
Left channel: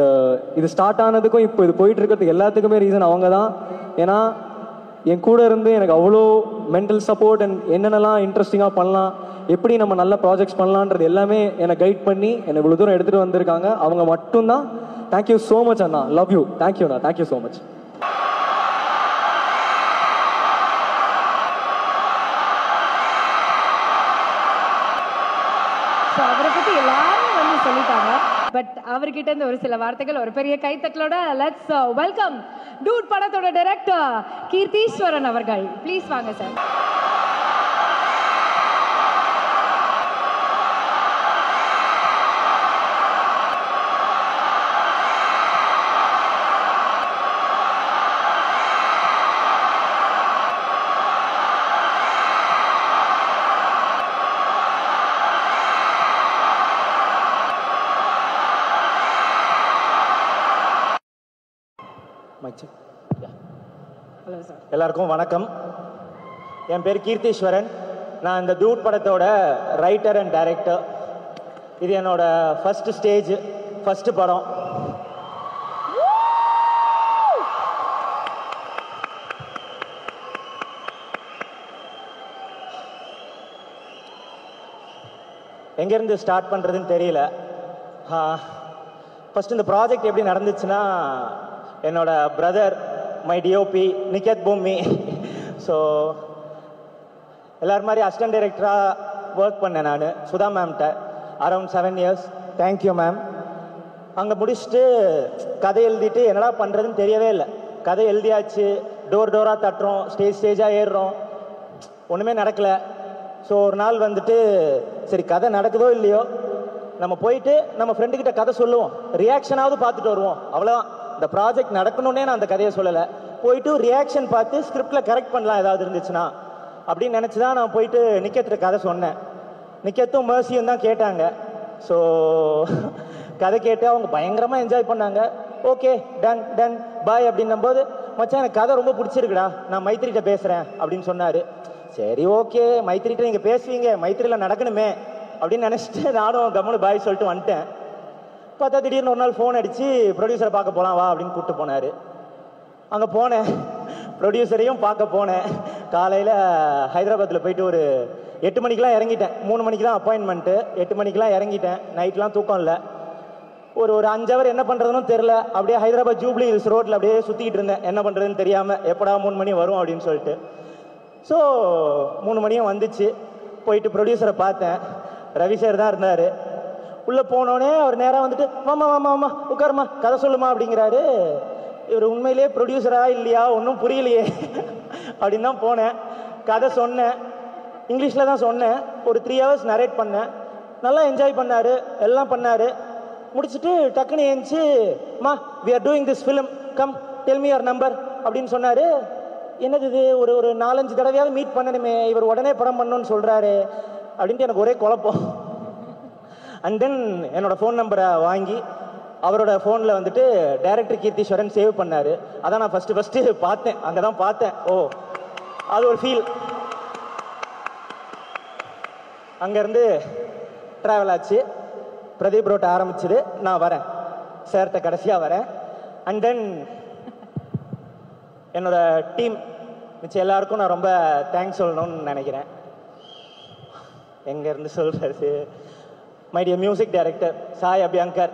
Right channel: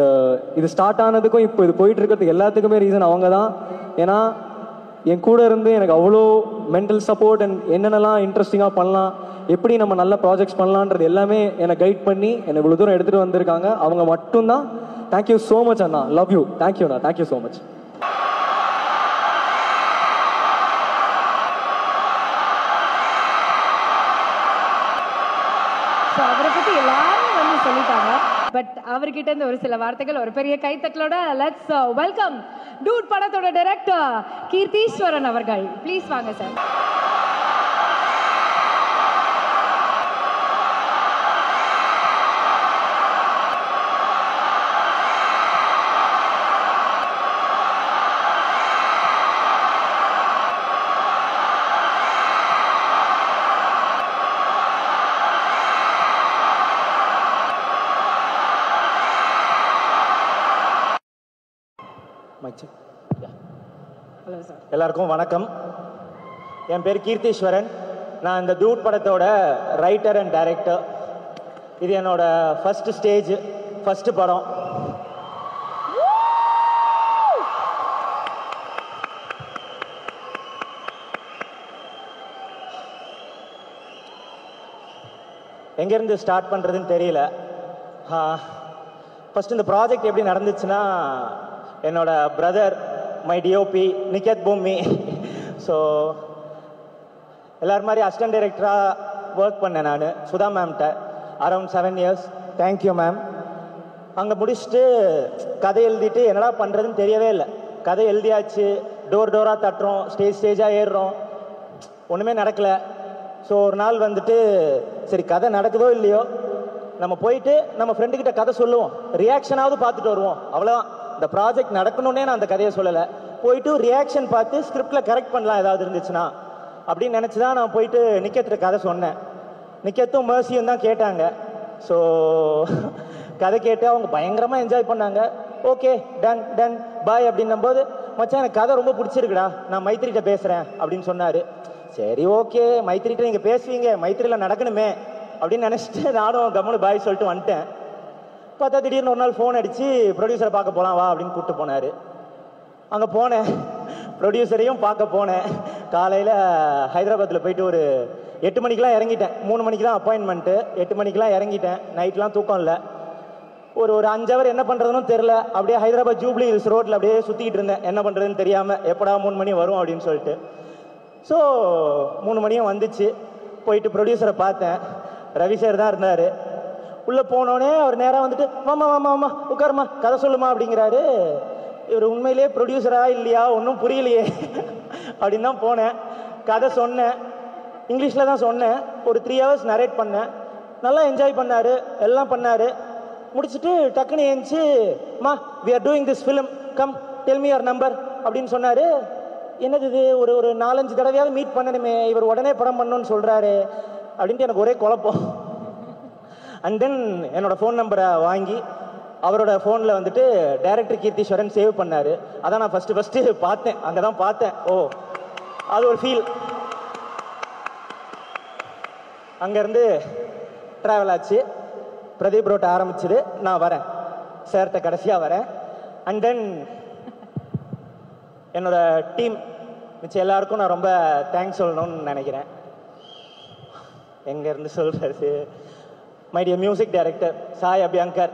இது ஸ்டார்ட் ஆனதுக்கும் இப்போ இது போயிட்டு இருக்கிறதுக்கு எல்லாத்துக்குமே ரீசன் அவங்க தான். ஏன்னா என் கூட இருந்து எனக்கு அவ்வளோ மென்டல் சப்போர்ட் அண்ட் என்னென்னலாம் இன்ட்ரெஸ்டிங்காக பண்ணலாம், எப்படி நம்ம நல்ல ப்ராஜெக்ட்ஸ் பண்ணலான்றது எல்லாமே என்னை கைட் பண்ணி என்னை இவ்வளோ தூரம் எடுத்துகிட்டு வந்திருக்காங்க. அவங்க மட்டும்தான். Thank you so much Anna. Love you. Thank you Anna. Thank you so much. So அவரை பற்றி எல்லாரும் வந்து சொல்லிட்டாங்க. பட் அவர்கிட்ட இருந்து ஒரு சில வார்த்தைகள் ஒரு பெரிய கைத்தட்டலோட லெட்ஸ் வெல்கம் டூட் படத்தோட டைரக்டர் கீர்த்தீஸ்வரன் அவர்கள். ப்ளீஸ் வாங்க சார். எல்லாருக்கும் வணக்கம். என் பேர் கீர்த்தீஸ்வரன். நான் இந்த டூட் படத்தோட ரைட்டர் அண்ட் டைரக்டர். இது என்னோட ஃபர்ஸ்ட் ஸ்டேஜ், ஃபர்ஸ்ட் படம். எங்கேருந்து ஸ்டார்ட் பண்ணுறதுன்னு தெரியல. ஃபர்ஸ்ட் இந்த ப்ராஜெக்ட் எப்படி நடந்துச்சுன்னா, என்னோட பிரதர் மை டிஓபி நிகேத் பூமி, ஸோ எல்லாரும் மாதிரி அசிஸ்டன்ட் டைரக்டராக ஒர்க் பண்ணேன் நான் சுதா மேம்கிட்ட அரௌண்ட் 7 years. Thank you ma'am. அங்கே முடிச்சுட்டு கதை எழுதிட்டு என்னடா பண்ணுறதுன்னு தெரியவே இல்லை. கதை எழுதியாச்சு, டோர் டோராக தட்டுறோம், ஸ்டேஜாக ஏறுறோம், ஒன்றுமே நடக்கலை. ஸோ ஒரு நாள் வந்துட்டு சரி கதை நடக்குதோ இல்லையோ நம்ம போயிட்டு நம்ம ஃப்ரெண்டுக்கிட்ட கதை சொல்லுவோம், ரியாக்ஷனாவது பார்த்துட்டு வருவோம், அவ்வளோதான். இந்த ப்ராஜெக்ட் நடக்கணுன்னே நான் அந்த கதையை சொல்லலை. போயிட்டு ரியாக்ஷன் பார்த்து ஸ்கிரிப்டில் கரெக்ட் பண்ணலாம் ஏதாவது இருந்துச்சுன்னா அப்படின்னு நினச்சி தான் நான் போயிட்டு நிக்கேத்திர கதை சொன்னேன். நிக்கேத்தும் மேர்சியும் தான் கேட்டாங்க. ஸோ கதை கேட்டு அவங்க பயங்கரமாக என்ஜாய் பண்ணாங்க. ஓகே டன் டன் பாய் அப்படின்னும் போது, மச்சான் எனக்கு கதை ரொம்ப பிடிச்சிருக்குடா, நான் மைத்திரிகிட்ட பேசுகிறேன் அப்படின்னு சொன்னார். சரி ஓகே, மைத்திரிகிட்ட நீங்கள் பேசுவீங்க, மைத்திரியில் நடக்கணுமே அப்படின்னு நினச்சிட்டு நானும் கம்முனு பாய் சொல்லிட்டு வந்துட்டேன். பார்த்தா திடீர்னு ஒரு நாள் ஃபோன் அடித்து ப்ரொடியூசரை பார்க்க போகலாம் வா அப்படின்னு கூப்பிட்டு போனார். அங்கே போனேன், ப்ரொடியூசரையும் பார்க்க போனேன். காலையில் ஹைதராபாத்தில் போயிட்டு ஒரு 8 மணிக்கெலாம் இறங்கிட்டேன். 3 மணிக்கு தான் அப்பாயின்மெண்ட்டு. 8 மணிக்கெலாம் இறங்கிட்டேன். நைட்லாம் தூக்கம் இல்லை. ஒரு 5 hour என்ன பண்ணுறதுன்னு தெரில. அப்படியே ஹைதராபாத் ஜூப்ளி ஹில்ஸ் ரோட்டில் அப்படியே சுற்றிக்கிட்டு இருந்தேன், என்ன பண்ணுறதுன்னு தெரியாமல். எப்படா 3 மணி வரும் அப்படின்னு சொல்லிட்டு. ஸோ 3 மணியும் வந்துச்சு. போயிட்டு ப்ரொடியூசரை பார்த்தேன். ரவி சார் தான் இருந்தார். உள்ளே போனோடனே அவர் நேராக வந்துட்டு மாமா மாமா மாமா உட்காருமா கதை சொல்லுமா அப்படிங்கிறாரு. இவர் உண்மையிலேயே ப்ரொடியூசரா இல்லையா ஒன்றும் புரியலையே அப்படின்னு தான் போனேன். கதை சொன்னேன், இங்கிலீஷில் தான் சொன்னேன். ஒரு 3 hours நரேட் பண்ணேன். நல்லா என்ஜாய் பண்ணார், எல்லாம் பண்ணார். முடிச்சுட்டு டக்குன்னு ஏஞ்சி மா we are doing this film, come tell me your number அப்படின்னு சொன்னார். எனக்கு இது ஒரு 4-5 தடவையாவது மீட் பண்ணணுமே, இவர் உடனே படம் பண்ணணும்னு சொல்கிறாரு அப்படின்ட்டு எனக்கு ஒரே குழப்பம். அண்ட் தென் என்னோட ஃபோன் நம்பரை வாங்கி அவரோட ஃபோனில் வந்துட்டு டைரக்டர் கீர்த்தீஸ்வரன் சேவ் பண்ணார். அதான் நான் ஃபஸ்ட்டு பார்த்தேன், அங்கே தான் பார்த்தேன். ஓ அது ஒரு ஃபீல். அங்கேருந்து ட்ராவல் ஆச்சு. பிரதீப் ரோட்டை ஆரம்பிச்சுது. நான் வரேன், சேர்த்த கடைசியாக வரேன். அண்ட் தென் என்னோட டீம் மிச்சம் எல்லாருக்கும் நான் ரொம்ப தேங்க்ஸ் சொல்லணும்னு நினைக்கிறேன். எங்கேருந்து சொல்கிறது, my dear music director Sai Abhyankar.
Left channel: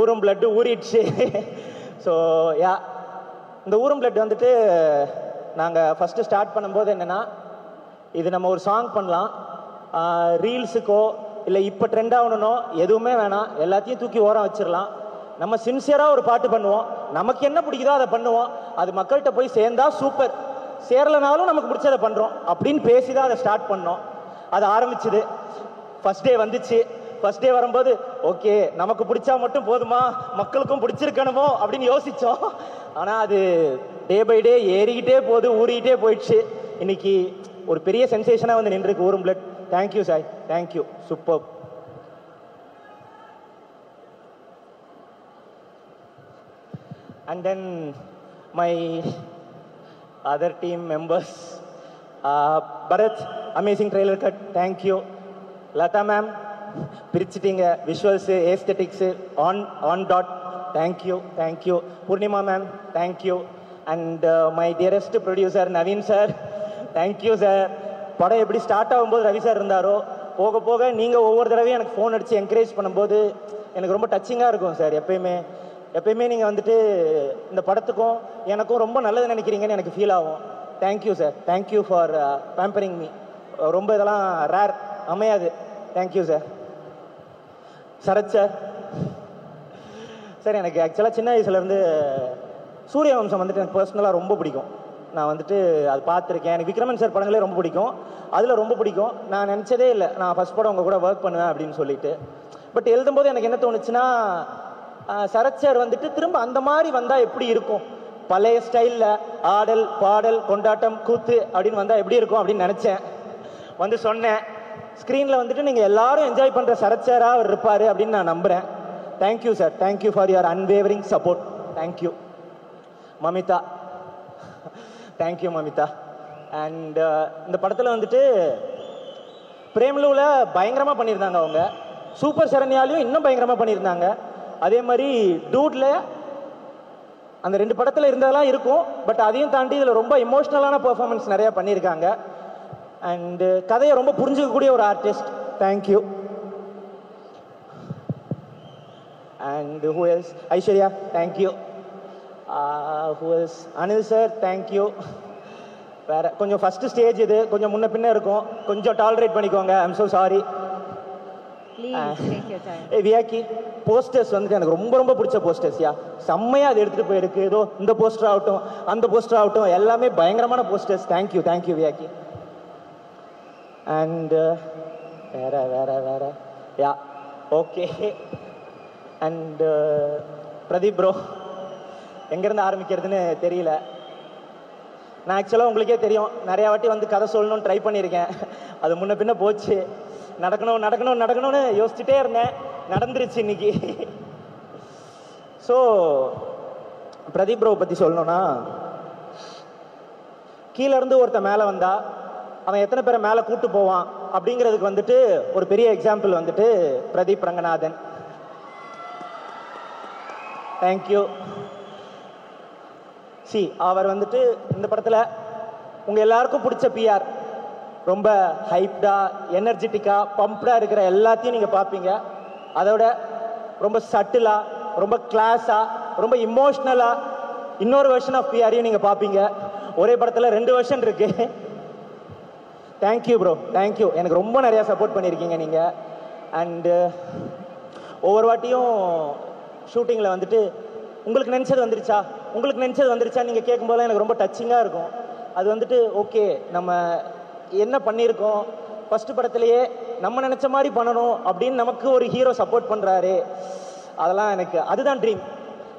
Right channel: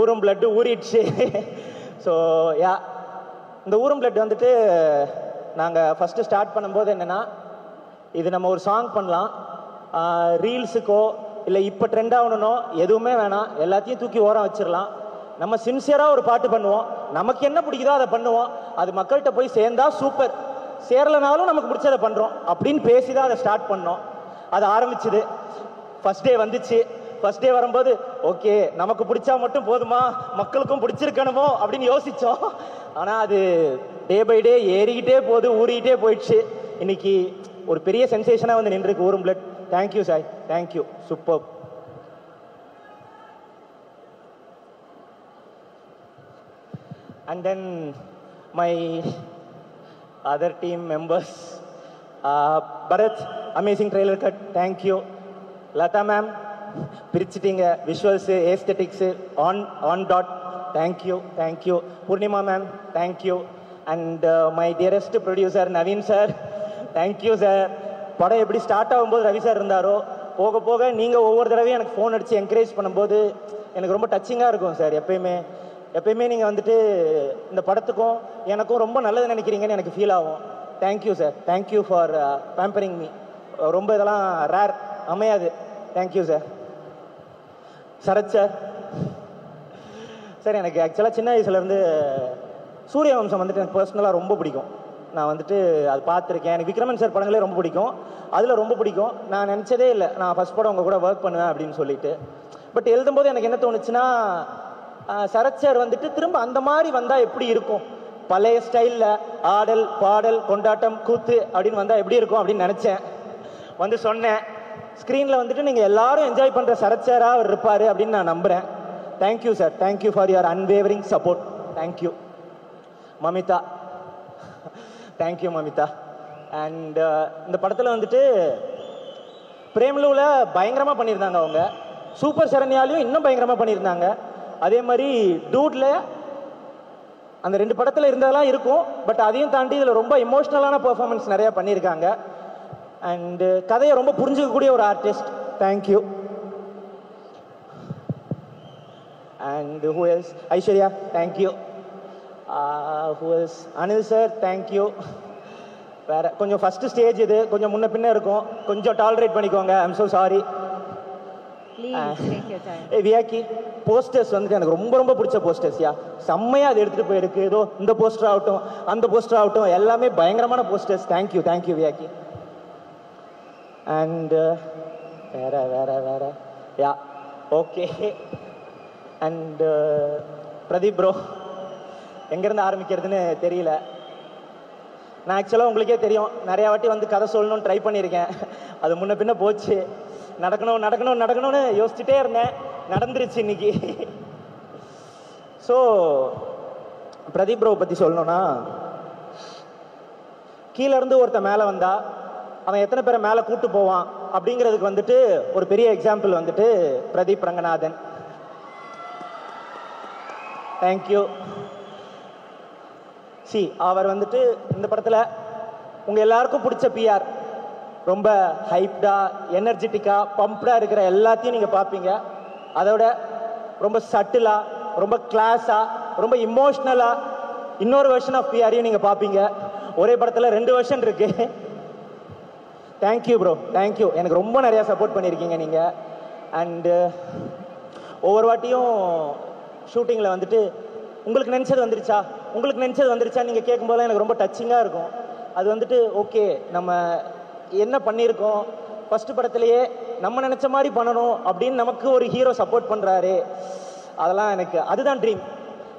ஊரும் பிளட்டு ஊறிடுச்சு. ஸோ யா, இந்த ஊரும் பிளட் வந்துட்டு நாங்கள் ஃபஸ்ட்டு ஸ்டார்ட் பண்ணும்போது என்னென்னா, இது நம்ம ஒரு சாங் பண்ணலாம், ரீல்ஸுக்கோ இல்லை இப்போ ட்ரெண்ட் ஆகணுனோ எதுவுமே வேணாம், எல்லாத்தையும் தூக்கி ஓரம் வச்சிடலாம். நம்ம சின்சியராக ஒரு பாட்டு பண்ணுவோம், நமக்கு என்ன பிடிக்குதோ அதை பண்ணுவோம், அது மக்கள்கிட்ட போய் சேர்ந்தா சூப்பர், சேரலனாலும் நமக்கு பிடிச்சதை பண்ணுறோம் அப்படின்னு பேசி தான் அதை ஸ்டார்ட் பண்ணோம். அது ஆரம்பிச்சுது. ஃபர்ஸ்ட் டே வந்துச்சு. ஃபர்ஸ்ட் டே வரும்போது ஓகே நமக்கு பிடிச்சா மட்டும் போதுமா, மக்களுக்கும் பிடிச்சிருக்கணுமோ அப்படின்னு யோசித்தோம். ஆனால் அது டே பை டே ஏறிக்கிட்டே போகுது, ஊறிக்கிட்டே போயிடுச்சு. இன்னைக்கு ஒரு பெரிய சென்சேஷனாக வந்து நின்றுருக்கு ஊரும் blood. Thank you Sai, thank you, super. And then my other team members, Bharath amazing trailer cut, thank you. Latha ma'am பிரிச்சுட்டீங்க, visuals aesthetics on dot, thank you thank you. Poornima ma'am thank you. And my dearest producer Naveen sir, thank you sir. படம் எப்படி ஸ்டார்ட் ஆகும்போது Ravi sir இருந்தாரோ, போக போக நீங்கள் ஒவ்வொரு தடவையும் எனக்கு ஃபோன் அடித்து என்கரேஜ் பண்ணும்போது எனக்கு ரொம்ப டச்சிங்காக இருக்கும் சார். எப்பயுமே நீங்கள் வந்துட்டு இந்த படத்துக்கும் எனக்கும் ரொம்ப நல்லது நினைக்கிறீங்கன்னு எனக்கு ஃபீல் ஆகும். Thank you sir, thank you for pampering me. ரொம்ப இதெல்லாம் ரேர் அமையாது. Thank you sir. Sarath sir sir, எனக்கு ஆக்சுவலாக சின்ன வயசுலேருந்து சூரிய வம்சம் வந்துட்டு எனக்கு பர்சனலாக ரொம்ப பிடிக்கும். நான் வந்துட்டு அது பார்த்துருக்கேன். எனக்கு விக்ரமன் சார் படங்களே ரொம்ப பிடிக்கும். அதில் ரொம்ப பிடிக்கும். நான் நினச்சதே இல்லை நான் ஃபஸ்ட் படம் உங்கள் கூட ஒர்க் பண்ணுவேன் அப்படின்னு சொல்லிட்டு. பட் எழுதும்போது எனக்கு என்ன தோணுச்சுன்னா, சரத் சார் வந்துட்டு திரும்ப அந்த மாதிரி வந்தால் எப்படி இருக்கும், பழைய ஸ்டைலில் ஆடல் பாடல் கொண்டாட்டம் கூத்து அப்படின்னு வந்தால் எப்படி இருக்கும் அப்படின்னு நினச்சேன். வந்து சொன்னேன். ஸ்க்ரீனில் வந்துட்டு நீங்கள் எல்லாரும் என்ஜாய் பண்ணுற சரத் சாராக அவர் இருப்பார் அப்படின்னு நான் நம்புகிறேன். Thank you sir. Thank you for your unwavering support. Thank you Mamitha. Thank you Mamitha. And இந்த படத்தில் வந்துட்டு பிரேம்லூல பயங்கரமாக பண்ணியிருந்தாங்க. அவங்க சூப்பர் சரண்யாலையும் இன்னும் பயங்கரமாக பண்ணியிருந்தாங்க. அதே மாதிரி டூட்ல அந்த 2 படத்தில் இருந்தாலும் இருக்கும். பட் அதையும் தாண்டி இதில் ரொம்ப எமோஷ்னலான பெர்ஃபார்மன்ஸ் நிறைய பண்ணியிருக்காங்க. அண்ட் கதையை ரொம்ப புரிஞ்சுக்கக்கூடிய ஒரு artist. Thank you. And who else? Aishwarya, thank you. Who else? Anil sir, thank you. வேற கொஞ்சம் ஃபர்ஸ்ட் ஸ்டேஜ் இது கொஞ்சம் முன்ன பின்ன இருக்கும், கொஞ்சம் டாலரேட் பண்ணிக்கோங்க. I'm so sorry. Vyaki, posters வந்துட்டு எனக்கு ரொம்ப ரொம்ப பிடிச்ச போஸ்டர்ஸ்யா. செம்மையாக அது எடுத்துகிட்டு போயிருக்கு. ஏதோ இந்த போஸ்டர் ஆகட்டும் அந்த போஸ்டர் ஆகட்டும் எல்லாமே பயங்கரமான posters. Thank you thank you Vyaki. And வேற வேற வேற yeah okay. And Pradeep bro, எங்கேருந்து ஆரம்பிக்கிறதுன்னு தெரியல. நான் ஆக்சுவலாக உங்களுக்கே தெரியும், நிறையா வாட்டி வந்து கதை சொல்லணும்னு ட்ரை பண்ணியிருக்கேன். அது முன்ன பின்ன போச்சு. நடக்கணும் நடக்கணும் நடக்கணும்னு யோசிச்சுட்டே இருந்தேன். நடந்துருச்சு இன்னைக்கு. ஸோ பிரதீப் ப்ரோ பற்றி சொல்லணும்னா, கீழே இருந்து ஒருத்தன் மேலே வந்தா அவன் எத்தனை பேரை மேலே கூட்டு போவான் அப்படிங்கிறதுக்கு வந்துட்டு ஒரு பெரிய எக்ஸாம்பிள் வந்துட்டு பிரதீப் ரங்கநாதன். தேங்க்யூ. சி அவர் வந்துட்டு இந்த படத்தில் உங்கள் எல்லாருக்கும் பிடிச்ச பிஆர், ரொம்ப ஹைப்டா எனர்ஜெட்டிக்கா பம்ப்டா இருக்கிற எல்லாத்தையும் நீங்கள் பார்ப்பீங்க. அதோட ரொம்ப சட்டிலா ரொம்ப கிளாஸா ரொம்ப இமோஷ்னலா இன்னொரு வெர்ஷன் ஆஃப் பிஆரையும் நீங்கள் பார்ப்பீங்க. ஒரே படத்தில் 2 வெர்ஷன் இருக்கு. Thank you bro, thank you. எனக்கு ரொம்ப நிறையா சப்போர்ட் பண்ணியிருக்கீங்க நீங்கள். அண்டு ஒவ்வொரு வாட்டியும் ஷூட்டிங்கில் வந்துட்டு உங்களுக்கு நினச்சது வந்துருச்சா உங்களுக்கு நினச்சது வந்துருச்சா நீங்கள் கேட்கும்போதெல்லாம் எனக்கு ரொம்ப டச்சிங்காக இருக்கும். அது வந்துட்டு ஓகே, நம்ம என்ன பண்ணியிருக்கோம், ஃபஸ்ட்டு படத்துலையே நம்ம நினச்ச மாதிரி பண்ணணும் அப்படின்னு நமக்கு ஒரு ஹீரோ சப்போர்ட் பண்ணுறாரு. அதெல்லாம் எனக்கு அதுதான் ட்ரீம்.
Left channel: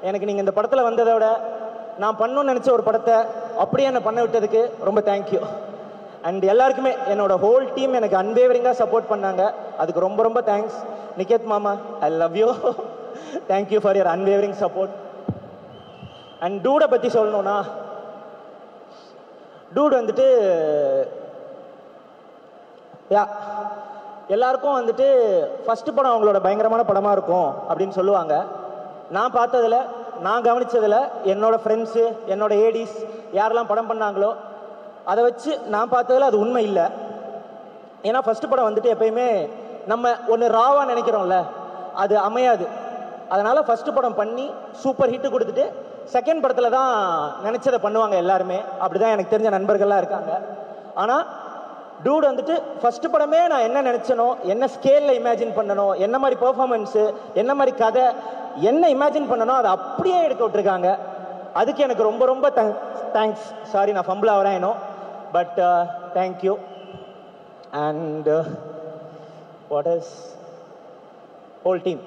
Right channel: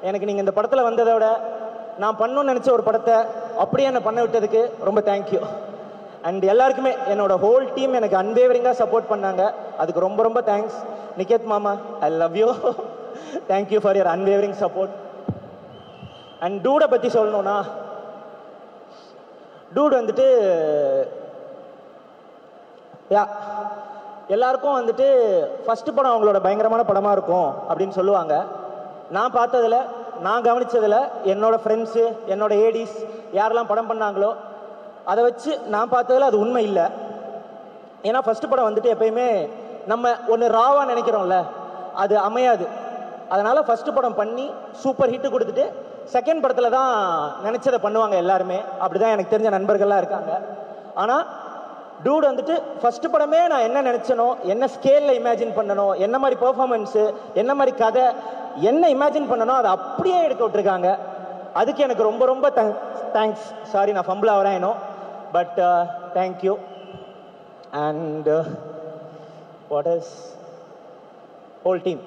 எனக்கு நீங்கள் இந்த படத்தில் வந்ததோட நான் பண்ணணும்னு நினச்ச ஒரு படத்தை அப்படியே என்னை பண்ண விட்டதுக்கு ரொம்ப தேங்க்யூ. அண்ட் எல்லாருக்குமே என்னோட ஹோல் டீம் எனக்கு அன்வேவரிங்காக சப்போர்ட் பண்ணாங்க. அதுக்கு ரொம்ப ரொம்ப தேங்க்ஸ். நிகேத் மாமா, I love you. Thank you for your unwavering support. And டூடை பற்றி சொல்லணும்னா, டூட் வந்துட்டு எல்லாருக்கும் வந்துட்டு ஃபர்ஸ்ட் படம் அவங்களோட பயங்கரமான படமாக இருக்கும் அப்படின்னு சொல்லுவாங்க. நான் பார்த்ததில் நான் கவனித்ததில் என்னோட ஃப்ரெண்ட்ஸு என்னோட ஏடிஸ் யாரெல்லாம் படம் பண்ணாங்களோ அதை வச்சு நான் பார்த்ததில் அது உண்மை இல்லை. ஏன்னா ஃபர்ஸ்ட் படம் வந்துட்டு எப்பயுமே நம்ம ஒன்று ராவாக நினைக்கிறோம்ல, அது அமையாது. அதனால் ஃபர்ஸ்ட் படம் பண்ணி சூப்பர் ஹிட்டு கொடுத்துட்டு செகண்ட் படத்தில் தான் நினைச்சதை பண்ணுவாங்க எல்லாருமே. அப்படிதான் எனக்கு தெரிஞ்ச நண்பர்களாக இருக்காங்க. ஃபர்ஸ்ட் படமே நான் என்ன நினைச்சனோ, என்ன ஸ்கேல்ல இமேஜின் பண்ணணும், என்ன மாதிரி பெர்ஃபார்மன்ஸ், என்ன மாதிரி கதை, என்ன இமேஜின் பண்ணணும், அதை அப்படியே எடுத்து விட்டுருக்காங்க. அதுக்கு எனக்கு ரொம்ப ரொம்ப தேங்க்ஸ். சாரி நான் ஃபம்பிள் ஆகிறேன் ஏனோ, but thank you. And what is whole team.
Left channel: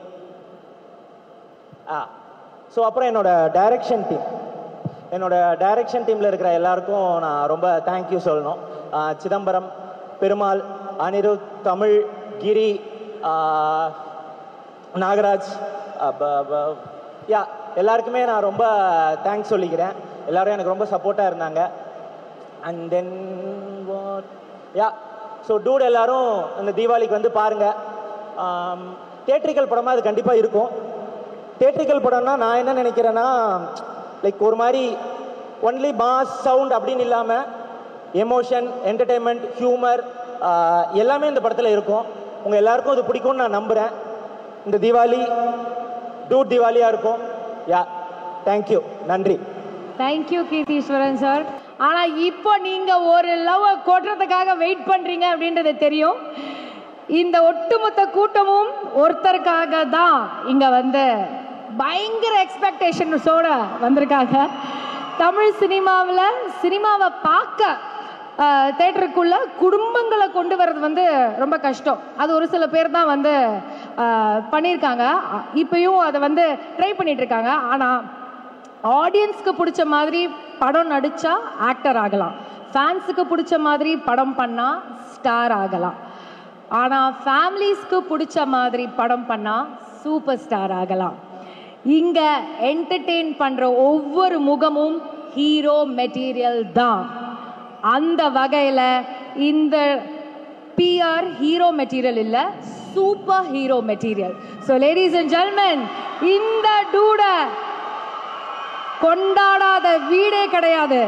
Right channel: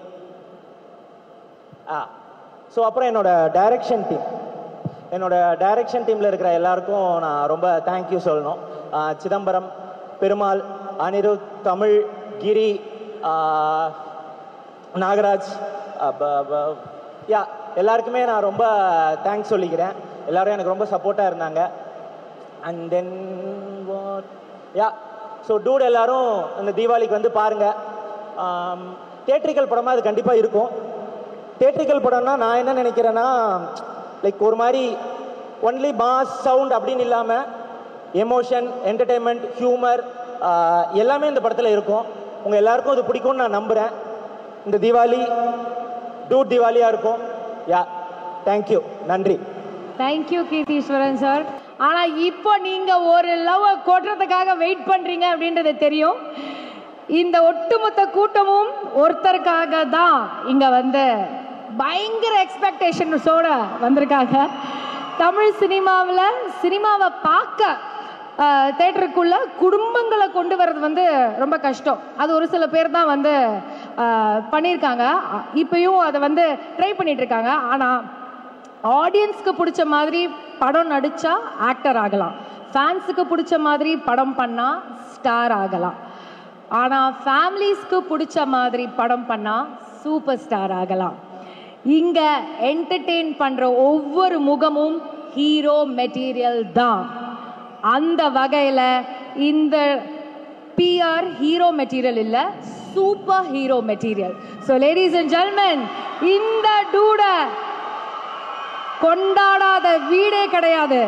So அப்புறம் என்னோட டைரக்ஷன் டீமில் இருக்கிற எல்லாருக்கும் நான் ரொம்ப தேங்க்யூ சொல்லணும். சிதம்பரம், பெருமாள், அனிருத், தமிழ், கிரி, நாகராஜ், எல்லாருக்குமே நான் ரொம்ப தேங்க்ஸ் சொல்லிக்கிறேன். எல்லாரும் எனக்கு ரொம்ப சப்போர்ட்டாக இருந்தாங்க. அண்ட் தென் ஸோ டூட் எல்லாரும் இந்த தீபாவளிக்கு வந்து பாருங்கள். தியேட்ரிக்கல் படமாக அது கண்டிப்பாக இருக்கும். தியேட்ரிக்கல் படம்னா நான் என்ன நினைக்கிறேன்னா, லைக் ஒரு மாதிரி ஒன்லி பாஸ் சவுண்ட் அப்படின்னு இல்லாமல் எமோஷன், என்டர்டெயின்மெண்ட், ஹியூமர் எல்லாமே இந்த படத்தில் இருக்கும். உங்கள் எல்லாருக்கும் அது பிடிக்கும்னு நான் நம்புகிறேன். இந்த தீபாவளி டூட் தீபாவளியாக இருக்கும். தேங்க்யூ, நன்றி. Thank you Keertheeswaran sir. ஆனால் இப்போ நீங்கள் ஒரு லவ் கொட்டுறதுக்காக வெயிட் பண்ணுறீங்க அப்படின்றது தெரியும். இந்த ஒட்டுமொத்த கூட்டமும் ஒருத்தருக்காக தான் இங்க வந்து பயங்கர எக்ஸ்பெக்டேஷன்ஸோட வந்திருக்காங்க. தமிழ் சினிமாவை பார்க்க தேட்டருக்குள்ள குடும்பங்களை கொண்டு வர்றது வந்து ரொம்ப கஷ்டம். அது ஒரு சில பேர் தான் வந்து பண்ணியிருக்காங்க. இப்பயும் அதை வந்து ட்ரை பண்ணிட்டு இருக்காங்க. ஆனால் ஆடியன்ஸ்க்கு பிடிச்ச மாதிரி படம் நடிச்சா ஆக்டர் ஆகலாம், ஃபேன்ஸுக்கு பிடிச்ச மாதிரி படம் பண்ணா ஸ்டார் ஆகலாம். ஆனால் ஃபேமிலிஸ்க்கு பிடிச்ச மாதிரி படம் பண்ணா சூப்பர் ஸ்டார் ஆகலாம். இங்க என்டர்டெயின் பண்ற ஒவ்வொரு முகமும் ஹீரோ மெட்டீரியல் தான். அந்த வகையில இந்த பிஆர் ஹீரோ மெட்டீரியல் இல்ல, super hero material. So ladies and gentlemen, இந்த டூட கொண்டாடாத வீடே கிடையாது.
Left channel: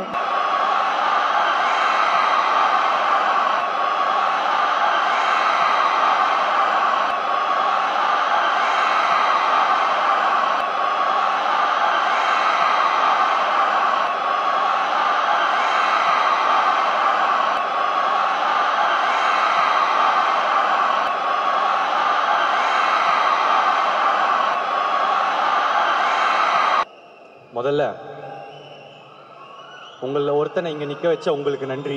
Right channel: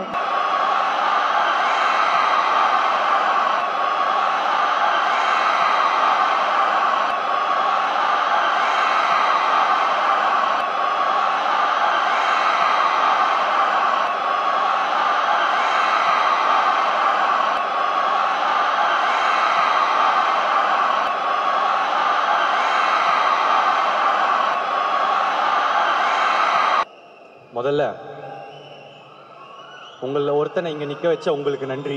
முதல்ல உங்களில் ஒருத்தனை இங்க நிக்க வச்ச உங்களுக்கு நன்றி.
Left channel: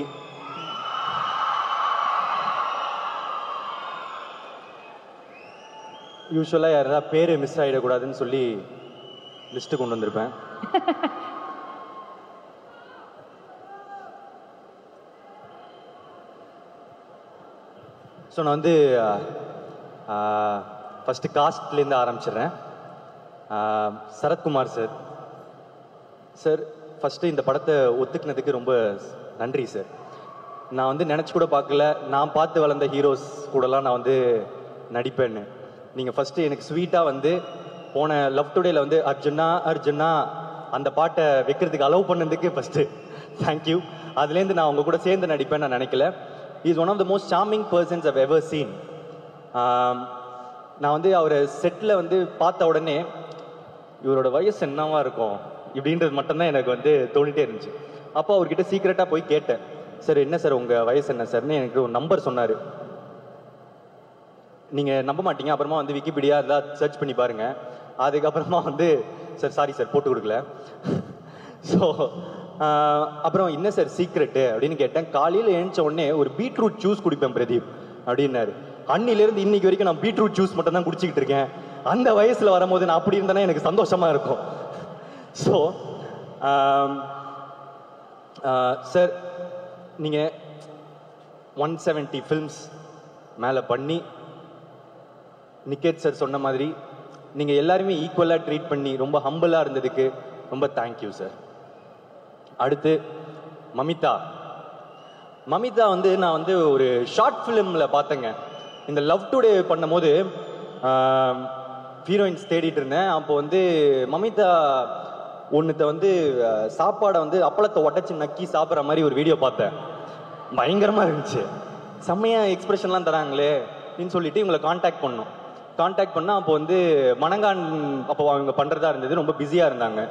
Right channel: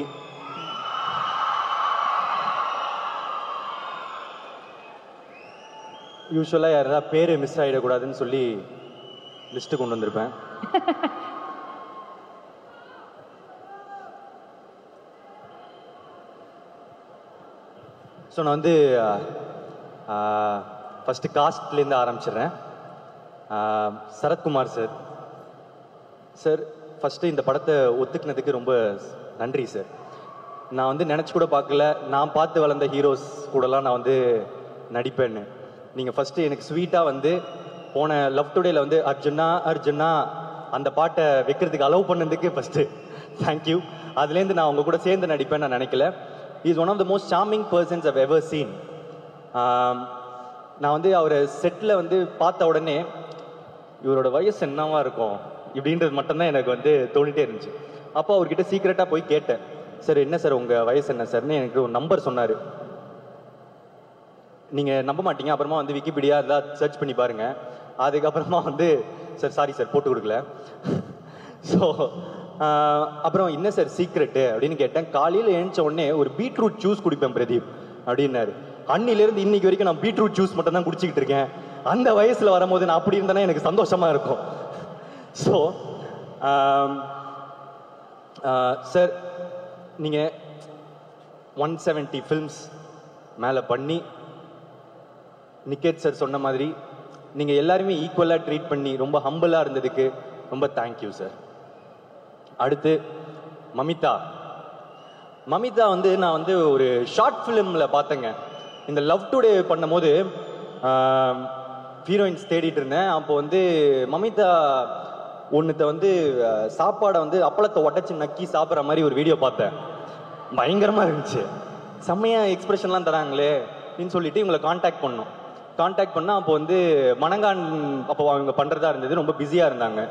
யூஸ்வலா யாரா பேரு மிஸ் ஆயிடக்கூடாதுன்னு சொல்லி லிஸ்ட் கொண்டு வந்திருப்பேன். ஸோ நான் வந்து ஃபர்ஸ்ட் காஸ்ட்லேருந்து ஆரம்பிச்சிடுறேன். சரத்குமார் சார், ஃபர்ஸ்ட் இந்த படத்தை ஒத்துக்கினதுக்கு ரொம்ப நன்றி சார். நான் வந்து நினச்சி கூட பார்க்கல, நான் பார்த்து வளர்ந்த ஹீரோஸ் கூடலாம் நான் வந்து நடிப்பேன்னு. நீங்கள் ஃபர்ஸ்ட் எனக்கு ஸ்வீட்டாக வந்து போன லவ் டுடேல வந்து அர்ஜுனா அர்ஜுனா அந்த பாட்டை வைக்கிறதுக்கு அலோவ் பண்ணதுக்கு ஃபர்ஸ்ட் தேங்க்யூ. அதுலேருந்து நான் உங்க கூட சேர்ந்து நடிப்பேன்னு நான் நினைக்கல. Is one of the most charming persons I've ever seen. நான் வந்து அவரை செட்டில் வந்து பார்த்த உடனே இவரோட வயசு என்னவா இருக்கும் இப்படின்றது மட்டும்தான் எனக்கு வந்து தோணிட்டே இருந்துச்சு. அப்போ அவர்கிட்ட சீக்கிரட்டாக போய் கேட்டேன், சார் என்ன சார் உங்கள் வயசு என்ன சார்னு எனக்கு ஒரு நம்பர் சொன்னார். நீங்கள் நம்ப மாட்டீங்க, அப்புறமா வந்து விக்கிபீடியா இதெல்லாம் சர்ச் பண்ணி பாருங்க. அதுக்கப்புறமா வந்து சார் சாரி சார் போட்டு கொடுக்கல. ஸோ அப்புறம் என்ன சார் சீக்ரெட்டு அப்படின்னு கேட்டேன். காலையில் எழுந்த உடனே ஒரு பீட்ரூட் ஜூஸ் குடிப்பேன் பிரதீப் அப்படின்னாரு. அன்னிலேருந்து இன்னைக்கு வரைக்கும் நான் பீட்ரூட் ஜூஸ் மட்டும் தான் குடிச்சிக்கிட்டு இருக்கேன். அந்த வயசில் வரும்போது நான் அப்படி இருந்தேன்னா எனக்கு சந்தோஷமா இருக்கும். ஸோ சார் நீங்கள் 170 ஃபில்ம்ஸ் மேலே பண்ணி நிக்கேத் சார் சொன்ன மாதிரி நீங்கள் எல்லாருமே ஈக்குவலாக ட்ரீட் பண்ணி ரொம்ப ஹம்பிளாக இருந்ததுக்கு ரொம்ப தேங்க்யூ சார். அடுத்து மமிதா வந்து நான் வந்து ஒரு ஷார்ட் ஃபிலிமில் பார்த்தேங்க. இந்த லவ் டுடே பண்ணும் போது ஹீரோயின்ஸ் தேடிட்டு இருந்தேன். அப்போ வந்து மமிதா ஒன்னுத்த வந்து சாப்பாடை வந்து அப்பளத்தை உடச்சி நக்கி சாப்பிட்ற மாதிரி ஒரு வீடியோ பார்த்தேன். பயங்கரமா இருந்துச்சு, செம்மையா எக்ஸ்பிரஷன்லாம் தராங்களே அப்படின்னு சொல்லிட்டு இவங்களை கான்டாக்ட் பண்ணோம். அப்போ வந்து மணங்கான் அப்போ அவங்க பண்றதா இருந்தது, ரொம்ப பிஸியா இருந்தாங்க.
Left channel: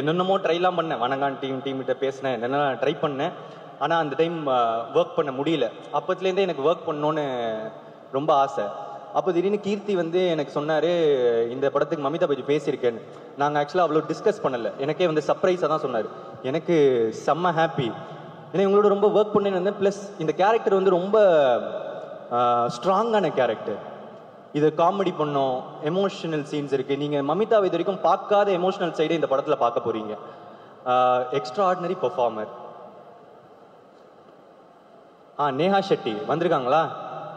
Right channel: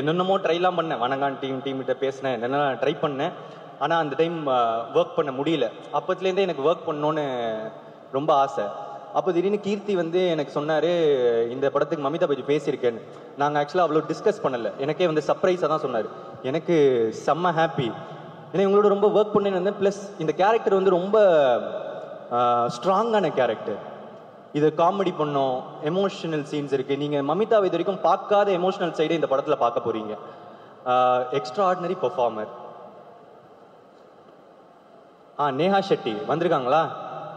என்னென்னமோ ட்ரைலாம் பண்ணேன், மணங்கான் டீம்கிட்ட பேசினேன், என்னென்ன ட்ரை பண்ணேன். ஆனால் அந்த டைம் ஒர்க் பண்ண முடியல. அப்பத்துலேருந்தே எனக்கு ஒர்க் பண்ணணுன்னு ரொம்ப ஆசை. அப்போ திடீர்னு கீர்த்தி வந்து எனக்கு சொன்னார், இந்த படத்துக்கு மமிதா பற்றி பேசியிருக்கேன்னு. நாங்கள் ஆக்சுவலாக அவ்வளோ டிஸ்கஸ் பண்ணலை, எனக்கே வந்து சர்ப்ரைஸாக தான் சொன்னார். எனக்கு செம்ம ஹாப்பி, ஏன்னா இவங்களோட ரொம்ப ஒர்க் பண்ணேன்னு வந்தேன். ப்ளஸ் இந்த கேரக்டர் வந்து ரொம்ப ஸ்ட்ராங்கான கேரக்டர். இது காமெடி பண்ணோம், எமோஷனல் சீன்ஸ் இருக்குது. நீங்கள் மமிதா இது வரைக்கும் பார்க்காத எமோஷனல் சைடு இந்த படத்தில் பார்க்க போகிறீங்க. Extra ordinary performer. Neha Shetty வந்திருக்காங்களா?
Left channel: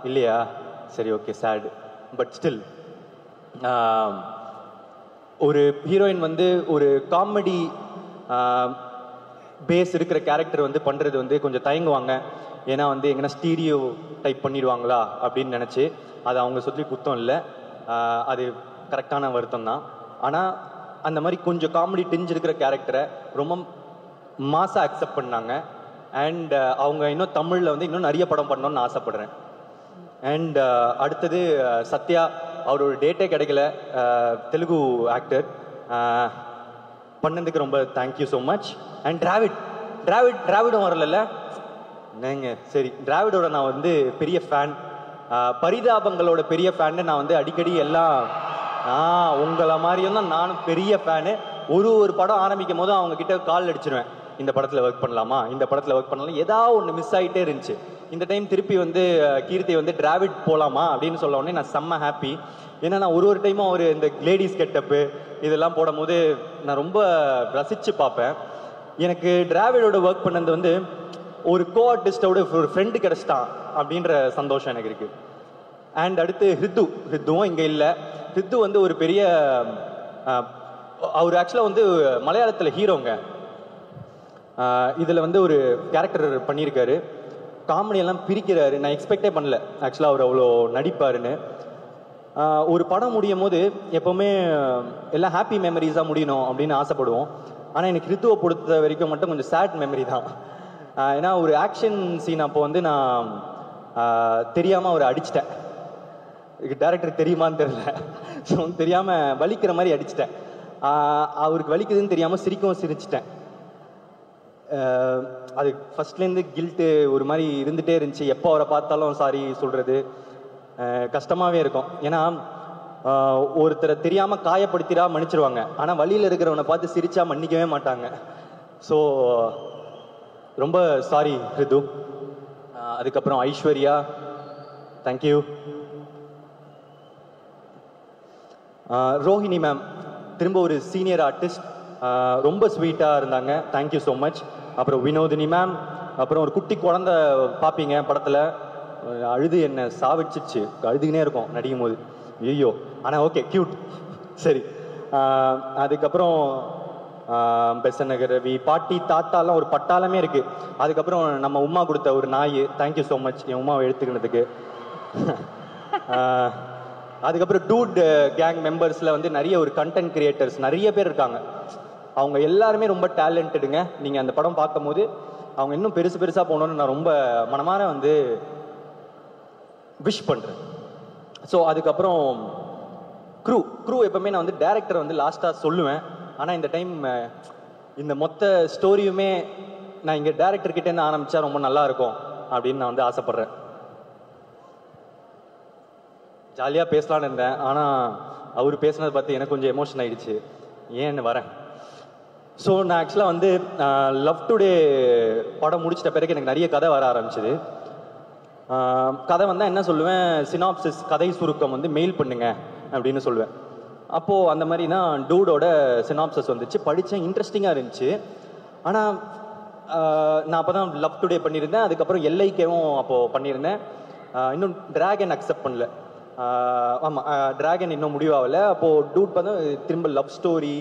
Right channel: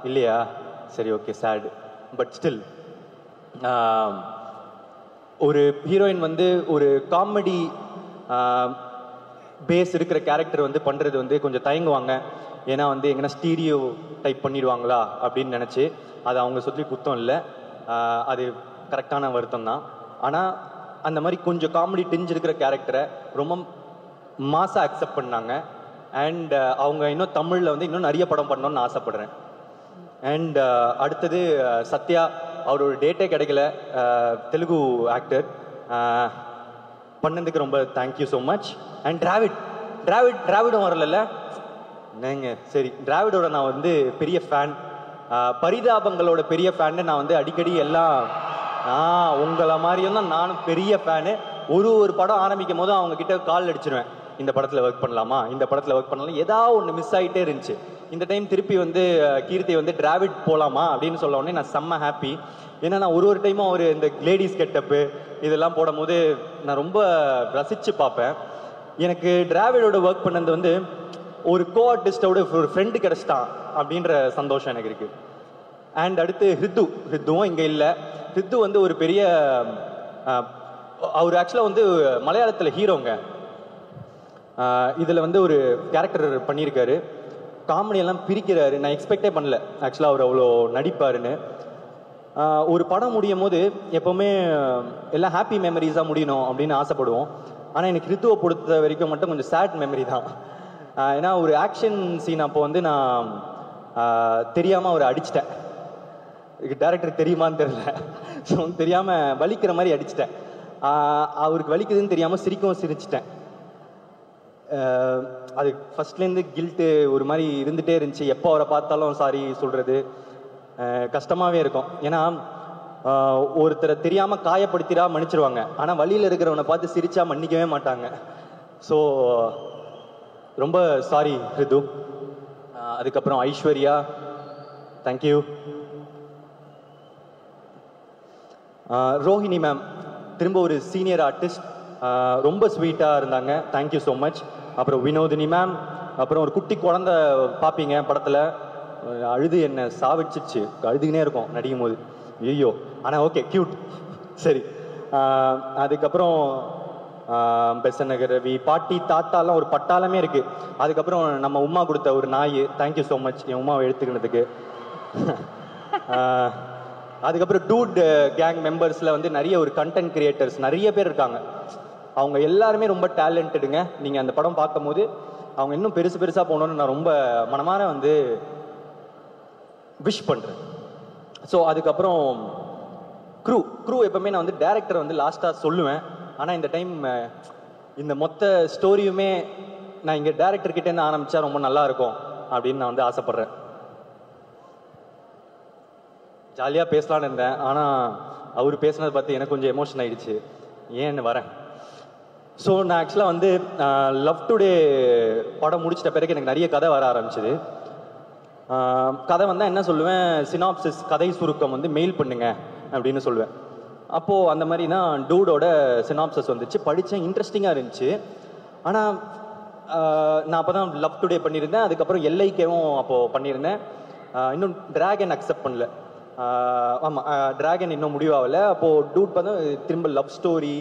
இல்லையா? சரி, ஓகே, சேட். பட் ஸ்டில் ஒரு ஹீரோயின் வந்து ஒரு காமெடி பேஸ் இருக்கிற கேரக்டர் வந்து பண்ணுறது வந்து கொஞ்சம் தயங்குவாங்க. ஏன்னா வந்து எங்கன்னா ஸ்டீரியோ டைப் பண்ணிடுவாங்களா அப்படின்னு நினச்சி. அது அவங்க சொல்லி குத்தம் இல்லை, அது கரெக்டான வருத்தம் தான். ஆனால் அந்த மாதிரி கொஞ்சம் காமெடி டிஞ்ச் இருக்கிற கேரக்டரை ரொம்ப மாசாக அக்செப்ட் பண்ணாங்க. அண்ட் அவங்க இன்னும் தமிழில் வந்து இன்னும் நிறைய படம் பண்ணணும்னு ஆசைப்படுறேன். அண்ட் அடுத்தது சத்யா, அவரோட டேட்டே கிடைக்கல, தெலுங்கு ஆக்டர், பண்ணதுக்கு ரொம்ப தேங்க்யூ ஸோ மச். அண்ட் டிராவிடும் வரல நீங்கள். சரி, டிராவிடோட நான் வந்து பெரிய ஃபேன். பரிதாபங்களோட பெரிய ஃபேன்னு நான் வந்து அடிக்கடி எல்லாம் உங்களை மாதிரியும் தான் நானும் பெரிய ஃபேனு. ஒரு படம் ஆரம்பிக்கும் போது அவங்க கிட்ட கால் அடிச்சிருவேன், இந்த படத்தில் ஒர்க் பண்ணலாமா, இந்த படத்தில் ஒர்க் பண்ணலாம், ஏதாவது ஒன்று மிஸ் ஆகிட்டே இருந்துச்சு. இந்த டைம் திருப்பி வந்து கீர்த்தி வந்து டிராவிட் போகலாமா அப்படின்னு சொல்ல உடனே நான் செம்ம ஹாப்பி. ஏன்னா நான் ஒரு டைமும் அவர் இந்த லேடிஸ் கெட்டப்பு இதெல்லாம் போடும் போது நான் ரொம்ப ரசித்து பார்ப்பேன். எனக்கு டிராவிடோட ஒர்க் பண்ணது வந்து ஒரு கோ ஆர்டிஸ்டோட ஒரு ஃப்ரெண்டு கிடச்சிட்டான் அப்படின்ற சந்தோஷம் எனக்கு இருக்குது. அண்ட் அடுத்து ஹித்துவும் இங்கே இல்லை. ஹித்து வந்து ஒரு பெரிய அவர் ஆக்சுவலாக வந்து மலையாளத்தில் ஹீரோங்க. இதில் வந்து ஒரு கேரக்டர் பண்ணியிருக்காரு, காமெடியெல்லாம் பிரிக்கிறாரு. நான் எக்ஸ்பெக்டே பண்ணல ஆக்சுவலாக அவர் அவ்வளோ நடிப்பாருன்னு. ஒரு படம் முடியும் போது எப்போவுமே எல்லாம் ஹாப்பி மெமரிஸாக முடியணும் அப்படின்னு ஆசைப்படுவோம். ஆனால் எனக்கு ரித்துவை பொறுத்த வரைக்கும் மட்டும் கொஞ்சம் சேட் மெமரி தான். ஏன்னா ஒரு ஆக்ஷன் சீன் அப்போ வந்து நான் தெரியாமல் அவரை அடிச்சிட்டேன். டேரக்டர் தெரியுமான்னு தெரியல, ஸோ தெரியாமல் வலிக்கிற மாதிரி அடிச்சிட்டேன். அவருக்கு வலிக்குதுன்னு தெரியாமல் சிரிச்சிட்டேன். அது ஃபர்ஸ்ட்லேருந்து கில்ட்டு ஒரு மாதிரி இருந்துகிட்டே இருந்துச்சு. எப்போ அவரை பார்த்தாலும் சாரி சொல்கிறது கஷ்டமாகவே இருக்கும். ஏன்னா ஒருத்தரை தெரியாமல் காயப்படுத்திடா மன்னிச்சிருவாங்க, ஆனால் வழியில் இருக்கிறவனை பார்த்து சிரிச்சா மன்னிக்கவே மாட்டாங்க. ஸோ ரொம்ப சாரி ரிது. அதுக்கப்புறம் ஐஸ்வர்யா, தேங்க்யூ. ரோஹிணி மேம் திரும்ப ஒரு சீனியர் ஆர்டிஸ்ட், ரொம்ப ஸ்வீட்டாக இருந்தாங்க, தேங்க்யூ ஸோ மச். அப்புறம் வினோதினி மேம், அப்புறம் ஒரு குட்டி குழந்தை பார்ப்பீங்க படத்தில், அழுது என்ன சாவிச்சிருச்சு, அழுதுகினே இருக்கும் நடிக்கும் போது, ஐயோ. ஆனால் ஓகே கியூட், சரி. அதுக்கப்புறம் பெசநகர் ரவி, பாட்டி தாத்தாலாம் ஒரு பட்டாளமே இருக்கு. அதுக்கப்புறம் நம்ம உமா கொடுத்த ஒரு நாய், தேங்க்யூ ஸோ மச் என் உமாவை எடுத்துக்கிறதுக்கு. அதுக்கப்புறம் டூட் கேங் மெம்பர்ஸில் வந்து நிறைய ஒரு கண்டென்ட் கிரியேட்டர்ஸ் நிறைய பேர் இருக்காங்க. அவங்க எல்லாருமே ரொம்ப டேலண்டடுங்க. நீங்கள் அந்த படம் பார்க்கும் போது அவங்க இன்னும் பெருசாக போகணுன்னு நான் ரொம்ப மனமார வந்து விஷ் பண்ணுறேன். ஸோ அதுக்கப்புறம் க்ரூ எப்பவுமே நான் வந்து டைரக்டர் வந்து லாஸ்ட்டாக சொல்லுவேன். ஆனால் இந்த டைம் இந்த மொத்த ஸ்டோரியுமே நான் இங்கே டைரக்டர்கிட்டேருந்து ஆரம்பித்தா ரொம்ப நல்லா இருக்கும் அப்படின்னு நான் வந்து ஆசைப்பட்றேன். ஜாலியாக பேசலான்னு இருந்தேன், ஆனால் அவர் பேசினதை பார்த்து எனக்கு கொஞ்சம் எமோஷன் ஆகிடுச்சு, ஏன்னு வரேன். ஸோ நான் ஆக்சுவலாக வந்து லவ் டுடே படம் முடிச்சிட்ட பிறகு எனக்கு நிறைய கதை வர ஆரம்பிச்சிது. கதை வந்தால் என்ன சொல்லுவேன், சினாப்சிஸ் கதை சுருக்கம் வந்து மெயில் பண்ணுங்க அப்படின்னு சொல்லுவேன். அப்போது அந்த மாதிரி தான் டூடோட சினாப்சிஸ் வந்துச்சு, படித்தேன், இன்ட்ரெஸ்டிங்காக இருந்துச்சு. ஆனால் நான் அப்போ தான் லவ் டுடே பண்ணியிருந்தேன், அதுக்கப்புறம் எல்ஐகேவும் அப்போது பண்ணியிருந்தேன். இன்னும் டிராகன் அக்செப்ட் பண்ணல. ஆமாம், டிராகன் இன்னும் முடிவாகலை. அப்போது டூட் பார்த்தா திரும்ப லவ் ஸ்டோரி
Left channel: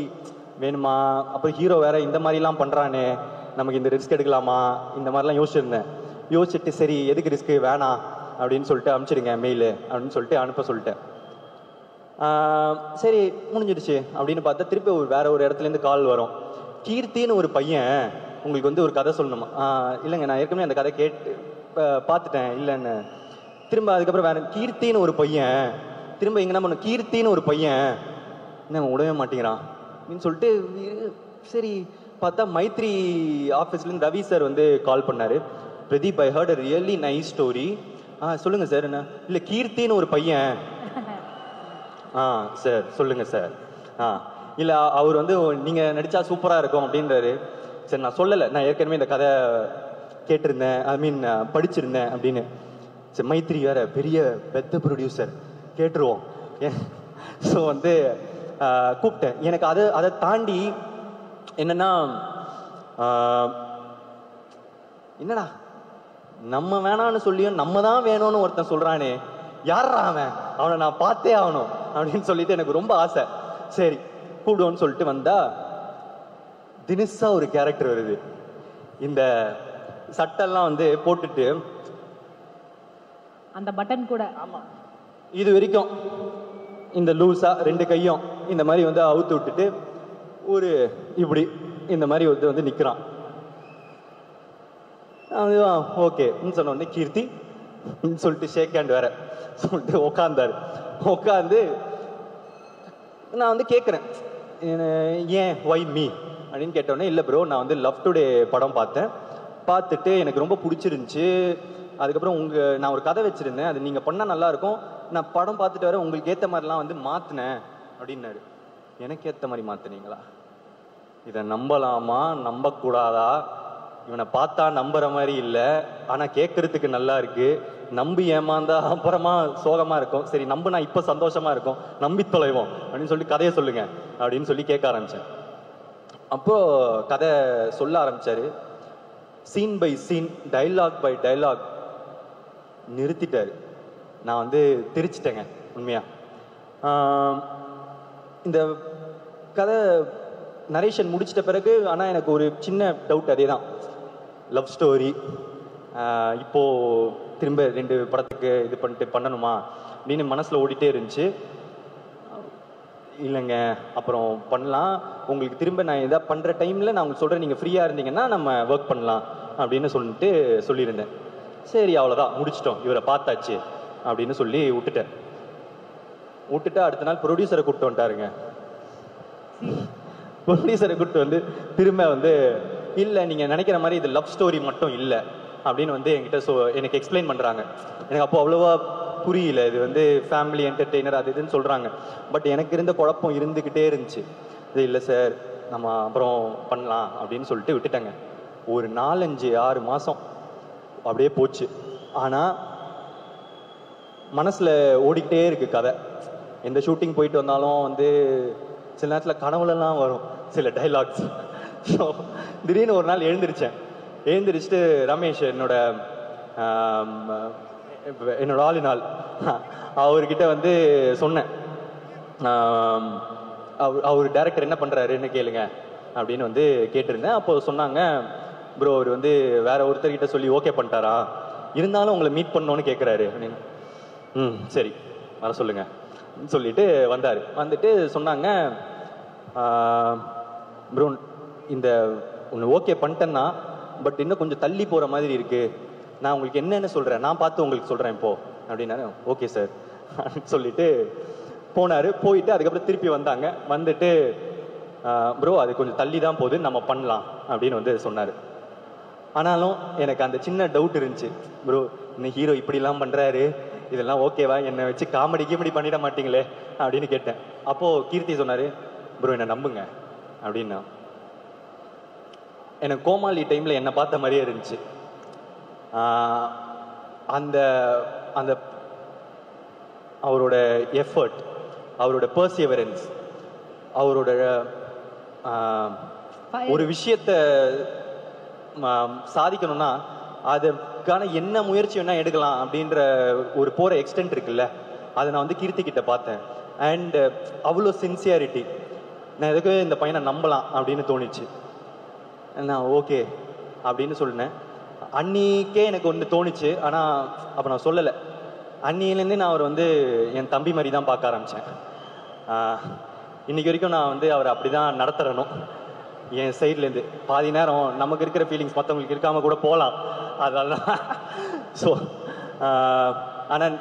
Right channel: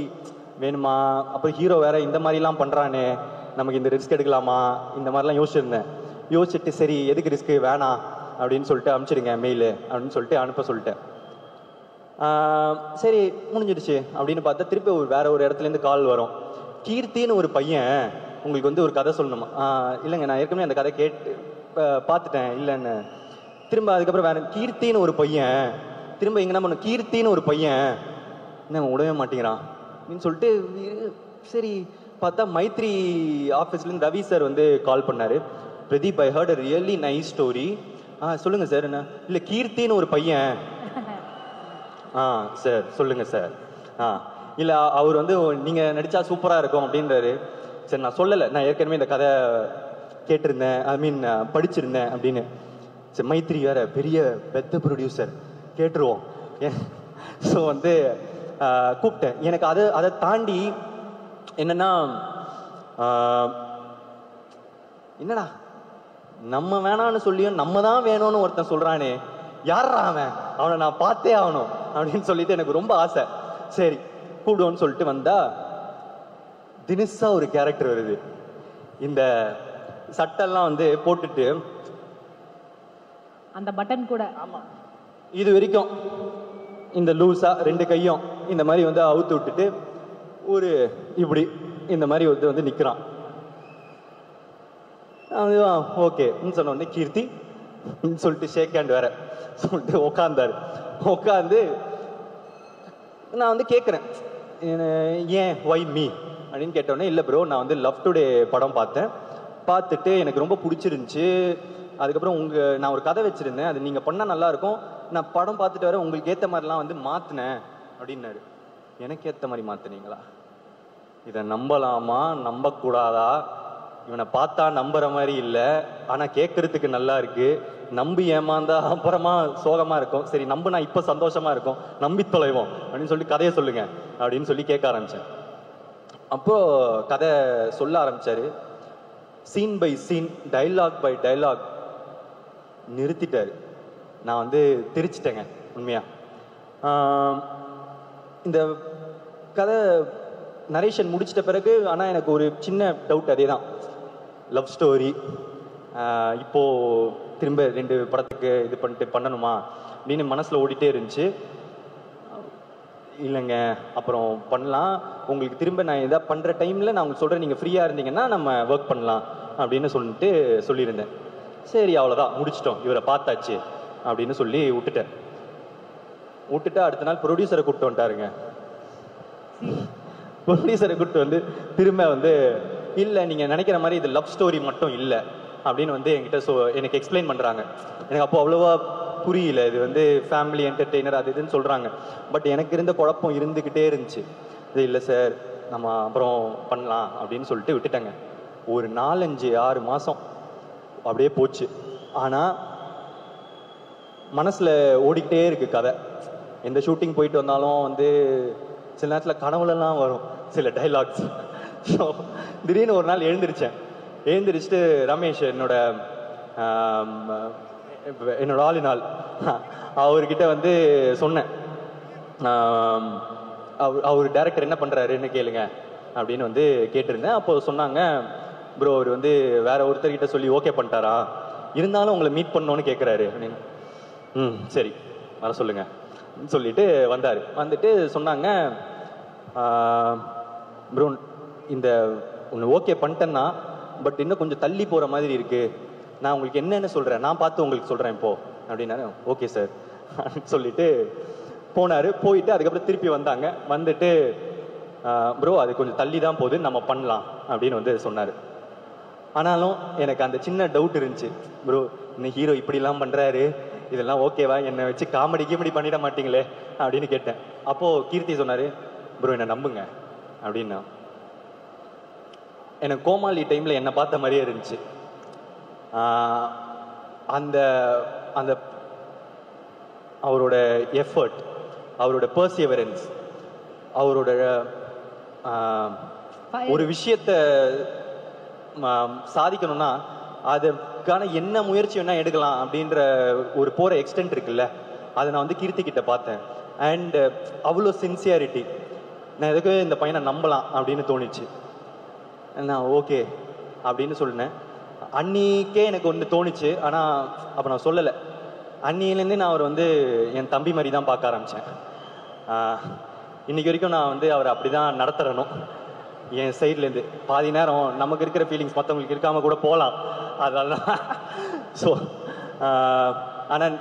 வேணுமா, அப்புறம் ஹீரோ வேற இந்த மாதிரிலாம் பண்ணுறானே, நமக்கு இந்த ரிஸ்க் எடுக்கலாமா, இந்த மாதிரிலாம் யோசிச்சுட்டு சரி எதுக்கு ரிஸ்க்கு வேணாம் அப்படின்னு சொல்லிட்டு அனுப்பிச்சிடுங்க மெயிலு அப்படின்னு சொல்லிட்டு அனுப்ப சொல்லிட்டேன். சரி முடிஞ்சிடுச்சு அப்படின்னு பார்த்தா திருப்பி வேற ஒரு இடத்துலேருந்து கால் வரும். கீர்த்தின்னு ஒரு பையன் உங்களுக்கு வந்து ஒரு கதை சொல்லணுமா? இல்லைங்க நான் ஏற்கனவே அந்த கதை கேட்டு பார்த்துட்டேன் இல்லைன்னு. திரும்ப அதுக்கப்புறம் வேற கீர்த்தின்னு ஒரு பையன், திரும்ப இங்கே என்ன பண்ணும், கீர்த்தின்னு ஒரு பையன் என்ன விடவே மாட்டேங்கிறான் அப்படின்னு சொல்லிட்டு சரி பார்த்தா மைத்ரி ஆஃபீஸ்லேருந்து ரவி சார் வந்து கால் பண்ணார். Pradeep, I heard a really nice story. சொல்லுங்கள் சார். என்ன இல்லை கீர்த்தின்னு ஒரு பையன். சார் சொல்லுங்கள் சார். இல்லை அவர் வந்து நீங்கள் நடித்தா சூப்பராக இருக்கும் அப்படின்றாரு. சரி நான் சொல்லலை, நான் ஏற்கனவே இந்த கதை கேட்டிருந்தேன், ஐ மீன் படிச்சிருந்தேன் அப்படின்னு. சரி மைத்ரி வேற பெரிய பெத்த ப்ரொடியூசர், கேட்டுருவோம். ஸோ வந்து கூப்பிட்டேன். எனக்கு அதை தாண்டி என்னன்னா நம்ம வேணான்னு சொல்லியும் நம்ம தான் வேணும்னு ஒருத்தன் சொல்றானே, யாரா அவனை நான் பார்த்தே ஆகணும் அப்படின்னு சொல்லிட்டு எனக்கு ரொம்ப ஆசை. சரி கூப்பிடுவோன்னு சொல்லிட்டு வந்தா தினசா ஒரு கேரக்டர் வருது. இந்த சட்டெல்லாம் வந்து போட்டுட்டு அந்த பட்டன் கூட இது வரைக்கும் இந்த லூஸா ரெண்டு கையும் இந்த மாதிரி வந்து அவுத்து விட்டுட்டு ஒரு இப்படி இந்த மாதிரி வந்து நிற்கிறான். ஓகே சொன்ன உடனே கீர்த்தி சொல்லிட்டு ஷேக் ஹேண்ட் வேற சொல்லிட்டு உட்காந்து நான் வந்து கேட்குறேன், ஏன் ஒய் மீ அப்படின்னு கேட்டோடனே, இல்லை ப்ரோ நான் வந்து லவ் டுடே படம் பார்த்துட்டு எனக்கு ரொம்ப பிடிச்சிருந்துச்சு, அதுக்கப்புறம் நான் ஒரு கதை வச்சுருந்தேன், அது நீங்கள் பண்ணால் நல்லாயிருக்கும், நான் படம் பார்த்துட்டு வர உங்களுக்கு ஏற்ற மாதிரிலாம் வந்து மாற்றினேன் அப்படின்னாரு. எனக்கு ஏற்ற மாதிரி மாற்றினீங்களா? இதை நம்பலாமா நம்பக்கூடாதா? இவனை பார்த்தா நம்புற மாதிரி இல்லை, ஆனால் கேட்கறதுக்கு நல்லா இருக்கு. நம்பி ஏமாந்தா அப்புறமா சோகமா இருக்கும். சரி நம்பினா இப்போ சந்தோஷமா இருக்கும், நம்பி தொலைவோம் அப்படின்னு சொல்லி கதையை சொல்லுங்க அப்படின்னு சொல்லி கேட்க ஆரம்பிச்சேன். அப்போ கதை சொல்ல ஆரம்பிச்சாரு. Scene by scene, dialogue by dialogue நிறுத்திட்டாரு. நான் வந்து தெரிச்சிட்டேங்க உண்மையா. இந்த கதை நரேஷன் முடிச்சிட்ட பிறகு ஆனால் எனக்கு ஒரு சின்ன டவுட். அதே தான், லவ் ஸ்டோரி இப்போ திரும்ப 2 படத்துக்கு இது பண்ணணுமா அப்படின்னு மனசில் ஓடிட்டே இருந்துச்சு. இல்லைங்க அப்புறம் பண்ணலாம், உங்களுக்கு திரும்ப நான் எதாவது பண்ணுற டைமில் நான் உங்களுக்கு சொல்கிறேன், நீங்கள் ஃப்ரீயாக இருந்தீங்கன்னா நம்ம ஒர்க் பண்ணலாம் அப்படின்னு சொல்லியிருந்தேன். சரி அவ்வளோதான் முடிச்சிட்டோம், இவரை பார்த்தாச்சு அப்படின்னு சொல்லி விட்டுட்டு அடுத்த நாள் ப்ரொடியூசரை கூப்பிட்டு வந்துட்டாருங்க. ப்ரொடியூசரை கூப்பிட்டு வந்து திரும்ப வந்து இல்லை நீங்கள் நினைக்கிற மாதிரி இது லவ் ஸ்டோரி மட்டும் இல்லை அப்படின்னு வந்து என்கிட்ட எனக்கு எக்ஸ்பிளைன் பண்ணுறாங்க. எனக்கு அப்போ அவ்வளோவா புரியல, இது வந்து ஃபேமிலி என்டர்டெய்னர் அது இதுன்னு சொல்கிறாங்க. பட் எனக்கு இருந்த குழப்பம் இருந்துக்கிட்டே இருந்துச்சு. இது இல்லை சார் நம்ம அப்புறம் பண்ணலாம் அப்படின்னு சொல்லிட்டு விட்டுட்டேங்க. ஒரு 4-5-6 மாதம் அப்படியே போச்சு. ஆனால் மனசில் ஓடிக்கிட்டே இருக்கு கதை. எந்த ஷூட்டிங் போயிட்டு வந்தாலும் வந்து சில நேரத்தில் கனவுலலாம் வரும் சில டைலாக்ஸ். ஸோ திடீர்னு ஒரு நாள் எழுந்திரிச்சிட்டு ரமேஷ் என்னோட ஆளினால் அவர்கிட்ட வந்து சொன்னேன், அவர் டைரக்டர் என்ன பண்ணுறாருன்னு கேளுங்க அப்படின்னு வந்து கேட்டிருந்தேன். அப்போ சொன்னாங்க, ப்ரோ அவர் வந்து வேற ஒருத்தர்கிட்ட சொல்லி ஓகே பண்ணிட்டாரா, இருந்தாலும் உங்களை மீட் பண்ணணும்னு கேட்குறாரு அப்படின்னு. சரி வர சொல்லுங்க சொல்லிட்டு வந்தார். வந்துட்டு சொன்னாங்க, ப்ரோ இந்த ஒன்று ஓகே பண்ணிட்டேன்னா பட் இன்னும் கொஞ்சம் தள்ளி போகிற மாதிரி இருக்கு, நான் உங்களுக்கு என்னென்னு சொல்கிறேன், நான் பார்த்து உங்களுக்கு சொல்கிறேன் இப்போ அப்படின்னா. ஓகே சார் சொல்லிட்டு போயிட்டு அதுக்கப்புறம் திருப்பி வந்தாங்க. வந்துட்டு ப்ரோ அது கொஞ்சம் தள்ளி தான் போகுது, நம்ம பண்ணலாம் அப்படின்னு வந்து சொன்னார். ஆனாலும் எனக்கு அந்த சின்ன டவுட் இருந்துச்சு, ப்ரோ இந்த ஹீரோ இப்படிலாம் பண்ணுறாரு, இதெல்லாம் ஓகேவா, என்னை வச்சு காமெடி பண்ணிட மாட்டீங்களே அப்படின்னு கேட்டேன். அப்போது கீர்த்தி சொன்னார், ப்ரோ என்னை நம்புங்க அப்படின்னா. எனக்கு கோமாளி டைமில் என்னை பார்த்த மாதிரியே இருந்துச்சு. அந்த அந்த அவரோட எஃபர்ட், அவரோட பர்சிவரன்ஸ், அவரோட ஒரு விஷயத்தை சாதிக்கணும்னா அதுக்கான என்ன முயற்சி வேணா எடுக்கலாம் அப்படின்ற ஒரு போகிற எக்ஸ்டென்ட் இருக்குல்ல, அதை நான் வந்து கீர்த்தி கிட்ட பார்த்தேன். அண்ட் அவ்வளோ சின்சியாரிட்டி, நான் எதுக்கு இந்த பையனை நம்பலாம் அப்படின்னு தோணிச்சு. நான் ஓகே அப்படின்னு சொன்னேன். அன்னிக்கே எனக்கு ஒன்று தோணுச்சு, ஆனால் அப்போ நான் சொல்லலை. அன்னிலேருந்தே நான் அவர் வந்து என் தம்பி மாதிரி தான் பார்க்க ஆரம்பித்தேன். இன்னைக்கு வரைக்கும் நான் வந்து அவரை அப்படி தான் நடத்துறணும். என் சைட்லேருந்து பாதி நேரம் நமக்கு இருக்கிற ஃபீலிங்ஸ் மற்றவங்களுக்கு இருக்காமல் கூட போகலாம், அதெல்லாம். ஸோ ஆனால்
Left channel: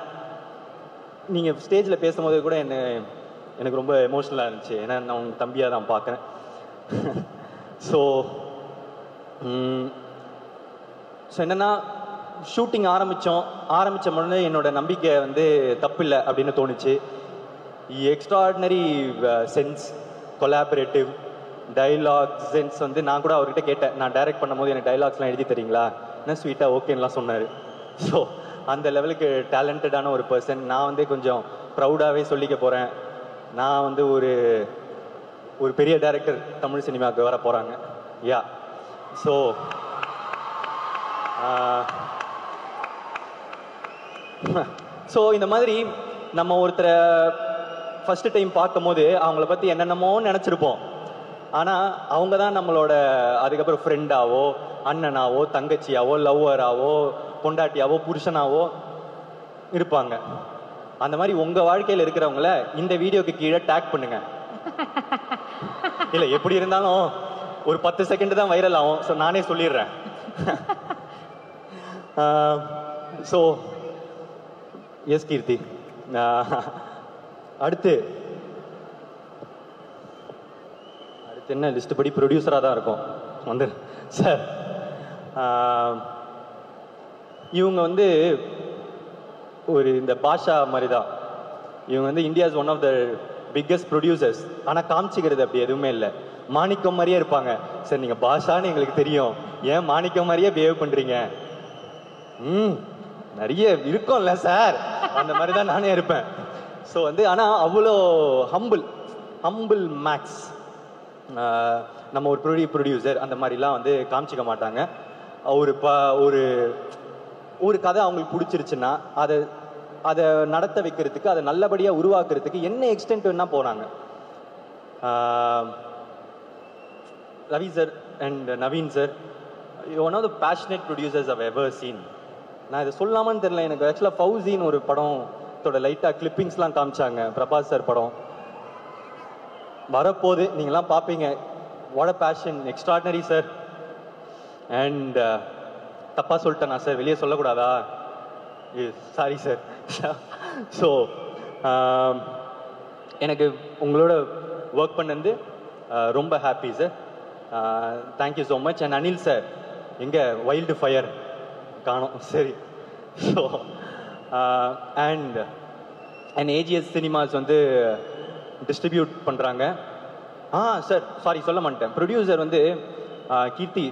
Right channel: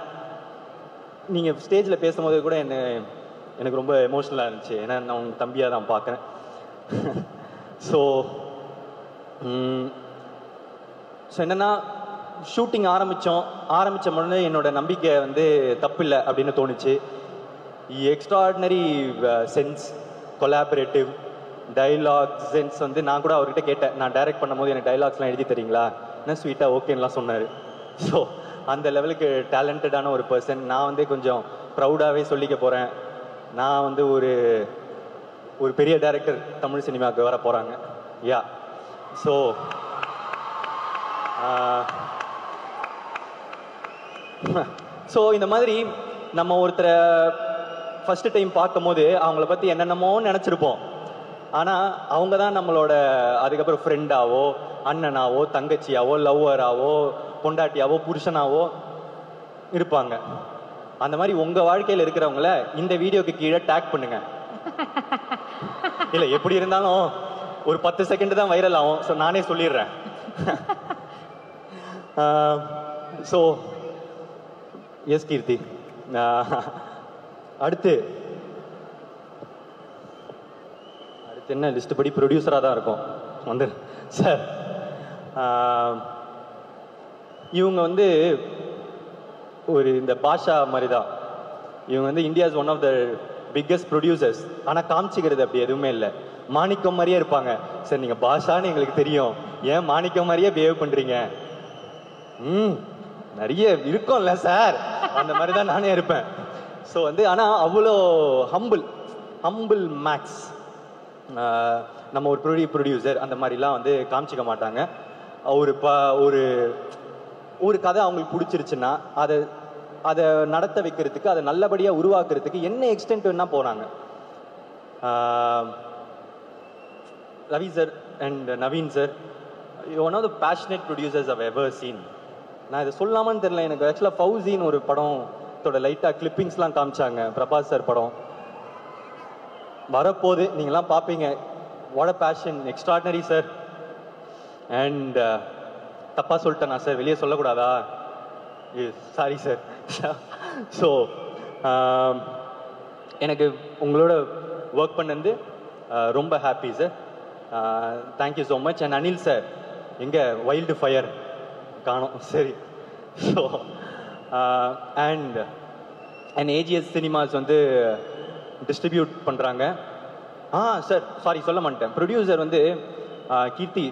நீங்கள் ஸ்டேஜில் பேசும்போது கூட எனக்கு ரொம்ப எமோஷ்னலாக இருந்துச்சு. ஏன்னா நான் உங்கள் தம்பியாக தான் பார்க்குறேன். ஸோ என்னென்னா ஷூட்டிங் ஆரம்பித்த முன்னே என்னோட நம்பிக்கை வந்து தப்பில்லை அப்படின்னு தோணுச்சு. Extraordinary sense, collaborative dialogue sense வந்து நான் கூட அவர்கிட்ட கேட்டேன், நான் டைரக்ட் பண்ணும்போது எனக்கு டைலாக்ஸ்லாம் எழுதி தரீங்களா, என்ன ஸ்வீட்டாக ஓகேன்னெலாம் சொன்னார். ஸோ அந்த லெவலுக்கு டேலண்டடான ஒரு பர்சன். நான் வந்து கொஞ்சம் ப்ரௌடாகவே சொல்லிக்க போகிறேன், நான் வந்து ஒரு பெரிய டைரக்டர் தமிழ் சினிமாவுக்கு வர போகிறாங்க. யா ஸோ இந்த மாதிரி நம்ம ஒருத்தரை ஃபஸ்ட்டு டைம் பார்க்கும் போது அவங்கள பற்றி என்னென்னமோ நினச்சிருப்போம். ஆனால் அவங்க தான் நம்மளோட அதுக்கப்புறம் ஃப்ரெண்டாவோ, அண்ணனாவோ, தங்கச்சியாவோ, லவ்வராவோ, பொண்டாட்டியாவோ, புருஷனாவோ இருப்பாங்க. அந்த மாதிரி உங்கள் வாழ்க்கையில் இருக்கிறவங்கள இந்த வீடியோக்கு கீழே டேக் பண்ணுங்க. இல்லை எப்படி இருந்தாலும் ஒரு 10 செகண்ட் தான் வைரல் ஆகும். ஸோ நானே சொல்லிடுறேன். ஸோ எஸ் கீர்த்தி, அடுத்து என்ன லிஸ்ட் படி ப்ரொடியூசராக தான் இருக்கும் வந்து சார். இவங்க வந்து ஒரு இந்த பாஷா மாதிரி தான். இவங்க வந்து India's one of the biggest producers. ஆனால் காமிச்சிக்கிறது அப்படி எதுவுமே இல்லை. மாணிக்கம் மாதிரியே இருப்பாங்க. சார் நீங்கள் பாஷான்னு எங்களுக்கு தெரியும், ஏன் மாணிக்கம் மாதிரியே பிஹேவ் பண்ணுறீங்க? நிறைய இருக்கும்ல சார், அந்த மாதிரி தான் நானே இருப்பேன். ஸோ வந்து ஆனால் அவ்வளோ ஹம்பிள் மேக்ஸ். நம்ம ஒரு ப்ரொடியூசர் அந்த மாதிரிலாம் வந்து காமிச்சிக்க மாட்டாங்க. ஒரு கதை அவங்களுக்கு பிடிச்சிருச்சுன்னா அதை நடத்த வைக்கிறதுக்கு, அதை நல்லபடியாக உருவாக்குறதுக்கு என்ன எக்ஸ்டென்ட் வேணா போனாங்க. Ravi sir and Naveen sir, one of the passionate producers I've ever seen. நான் இதை சொல்லாமான்னு தெரியல, எனக்கு ஆக்சுவலாக ஃபவுசின்னு ஒரு படத்தோட லைட்டாக கிளிப்பிங்ஸ்லாம் காமிச்சாங்க. பிரபாஸ் சார் படம் வரப்போது, நீங்களாம் பார்ப்பீங்க. What a fashion, extraordinary sir. And தப்பா சொல்லிட்டேனா சார், வெளியே சொல்லக்கூடாதா? Sorry sir. ஸோ எனக்கு உங்களோட ஒர்க் பண்ணது ரொம்ப happy sir. Thank you so much. And Anil sir, எங்கே வைல்டு ஃபயர் காணோம். சரி. ஸோ அண்ட் ஏஜிஎஸ் சினிமாஸ் வந்து டிஸ்ட்ரிபியூட் பண்ணுறாங்க. சார் சாரி சொல்ல மாட்டேன். ப்ரொடியூசர் வந்து கீர்த்தி,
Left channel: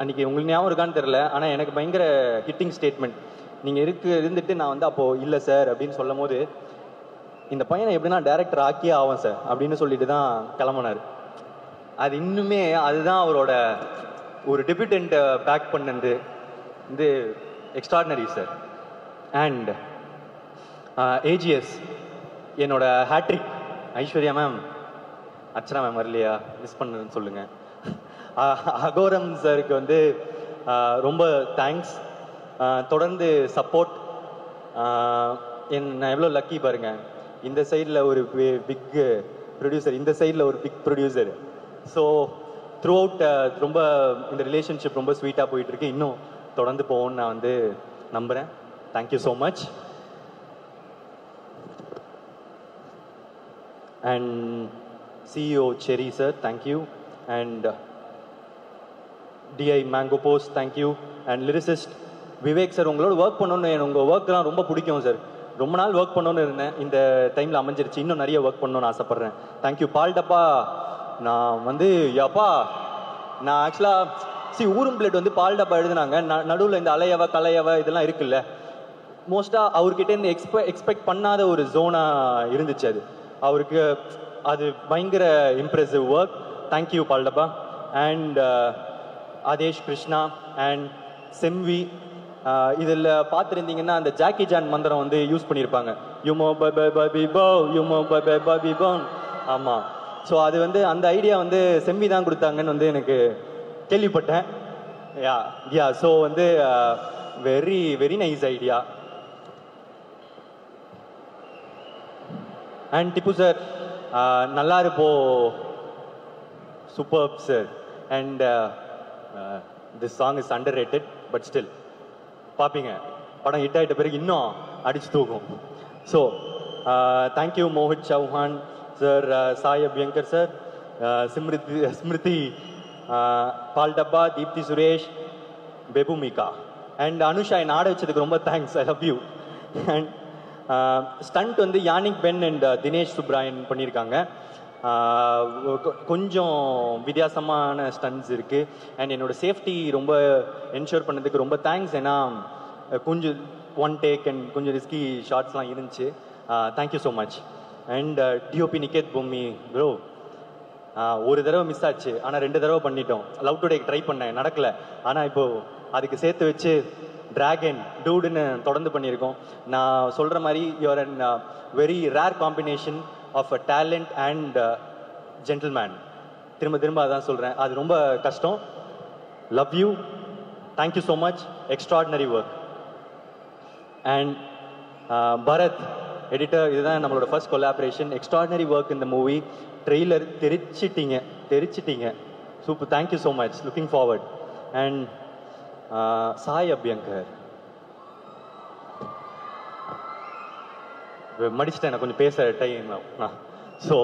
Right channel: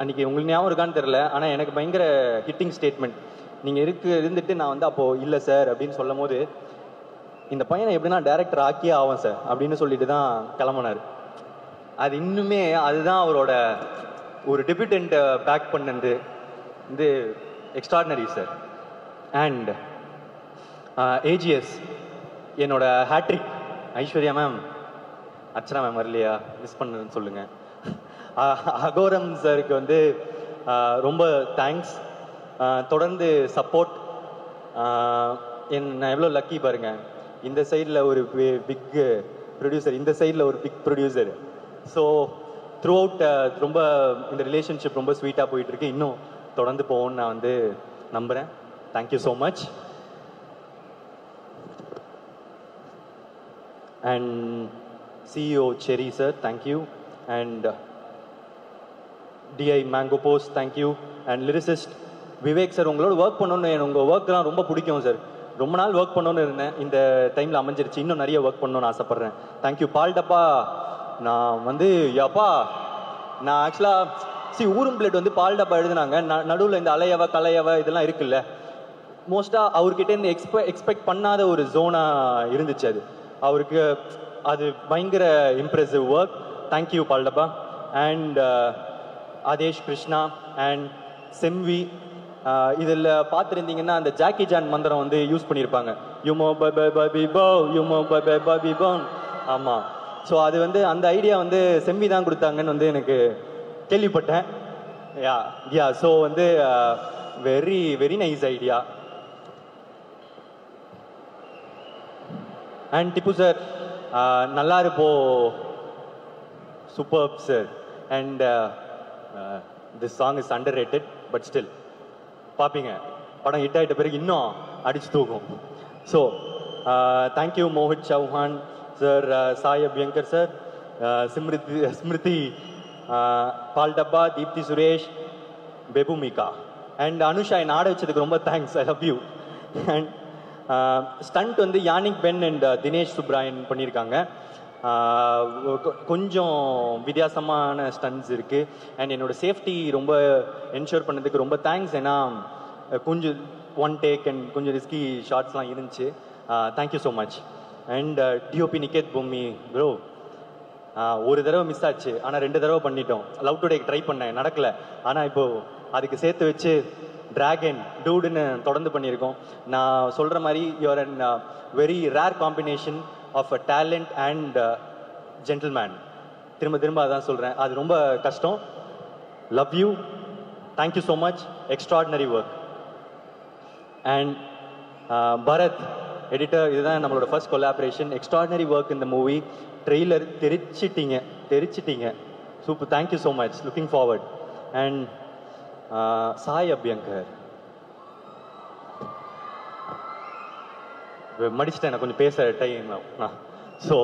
அன்றைக்கி உங்களுக்கு ஞாபகம் இருக்கான்னு தெரில, ஆனால் எனக்கு பயங்கர ஹிட்டிங் ஸ்டேட்மெண்ட். நீங்கள் இருந்துட்டு நான் வந்து அப்போது இல்லை சார் அப்படின்னு சொல்லும் போது, இந்த பையனை எப்படின்னா டைரக்டர் ஆக்கியே ஆகும் சார் அப்படின்னு சொல்லிட்டு தான் கிளம்புனார். அது இன்னுமே அதுதான் அவரோட ஒரு டெபியூட்டன்ட்டை பேக் பண்ணது வந்து எக்ஸ்ட்ராடினரி சார். அண்ட் ஏஜிஎஸ் என்னோட hat-trick. Aishwarya ma'am, Archana ma'am வரலையா, மிஸ் பண்ணதுன்னு சொல்லுங்கள். அகோரம் சாருக்கு வந்து ரொம்ப தேங்க்ஸ். தொடர்ந்து சப்போர்ட். நான் எவ்வளோ லக்கி பாருங்க, இந்த சைடில் ஒரு பிக் ப்ரொடியூசர், இந்த சைடில் ஒரு big producer. So throughout ரொம்ப இந்த ரிலேஷன்ஷிப் ரொம்ப ஸ்வீட்டாக போயிட்டுருக்கு. இன்னும் தொடர்ந்து போகும்னு நான் வந்து நம்புகிறேன். Thank you so much. And CEO Cherry sir, thank you. And DI Mango Post, thank you. And lyricist Vivek sir, உங்களோட ஒர்க் பண்ணணும், உங்கள் ஒர்க்லாம் ரொம்ப பிடிக்கும் சார். ரொம்ப நாள் ஒர்க் பண்ணணும்னு இருந்தேன், இந்த டைம் அமைஞ்சிருச்சு. இன்னும் நிறைய ஒர்க் பண்ணணும்னு ஆசைப்பட்றேன். தேங்க்யூ பால்டப்பா. நான் வந்து நான் ஆக்சுவலாக ஊரும் பிளேட் வந்து பால்டப்பா எழுதுனாங்க. நடுவில் இந்த அலையவ கலையவ இதெல்லாம் இருக்குல்ல, மோஸ்ட்டாக அவர்கிட்ட இருந்து எக்ஸ்பெக்ட் பண்ணாத ஒரு ஜோனாக இருந்துச்சு அது. அவருக்கு அது பயங்கர impressive work. Thank you Paaldabba. And Aadesh Krishna and Semvi, இதில் பார்த்துருந்தீங்கன்னா அந்த ஜாக்கி ஜான் மந்திரம் வந்து யூஸ் பண்ணியிருப்பாங்க. யுமோ பபி போ, யுமோ பபி போ. ஆமாம். ஸோ அது வந்து அந்த ஐடியா வந்து செம்வி தான் கொடுத்தாங்கன்னு வந்து எனக்கு கேள்விப்பட்டேன். யா ஸோ வந்து very very nice idea. And Tippu sir, நல்லா இருப்போ, super sir. And this song is underrated, but still பார்ப்பீங்க, படம் ஹிட் ஆகிட்ட பிறகு இன்னும் அடிச்சு தூக்கும். So thank you Mohit Chauhan sir, Sai Abhyankar sir, Smriti Paaldabba, Deepthi Suresh, Bebumika and Anusha. என்னை ஆட வச்சதுக்கு ரொம்ப thanks. I love you. And stunt வந்து Yannick Ben and Dinesh Subbarayan பண்ணியிருக்காங்க. கொஞ்சம் வித்தியாசமான ஸ்டண்ட்ஸ் இருக்குது. அண்ட் என்னோட சேஃப்டி ரொம்ப என்ஷூர் பண்ணதுக்கு ரொம்ப தேங்க்ஸ். ஏன்னா கொஞ்சம் ஒன் டேக் அண்ட் கொஞ்சம் ரிஸ்கி ஷார்ட்ஸ்லாம் இருந்துச்சு. Thank you so much. And DOP Niketh பூமி ப்ரோ, ஒரு தடவை மிஸ் ஆச்சு, ஆனால் 2 தடவை பண்ணிட்டோம். லவ் டுடே ட்ரை பண்ணேன், நடக்கலை. ஆனால் இப்போது அதுக்கு சேர்த்து வச்சு டிராகன் டூடுன்னு தொடர்ந்து பண்ணியிருக்கோம். நான் சொல்கிற மாதிரி you are an very rare combination of a talent and gentleman. திரும்ப அதான் சொல்கிறேன், அது ரொம்ப கஷ்டம். Love you. Thank you so much. Extraordinary work. And Bharath editor, இதுதான் நம்மளோட ஃபர்ஸ்ட் கொலாபரேஷன். எக்ஸ்ட்ராடினரி ஒர்க் இந்த மூவி. ட்ரெய்லர் தெரிச்சிட்டீங்க. Super. Thank you so much. Looking forward. And Sai Abhyankar, மடிச்சிட்டேன் நான் கொஞ்சம் பேச டைம். ஸோ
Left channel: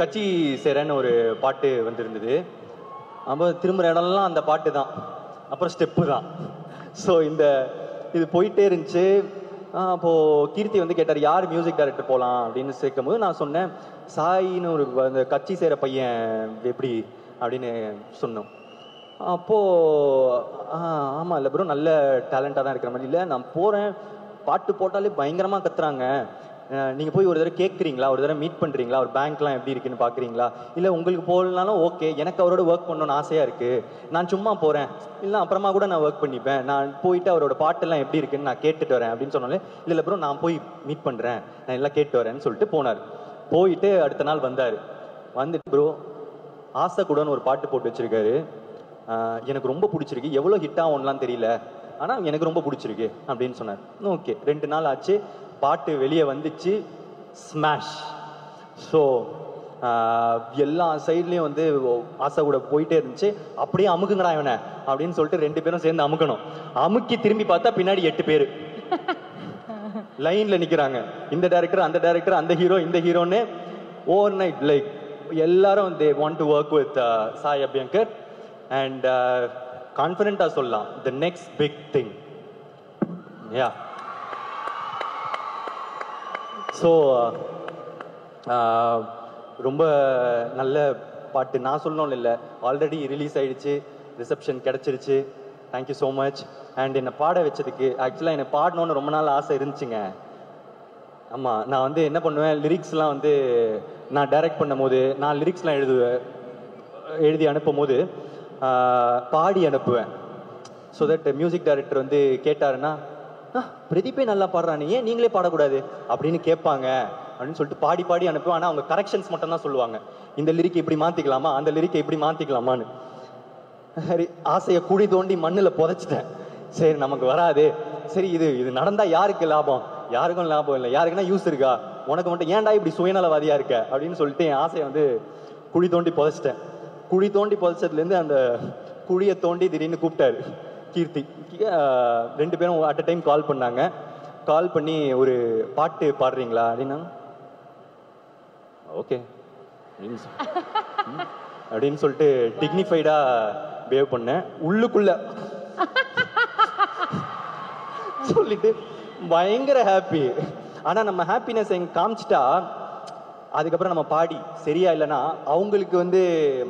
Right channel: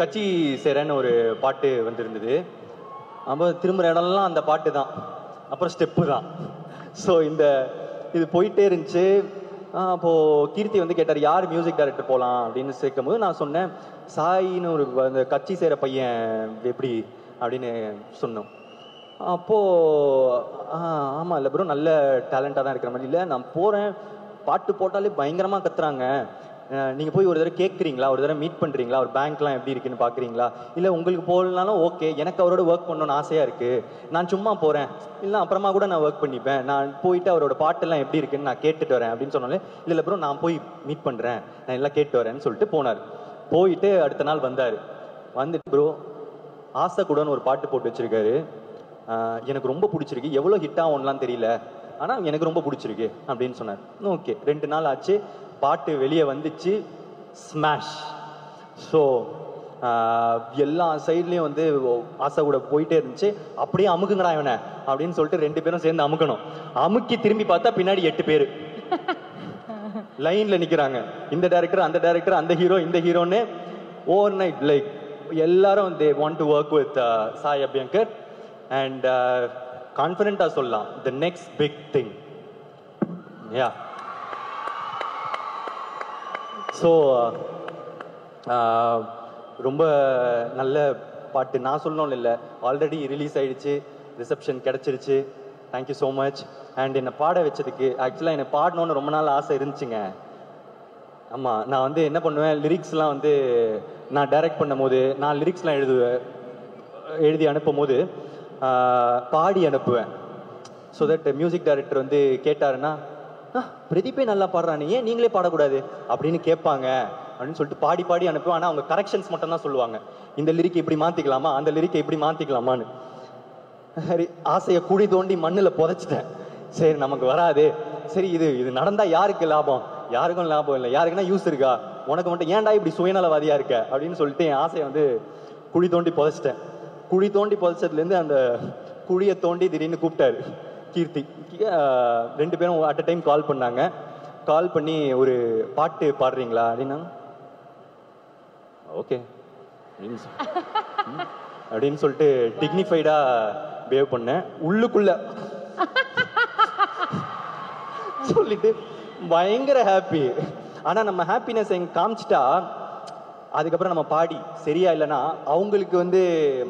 கட்சி சேரன்னு ஒரு பாட்டு வந்திருந்தது. அப்போ திரும்புகிற இடம்லாம் அந்த பாட்டு தான். அப்புறம் ஸ்டெப்பு தான். ஸோ இது போயிட்டே இருந்துச்சு. அப்போது கீர்த்தி வந்து கேட்டார் யார் மியூசிக் டைரக்டர் போகலாம் அப்படின்னு சேர்க்கும் போது நான் சொன்னேன் சாயின்னு ஒரு அந்த கட்சி சேர பையன் எப்படி அப்படின்னு சொன்னோம். அப்போது ஆமாம் இல்லை ப்ரோ நல்ல டேலண்டாக தான் இருக்கிற மாதிரி இல்லை, நான் போகிறேன் பாட்டு போட்டாலே பயங்கரமாக கத்துறாங்க, நீங்கள் போய் ஒரு தடவை கேட்குறீங்களா, ஒரு தடவை மீட் பண்ணுறீங்களா, ஒரு பேங்க்லாம் எப்படி இருக்குன்னு பார்க்குறீங்களா, இல்லை உங்களுக்கு போகலனாலும் ஓகே, எனக்கு அவரோட ஒர்க் பண்ணணும்னு ஆசையாக இருக்குது, நான் சும்மா போகிறேன், இல்லை அப்புறமா கூட நான் ஒர்க் பண்ணிப்பேன், நான் போயிட்டு அவரோட பாட்டெல்லாம் எப்படி இருக்குன்னு நான் கேட்டுட்டு வரேன் அப்படின்னு சொன்னாலே இல்லை ப்ரோ நான் போய் மீட் பண்ணுறேன், நான் எல்லாம் கேட்டு வரேன்னு சொல்லிட்டு போனார். போயிட்டு அடுத்த நாள் வந்தார். வந்துட்டு ப்ரோ ஆசை கூடன்னு ஒரு பாட்டு போட்டு வச்சுருக்காரு, எனக்கு ரொம்ப பிடிச்சிருக்கு, எவ்வளோ ஹிட் ஆகும்லாம் தெரியல, ஆனால் எனக்கு ரொம்ப பிடிச்சிருக்கு அப்படின்னு சொன்னார். ஓகே 2 நாள் ஆச்சு, பாட்டு வெளியே வந்துச்சு, ஸ்மாஷ். ஸோ எல்லா சைட்லேயும் வந்து ஆசை கூட போயிட்டே இருந்துச்சு. அப்படியே அமுக்குங்கடா இவனை அப்படின்னு சொல்லிட்டு 2 பேரும் சேர்ந்து அமுக்கணும். அமுக்கி திரும்பி பார்த்தா பின்னாடி 8 பேர் லைனில் நிற்கிறாங்க. இந்த டைரக்டர் அந்த டைரக்டர் அந்த ஹீரோ இந்த ஹீரோன்னு ஓவர் நைட் லைக் எல்லாரும் they want to work with Sai Abhyankar. And கான்ஃபிடென்ட்டாக சொல்லலாம் the next big thing. Yeah so ரொம்ப நல்ல பாட்டு நான் சொல்லணும் இல்லை, ஆல்ரெடி ரிலீஸ் ஆயிடுச்சு, ரிசப்ஷன் கிடச்சிருச்சு. Thank you so much. அண்ட் என்னை பாட வச்சதுக்கு ஆக்சுவலாக என்னை பாடணுன்னு ரொம்ப நாள் ஆசை இருந்துச்சுங்க. ஆமாம் நான் வந்து என்ன பண்ணுவேன், லிரிக்ஸ்லாம் வந்து நான் டைரக்ட் பண்ணும் போது நான் லிரிக்ஸ்லாம் எழுதி அனுப்பும் போது பாடி அனுப்புவேன். ஸோ தட் மியூசிக் டைரக்டர் வந்து கேட்டாருன்னா பிரதீப்பே நல்லா பாடுறானே ஏன் நீங்களே பாடக்கூடாது அப்படின்னு கேட்பாங்க அப்படின்னு சொல்லிட்டு பாடி பாடி அனுப்புவேன். ஆனால் அவங்க கரெக்ஷன்ஸ் மட்டும் தான் சொல்லுவாங்க, இந்த லிரிக் இப்படி மாற்றிக்கலாமா அந்த லிரிக்கை இப்படி மாற்றிக்கலாமான்னு. சரி ஆசையை குழி தோண்டி மண்ணில் புதைச்சிட்டேன். சரி நமக்கு வராது, சரி இது நடந்தால் யாருக்கு லாபம், யாருக்கும் லாபம் இல்லை, யாருக்குன்னா யூஸ் இருக்கா, உனக்கு மட்டும் ஏன்டா இப்படி சுயநலவாதியா இருக்க அப்படின்னு சொல்லிட்டு என் ஆசையை வந்து குழி தோண்டி புதைச்சிட்டேன். குழி தோண்டி புதைச்சதுலேருந்து அந்த குழியை தோண்டி திடீர்னு கூப்பிட்டாரு கீர்த்தி. 2 பேரும் அட் அ டைம் கால் பண்ணாங்க. கால் பண்ணி ஒரு பாட்டு பாடுறீங்களா அப்படின்னா ஓகே அப்படின்னு சொல்லிட்டு டிக்னிஃபைடா பிஹேவ் பண்ணேன். உள்ளுக்குள்ள சொல்லிட்டு பயங்கர ஹாப்பி. ஆனா நம்ம ஹாப்பினஸ் எங்க காமிச்சிட்டா அதுக்கப்புறம் நம்ம பாடி சரியா இல்லைன்னா அவங்களுக்கு வந்து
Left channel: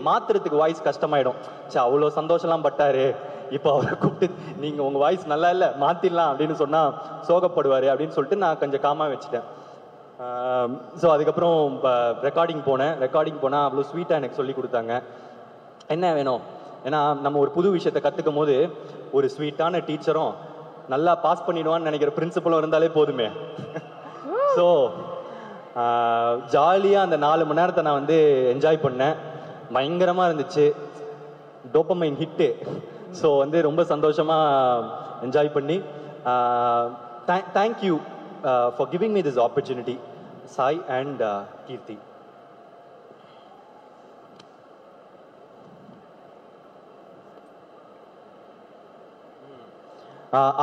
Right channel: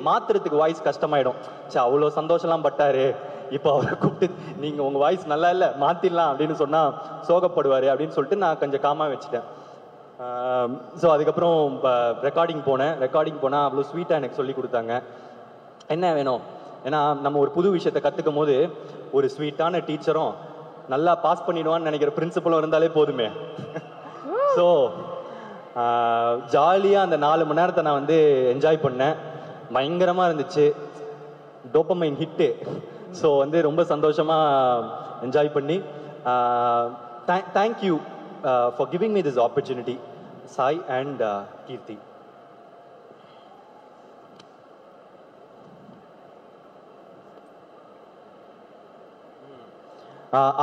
மாத்துறதுக்கு வாய்ஸ் கஷ்டமாயிடும். சரி அவ்வளோ சந்தோஷம்லாம் பட்டாரு, இப்போ அவரை கூப்பிட்டு நீங்க உங்க வாய்ஸ் நல்லா இல்லை மாத்திடலாம் அப்படின்னு சொன்னா சோகப்படுவாரு அப்படின்னு சொல்லிட்டு நான் கொஞ்சம் காமா வச்சுட்டேன். ஸோ அதுக்கப்புறம் ரெக்கார்டிங் போனால் அவ்வளோ ஸ்வீட்டாக எனக்கு சொல்லி கொடுத்தாங்க என்ன வேணும். ஏன்னா நம்ம ஒரு புது விஷயத்தை கற்றுக்கும் போது ஒரு ஸ்வீட்டான டீச்சரும் நல்லா பாஸ் பண்ணிடுவான்னு நினைக்கிற பிரின்சிபலும் இருந்தாலே போதுமே. ஸோ ஜாலியாக அந்த 4 மணி நேரத்தை நான் வந்து என்ஜாய் பண்ணேன். பயங்கரமாக இருந்துச்சு, டோபமைன் ஹிட்டு. ஸோ வந்து ரொம்ப சந்தோஷமாக என்ஜாய் பண்ணி thank you for giving me this opportunity Sai and Keerthi.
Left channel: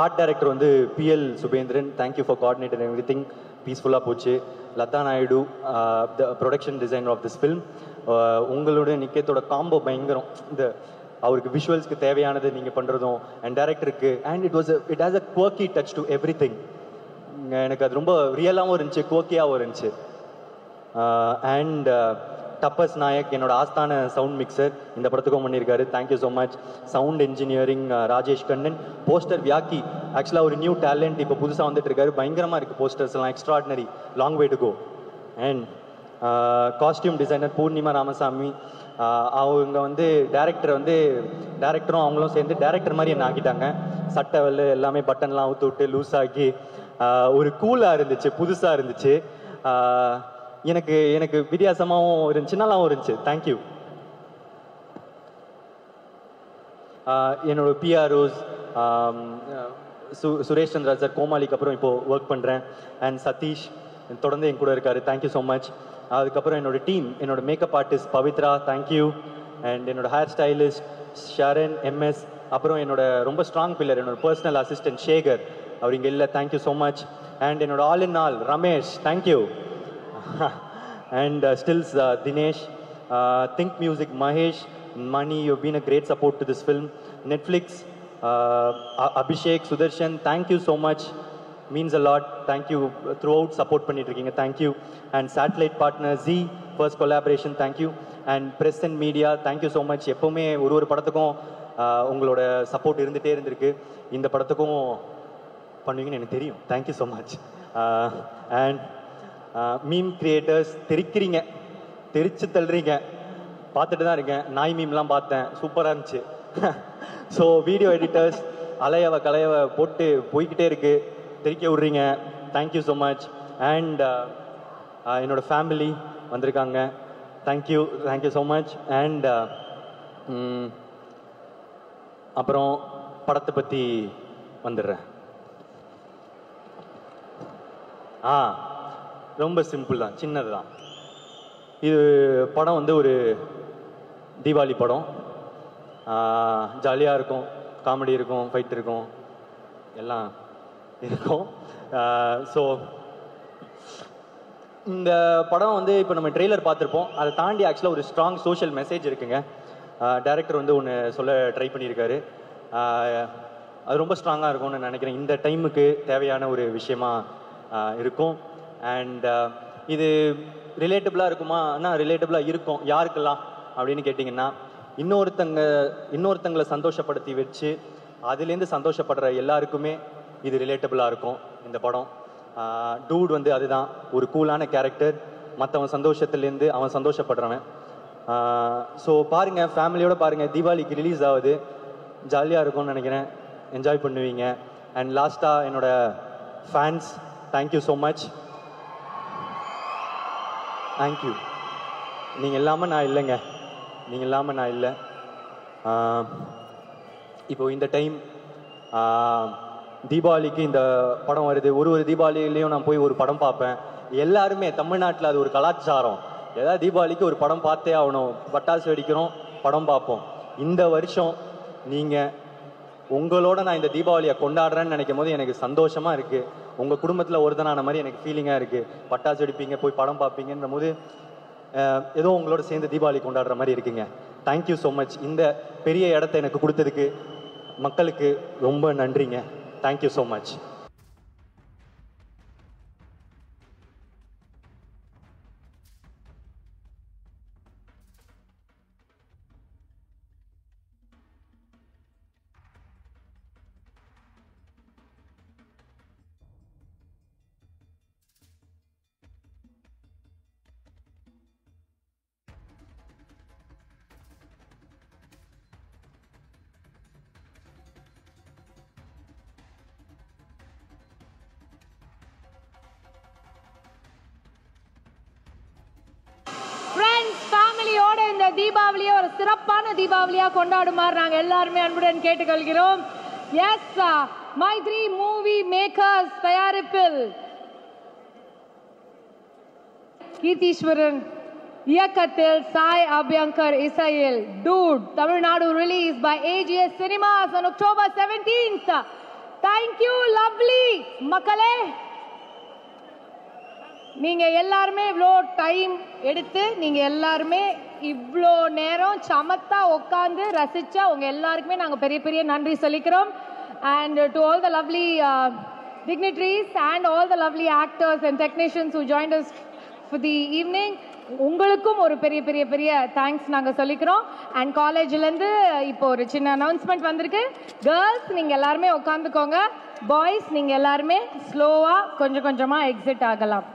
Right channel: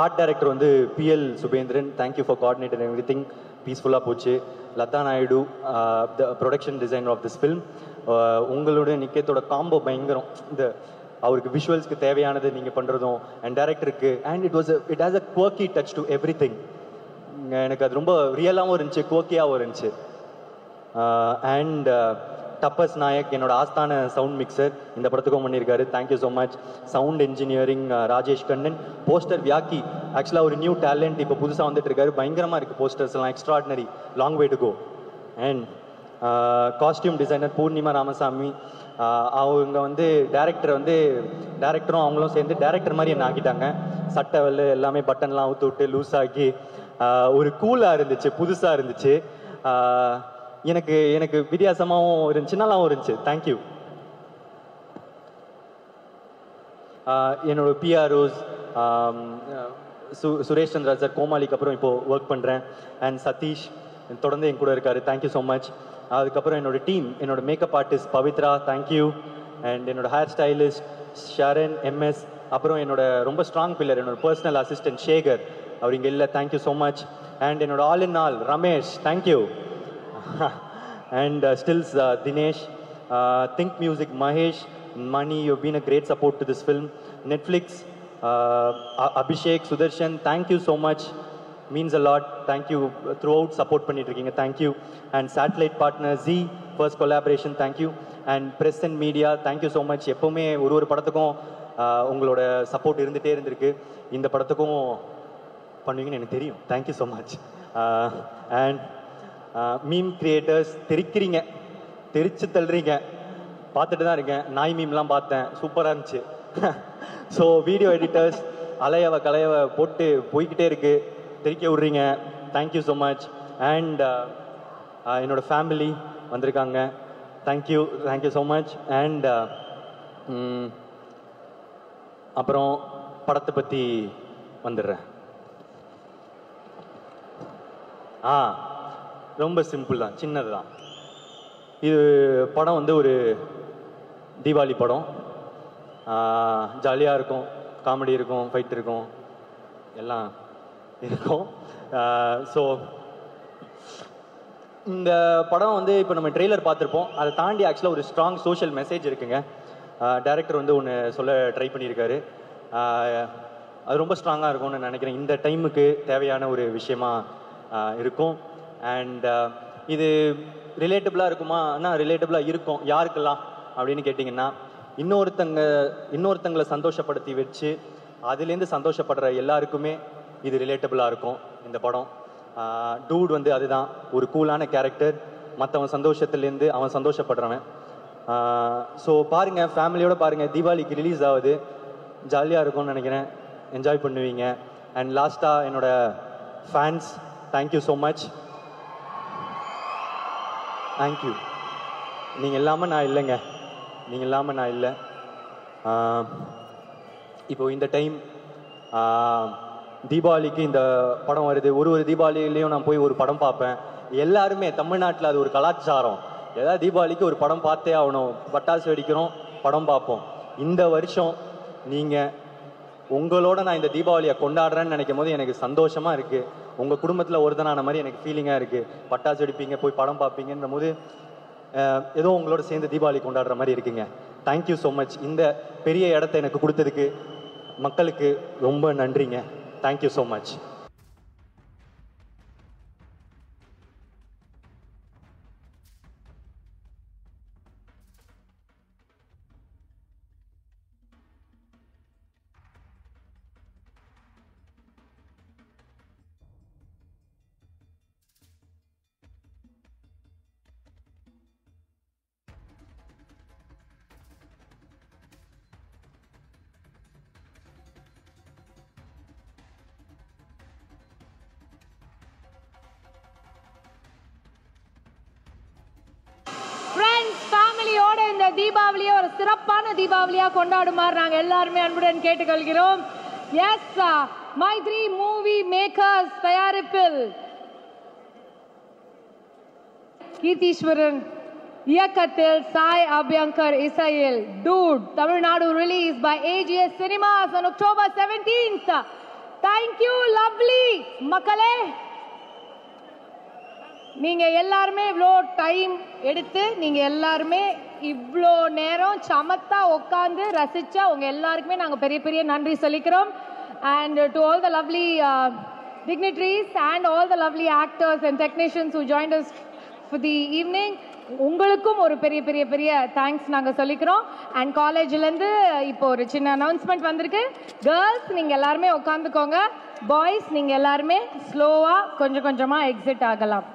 Art director வந்து PL Subendran, thank you for coordinator everything, பீஸ்ஃபுல்லாக போச்சு. Latha Naidu the production designer of this film. உங்களோட நிக்கேத்தோட காம்போ பயங்கரம். இந்த அவருக்கு விஷுவல்ஸ்க்கு தேவையானது நீங்கள் பண்ணுறதும் அண்ட் டைரக்டருக்கு and it has a quirky touch to every thing. எனக்கு அது ரொம்ப ரியலாகவும் இருந்துச்சு, குவர்க்கியாகவும் இருந்துச்சு. அண்ட் தப்பஸ் நாயக் என்னோட ஆஸ்தான சவுண்ட் மிக்சர் இந்த படத்துக்கும் பண்ணியிருக்காரு, thank you so much. Sound engineering Rajesh Kannan. Poster Vyaki, ஆக்சுவலாக ஒரு நியூ டேலண்ட் இப்போ புதுசாக வந்துட்டு இருக்காரு, பயங்கரமாக இருக்குது போஸ்டர்ஸ் எல்லாம், extraordinary, long way to go. And costume designer Poornima Ramasamy, அவங்க வந்து டேரக்டரும் அவங்களும் சேர்ந்து டேரக்டர் மாதிரி என்ன ஆக்கிட்டாங்க. சட்டை வெள்ளை எல்லாமே பட்டன்லாம் அவுத்து விட்டு லூஸ் ஆக்கி ஒரு கூலாக இருந்துச்சு, புதுசாக இருந்துச்சு. எனக்கு வித்தியாசமாகவும் இருந்துச்சு, நல்லாவும் இருந்துச்சு. தேங்க்யூ. என்னோட பிஆர்ஓஸ் சுரேஷ் சந்திரா சார், கோமாளிக்கு அப்புறம் இப்போ ஒர்க் பண்ணுறேன். அண்ட் சதீஷ் தொடர்ந்து என் கூட இருக்காரு, தேங்க்யூ ஸோ மச். அதுக்கப்புறம் என்னோட டீம், என்னோட makeup artist Pavithra, thank you. And என்னோட ஹேர் ஸ்டைலிஸ்ட் ஷரண் MS. அப்புறம் என்னோட ரொம்ப ஸ்ட்ராங் பில்லர், என்னோட பர்சனல் அசிஸ்டன்ட் சேகர், அவர் இங்கே இல்லை, தேங்க்யூ ஸோ மச். அண்ட் என்னோட all in all Ramesh, thank you. And stills Dinesh, think music Mahesh, Mani, you been a great support to this film. Netflix Abhishek, Sudharshan, thank you so much, means a lot. Thank you, throughout support பண்ணிட்டு இருக்கீங்க, thank you. And satellite partner G, first collaboration, thank you. And press and media, thank you so much. எப்போவுமே ஒரு படத்துக்கும் உங்களோட support இருந்துகிட்டே இருந்திருக்கு. இந்த படத்துக்கும் பண்ணுவீங்கன்னு எனக்கு தெரியும். Thank you so much. And meme creators, தெரிக்கிறீங்க, தெரிச்சு தள்ளுறீங்க, பார்த்துட்டு தான் இருக்கேன். நாய் மீம்லாம் பார்த்தேன், சூப்பராக இருந்துச்சு. ஸோ வீடியோ எடிட்டர்ஸ், அலையவ கலையவ போட்டு போய்கிட்டே இருக்கு, தெரிக்க விட்றீங்க, தேங்க்யூ ஸோ மச். அண்ட் என்னோட ஃபேமிலி வந்திருக்காங்க, தேங்க்யூ ஸோ மச். அண்ட் அப்புறம் படத்தை பற்றி வந்துடுறேன். ரொம்ப சிம்பிள் தான், சின்னது தான். இது படம் வந்து ஒரு தீபாவளி படம். ஜாலியாக இருக்கும், காமெடி இருக்கும், ஃபைட் இருக்கும், எல்லாம் இருக்கும். ஸோ இந்த படம் வந்து இப்போ நம்ம ட்ரெய்லர் பார்த்துருப்போம், அதை தாண்டி ஆக்சுவலாக ஒரு ஸ்ட்ராங் சோஷியல் மெசேஜ் இருக்குங்க. டைரக்டர் வந்து ஒன்று சொல்ல ட்ரை பண்ணியிருக்காரு, அது ரொம்ப ஸ்ட்ராங்காக இருக்கும்னு நினைக்கிறேன். இந்த டைமுக்கு தேவையான ஒரு விஷயமா இருக்கும். அண்ட் இது ரிலேட்டபிளாக இருக்குமா? ஆனால் ரிலேட்டபிளாக இருக்கும். யாருக்கெல்லாம் அப்படின்னு கேட்டிங்கன்னா, இன்னொருத்தங்களை சந்தோஷப்படுத்தி வச்சு அதுலேருந்து சந்தோஷப்படுற எல்லாருக்குமே இது ரிலேட்டபிளாக இருக்கும் இந்த படம். டூட் வந்து அதுதான், ஒரு கூலான கேரக்டர், மற்றவன் சந்தோஷத்துலேருந்து அவன் சந்தோஷப்படுறவன். ஸோ பாருங்கள், ஃபேமிலியோட பாருங்கள், தீபாவளிக்கு ரிலீஸ் ஆகுது, ஜாலியாக இருக்கும்னு நினைக்கிறேன், என்ஜாய் பண்ணுவீங்க. அண்ட் லாஸ்ட்டாக என்னோட fans, thank you so much, thank you. நீங்கள் இல்லாமல் நான் இல்லைங்க, நீங்கள் இல்லாமல் நான் இல்லை. இப்போ இந்த டைம் தீபாவளிக்கு இந்த படம் வருது. ஒரு தீபாவளிலையும் நான் போய் ஒரு படம் பார்ப்பேன். எல்லாருமே தமிழ்நாட்டில் அது ஒரு கலாச்சாரம், ஏதாவது தீபாவளிக்கு ஒரு படம் பார்த்தே ஆகணும், பட்டாசு வெடிக்கிறோம், படம் பார்ப்போம். இந்த வருஷம் நீங்கள் உங்களோட நான் இந்த தீபாவளியை கொண்டாடுறேன்னு நினைக்கும் போது எனக்கு சந்தோஷமாக இருக்குது. உங்கள் குடும்பத்தில் ஒருத்தனான மாதிரி எனக்கு ஃபீலிங்காக இருக்குது. பட்டாசு வெடிப்பீங்க, போய் படம் பார்ப்பீங்கன்னும் போது ஏதோ உங்களோட சேர்ந்து தீபாவளி கொண்டாடுற மாதிரி இருக்குங்க. Thank you so much. இந்த பெரிய இடத்த எனக்கு கொடுத்ததுக்கு மக்களுக்கு ரொம்ப நன்றிங்க. Thank you so much. தீபாவளியை ஒரு சிறப்பான தீபாவளியா கொண்டாடுமாறு நாங்க எல்லாருமே அன்புடன் கேட்டுக்கொள்கிறோம். எஸ், மைத்ரி மூவி மேக்கர்ஸ் தயாரிப்பில் கீர்த்தீஸ்வரன் இயக்கத்தில் சாய் அபியங்கர் இசையில் dude Tamil Nadu release by AGS Cinemas on October 17th. Thank you lovely மக்களே. நீங்க எல்லாருமே இவ்வளோ டைம் எடுத்து நீங்க எல்லாருமே இவ்வளோ நேரம் சமத்தா உட்காந்து ரசிச்சா உங்க எல்லாருக்குமே நாங்க பெரிய பெரிய நன்றி சொல்லிக்கிறோம். And to all the lovely dignitaries and all the lovely actors and technicians who joined us for the evening, உங்களுக்கும் ஒரு பெரிய பெரிய பெரிய தேங்க்ஸ் நாங்க சொல்லிக்கிறோம். அண்ட் காலேஜ்லேருந்து இப்போ ஒரு சின்ன அனௌன்ஸ்மெண்ட் வந்திருக்கு. கேர்ள்ஸ் நீங்க எல்லாருமே உட்காந்துக்கோங்க, பாய்ஸ் நீங்க எல்லாருமே ஸ்லோவா கொஞ்சம் கொஞ்சமா எக்ஸிட் ஆகலாம்.